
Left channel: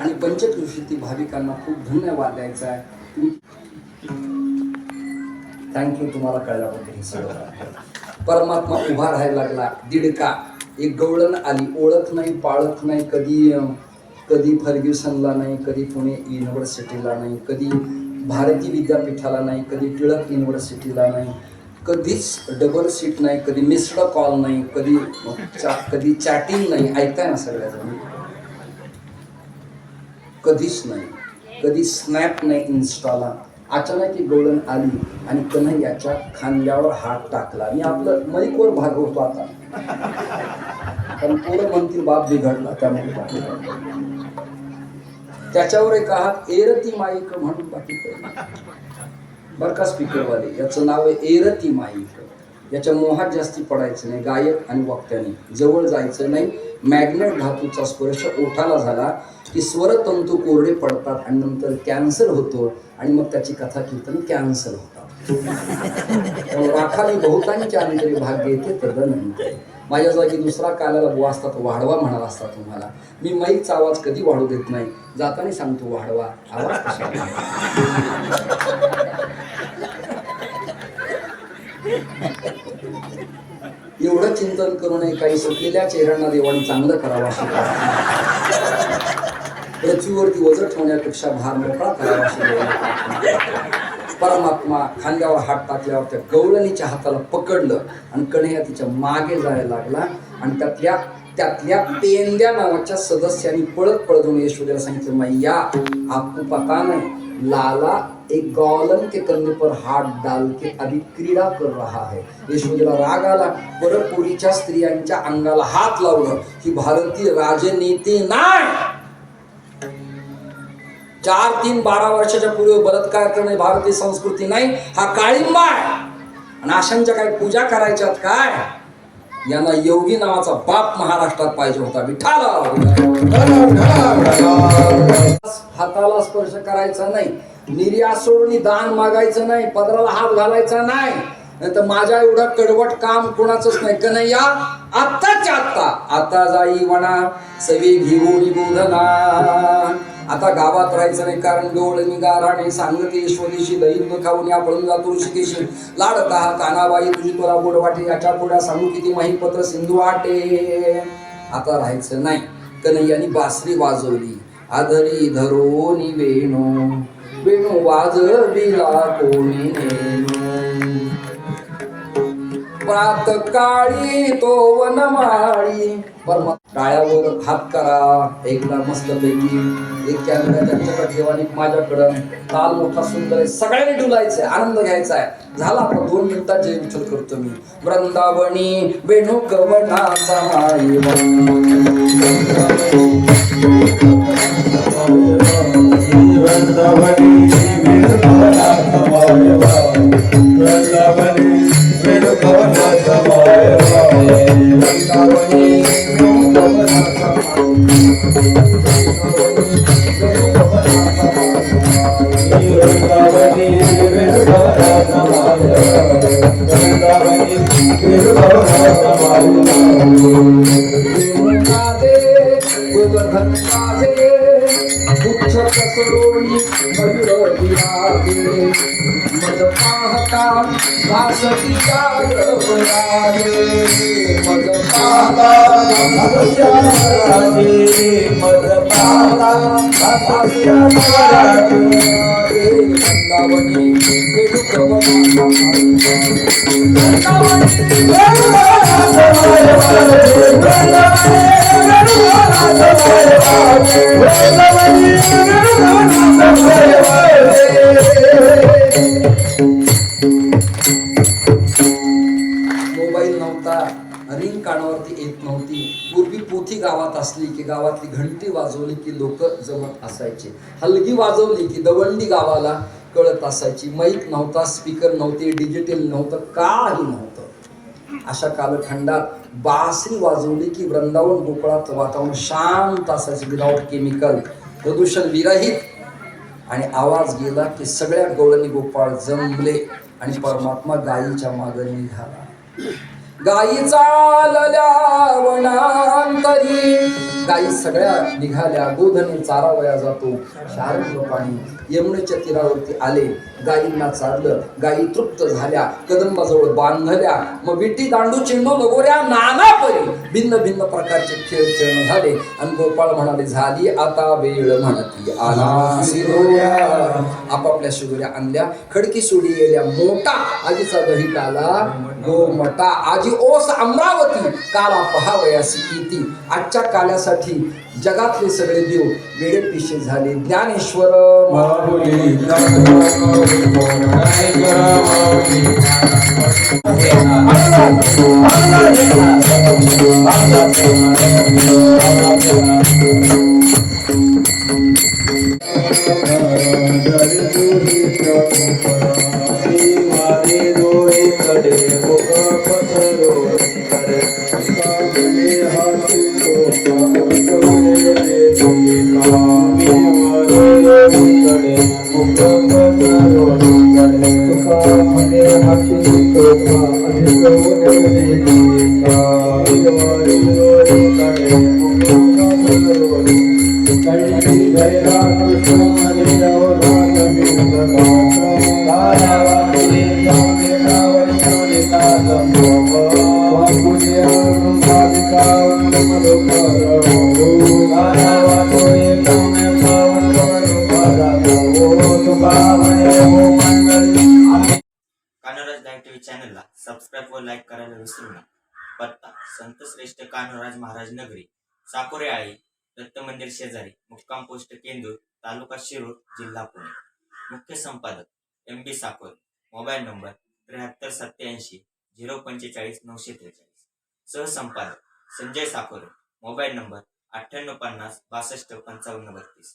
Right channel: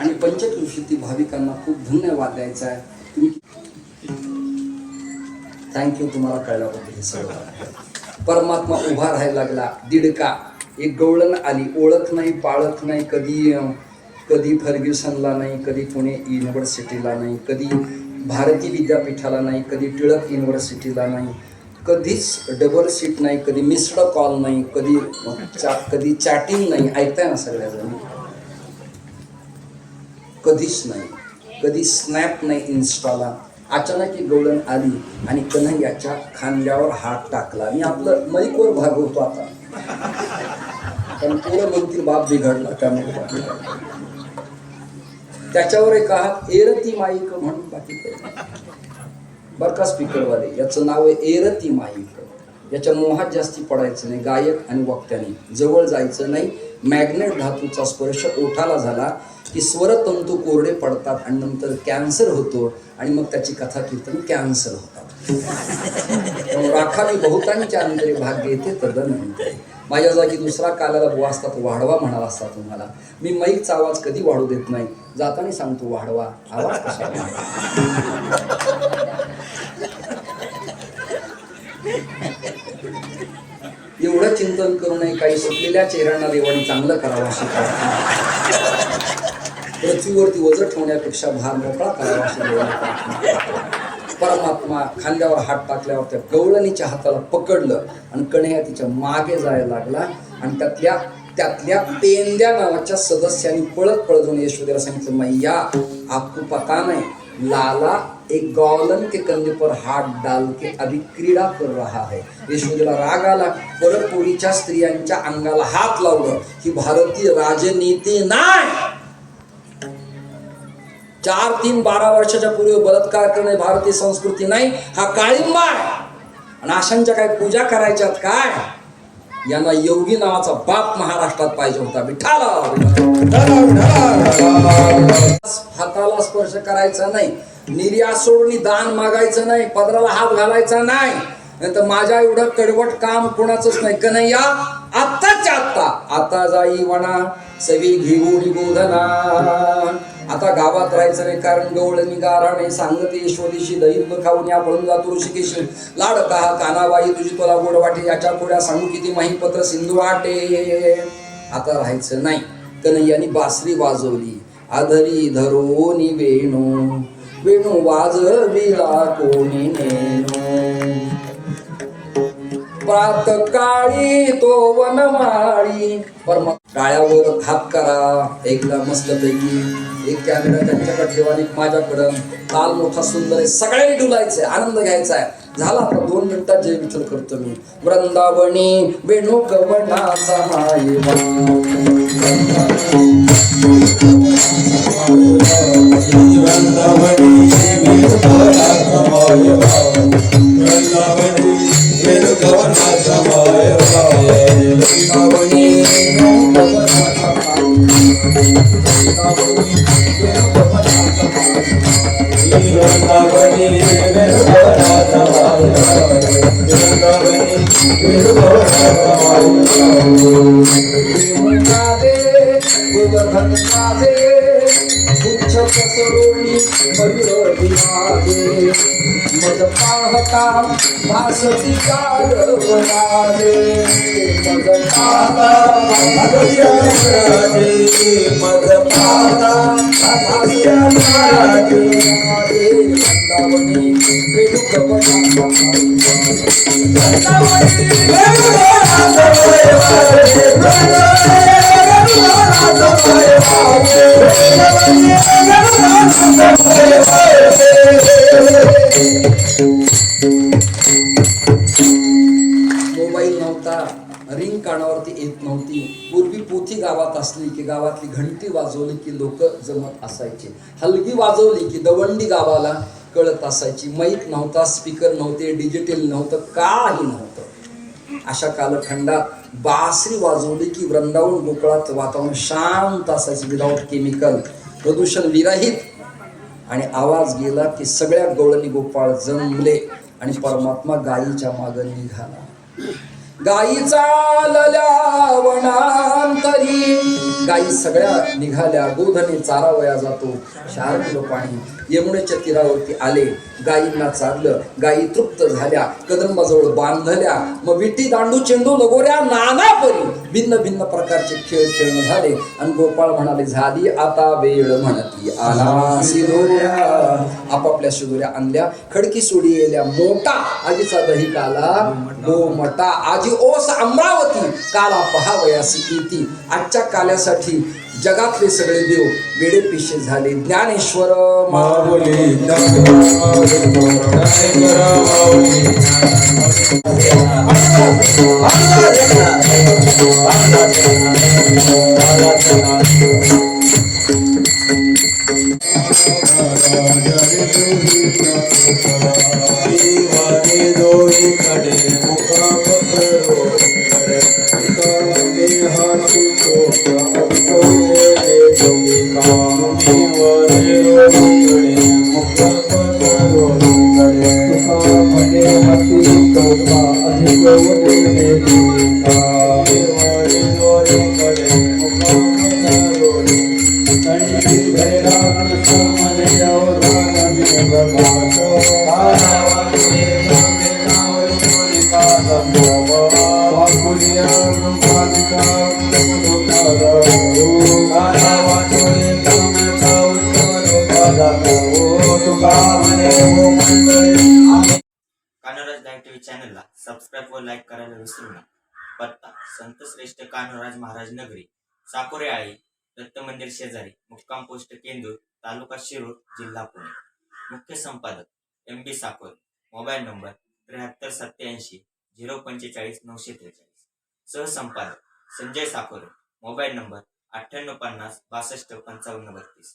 आणि पंचक्रोशीतील भाविकांना खूप धन्यवाद द्यायचा आहे. थँक्यू तुम्हाला कळल्याबद्दल. परमात्मा उभा राहायला लागला. दीडका एक गवळण आली, ओळख नाही पाळख नाही, कधी फर्ग्युसनला नाही, कधी पुणे युनिव्हर्सिटीला नाही, कधी भारती विद्यापीठाला नाही, कधी टिळक युनिव्हर्सिटीला नाही, कधीच डबल सीट नाही, कधी मिस्ड कॉल नाही, कधी चॅटिंग नाही. ऐकताय ना सगळ्याजण? कधीच नाही, कधी स्नॅप नाही इन्स्टाला. अचानक ही गवळण आली आणि कन्हैयाच्या खांद्यावर हात टाकला. मी आपलं मैकवर भागवतो आता, पण पोरं म्हणतील बाप बिघडला त्यामुळे. त्याच्यावर एक हात एरती माईक म्हणून बाकी बर का स्पीकरवाले, याचं नाव आहे एरती माईक. याच्या मोहात जास्ती पडायचं नाही. गायक आणि वक्त्याने जवळ जायचं नाही. मॅग्नेट धातूचा स्पर्श ओठाला झाला की स्वरतंतू कोरडे पडतात आणि नंतर कॅन्सर होतो आणि मग त्याची कथा कीर्तन कॅन्सल होतात. राखावी बहुतांच्या अंतरी भाग घेते तदनंतर. माझ्या जागी दुसरा काल्याला बुवा असता तो वाढवा म्हणाला असता तुम्हाला. मी माईकचा आवाज कधी वाढू देत नाही. जाताना सांगतो वाढवा आवाज कसा. एवढं चिंतन करू नये. काही सुटलेल्या चेहऱ्यांना देवाने चांगलं करावं अशी प्रार्थना. पृथ्वीवरती वजन ठेवण्यापेक्षा भार मोकळा करावा अशी देवाने प्रार्थना. परमात्मा खांद्यावर हात टाकल्यावर त्या गवळणीच्या हाताला पकडलं आणि कन्हैया तिच्या मागे जायला लागला आणि त्यातल्या पेंद्या नावाच्या सदस्यांनी पळत जाऊन यशोदेला सांगितलं, मैया आपको पता नहीं, लाला एक गौलन के कंधे पर हाथ डाल के अभी क्रीडा कर रहा है. यशोदेला राग आला. परपुरीच्या स्त्रियांच्या अंगाला हात लावलं. ही भारतीय राजनीती नाही. 4, 3, 12 वर्षाच्या पूर्वी बलात्कार करणे भारतीय संस्कृती नाही. हा काळिंबा आहे. आणि अशांच्या काय पूजा करायच्यात काय? यांना योगी नावाचा बाप महाराष्ट्रात पाहिजे होता. विठाला हाताला स्पर्श करायचा नाही. निर्यात सोडून दान मागायचं नाही. पदराला हात घालायचा नाही. तर माझ्या एवढं कडवट काम कोणाचंच नाही. कन्हैया आत्ताच्या आता जाई वना सवी घेऊन बोधना. आता गावात राहायचं नाही, कारण गवळणी गाराणे सांगते यशोदेशी दैव खाऊन या पळून जातो ऋषिकेशी. लाडका कानाबाई तुझी तुला गोड वाटे, याच्या पुढ्या सांगू किती माहीपत्र सिंधू वाटे. आता राहायचं नाही. कन्हैयानी बासरी वाजवली. आधरी धरोनी वेणू वेणू वाजविला कोणी नेणू. प्रातकाळी तो वनमाळी. टाळ्यावर हात करा एकदा मस्तपैकी. एक कॅमेरा त्यांच्याकडे ठेवा, माझ्याकडं. ताल मोठा सुंदर आहे. सगळ्यांनी डुलायचंय, आनंद घ्यायचा आहे. झाला आता 2 मिनिटात जय विठ्ठल करतो मी. वृंदावनी वेणू गवनाचा मायवा. मज पाहता वासती मोबाईल नव्हता, रिंग कानावरती येत नव्हती. पूर्वी पोथी गावात असली की गावातली घंटी वाजवली की लोक जमत असायचे. हलगी वाजवली की दवंडी गावाला कळत असायची. माईक नव्हता, स्पीकर नव्हते, डिजिटल नव्हतं, काही नव्हतं. अशा कालखंडात बासरी वाजवली की वृंदावन गोकुळात वातावरण शांत असायचं, विदाउट केमिकल, प्रदूषण विरहित. आणि आवाज गेला की सगळ्या गवळणी गोपाळ जमले आणि परमात्मा गायीच्या मागे निघाला. गायी चालल्या वनांतरी गायी सगळ्या निघाल्या, गोधने चारावया जातो, शारंग पाणी यमुनेच्या तीरावरती आले, गायींना चारलं, गायी तृप्त झाल्या, कदंबाजवळ बांधल्या, मग विटी दांडू चेंडू लगोऱ्या नाना परी भिन्न भिन्न प्रकारचे खेळ खेळणं झाले. आणि गोपाळ म्हणाले, झाली आता वेळ म्हणती आला शिरोया. आपापल्या शिदोऱ्या आणल्या, खडकी सोडी गेल्या मोठा, आजीचा दही काला गोमटा, आजी ओस अमरावती काला पहावयासी इति. आजच्या काल्यासाठी जगातले सगळे देव वेडे पिशे झाले. ज्ञानेश्वर माऊली कान्होराज लाईव्ह टीव्ही चॅनलला सबस्क्राईब व लाईक करायला विसरू नका. पत्ता संत श्रेष्ठ कान्होराज महाराज नगरी, साकोरे आळी, दत्त मंदिर शेजारी, मुक्काम पोस्ट केंदूर, तालुका शिरूर, जिल्हा पुणे. मुख्य संपादक MD साकोरे. Mobile number 7387 045 943. सहसंपादक संजय साकोरे. Mobile number 9850 62 55 32.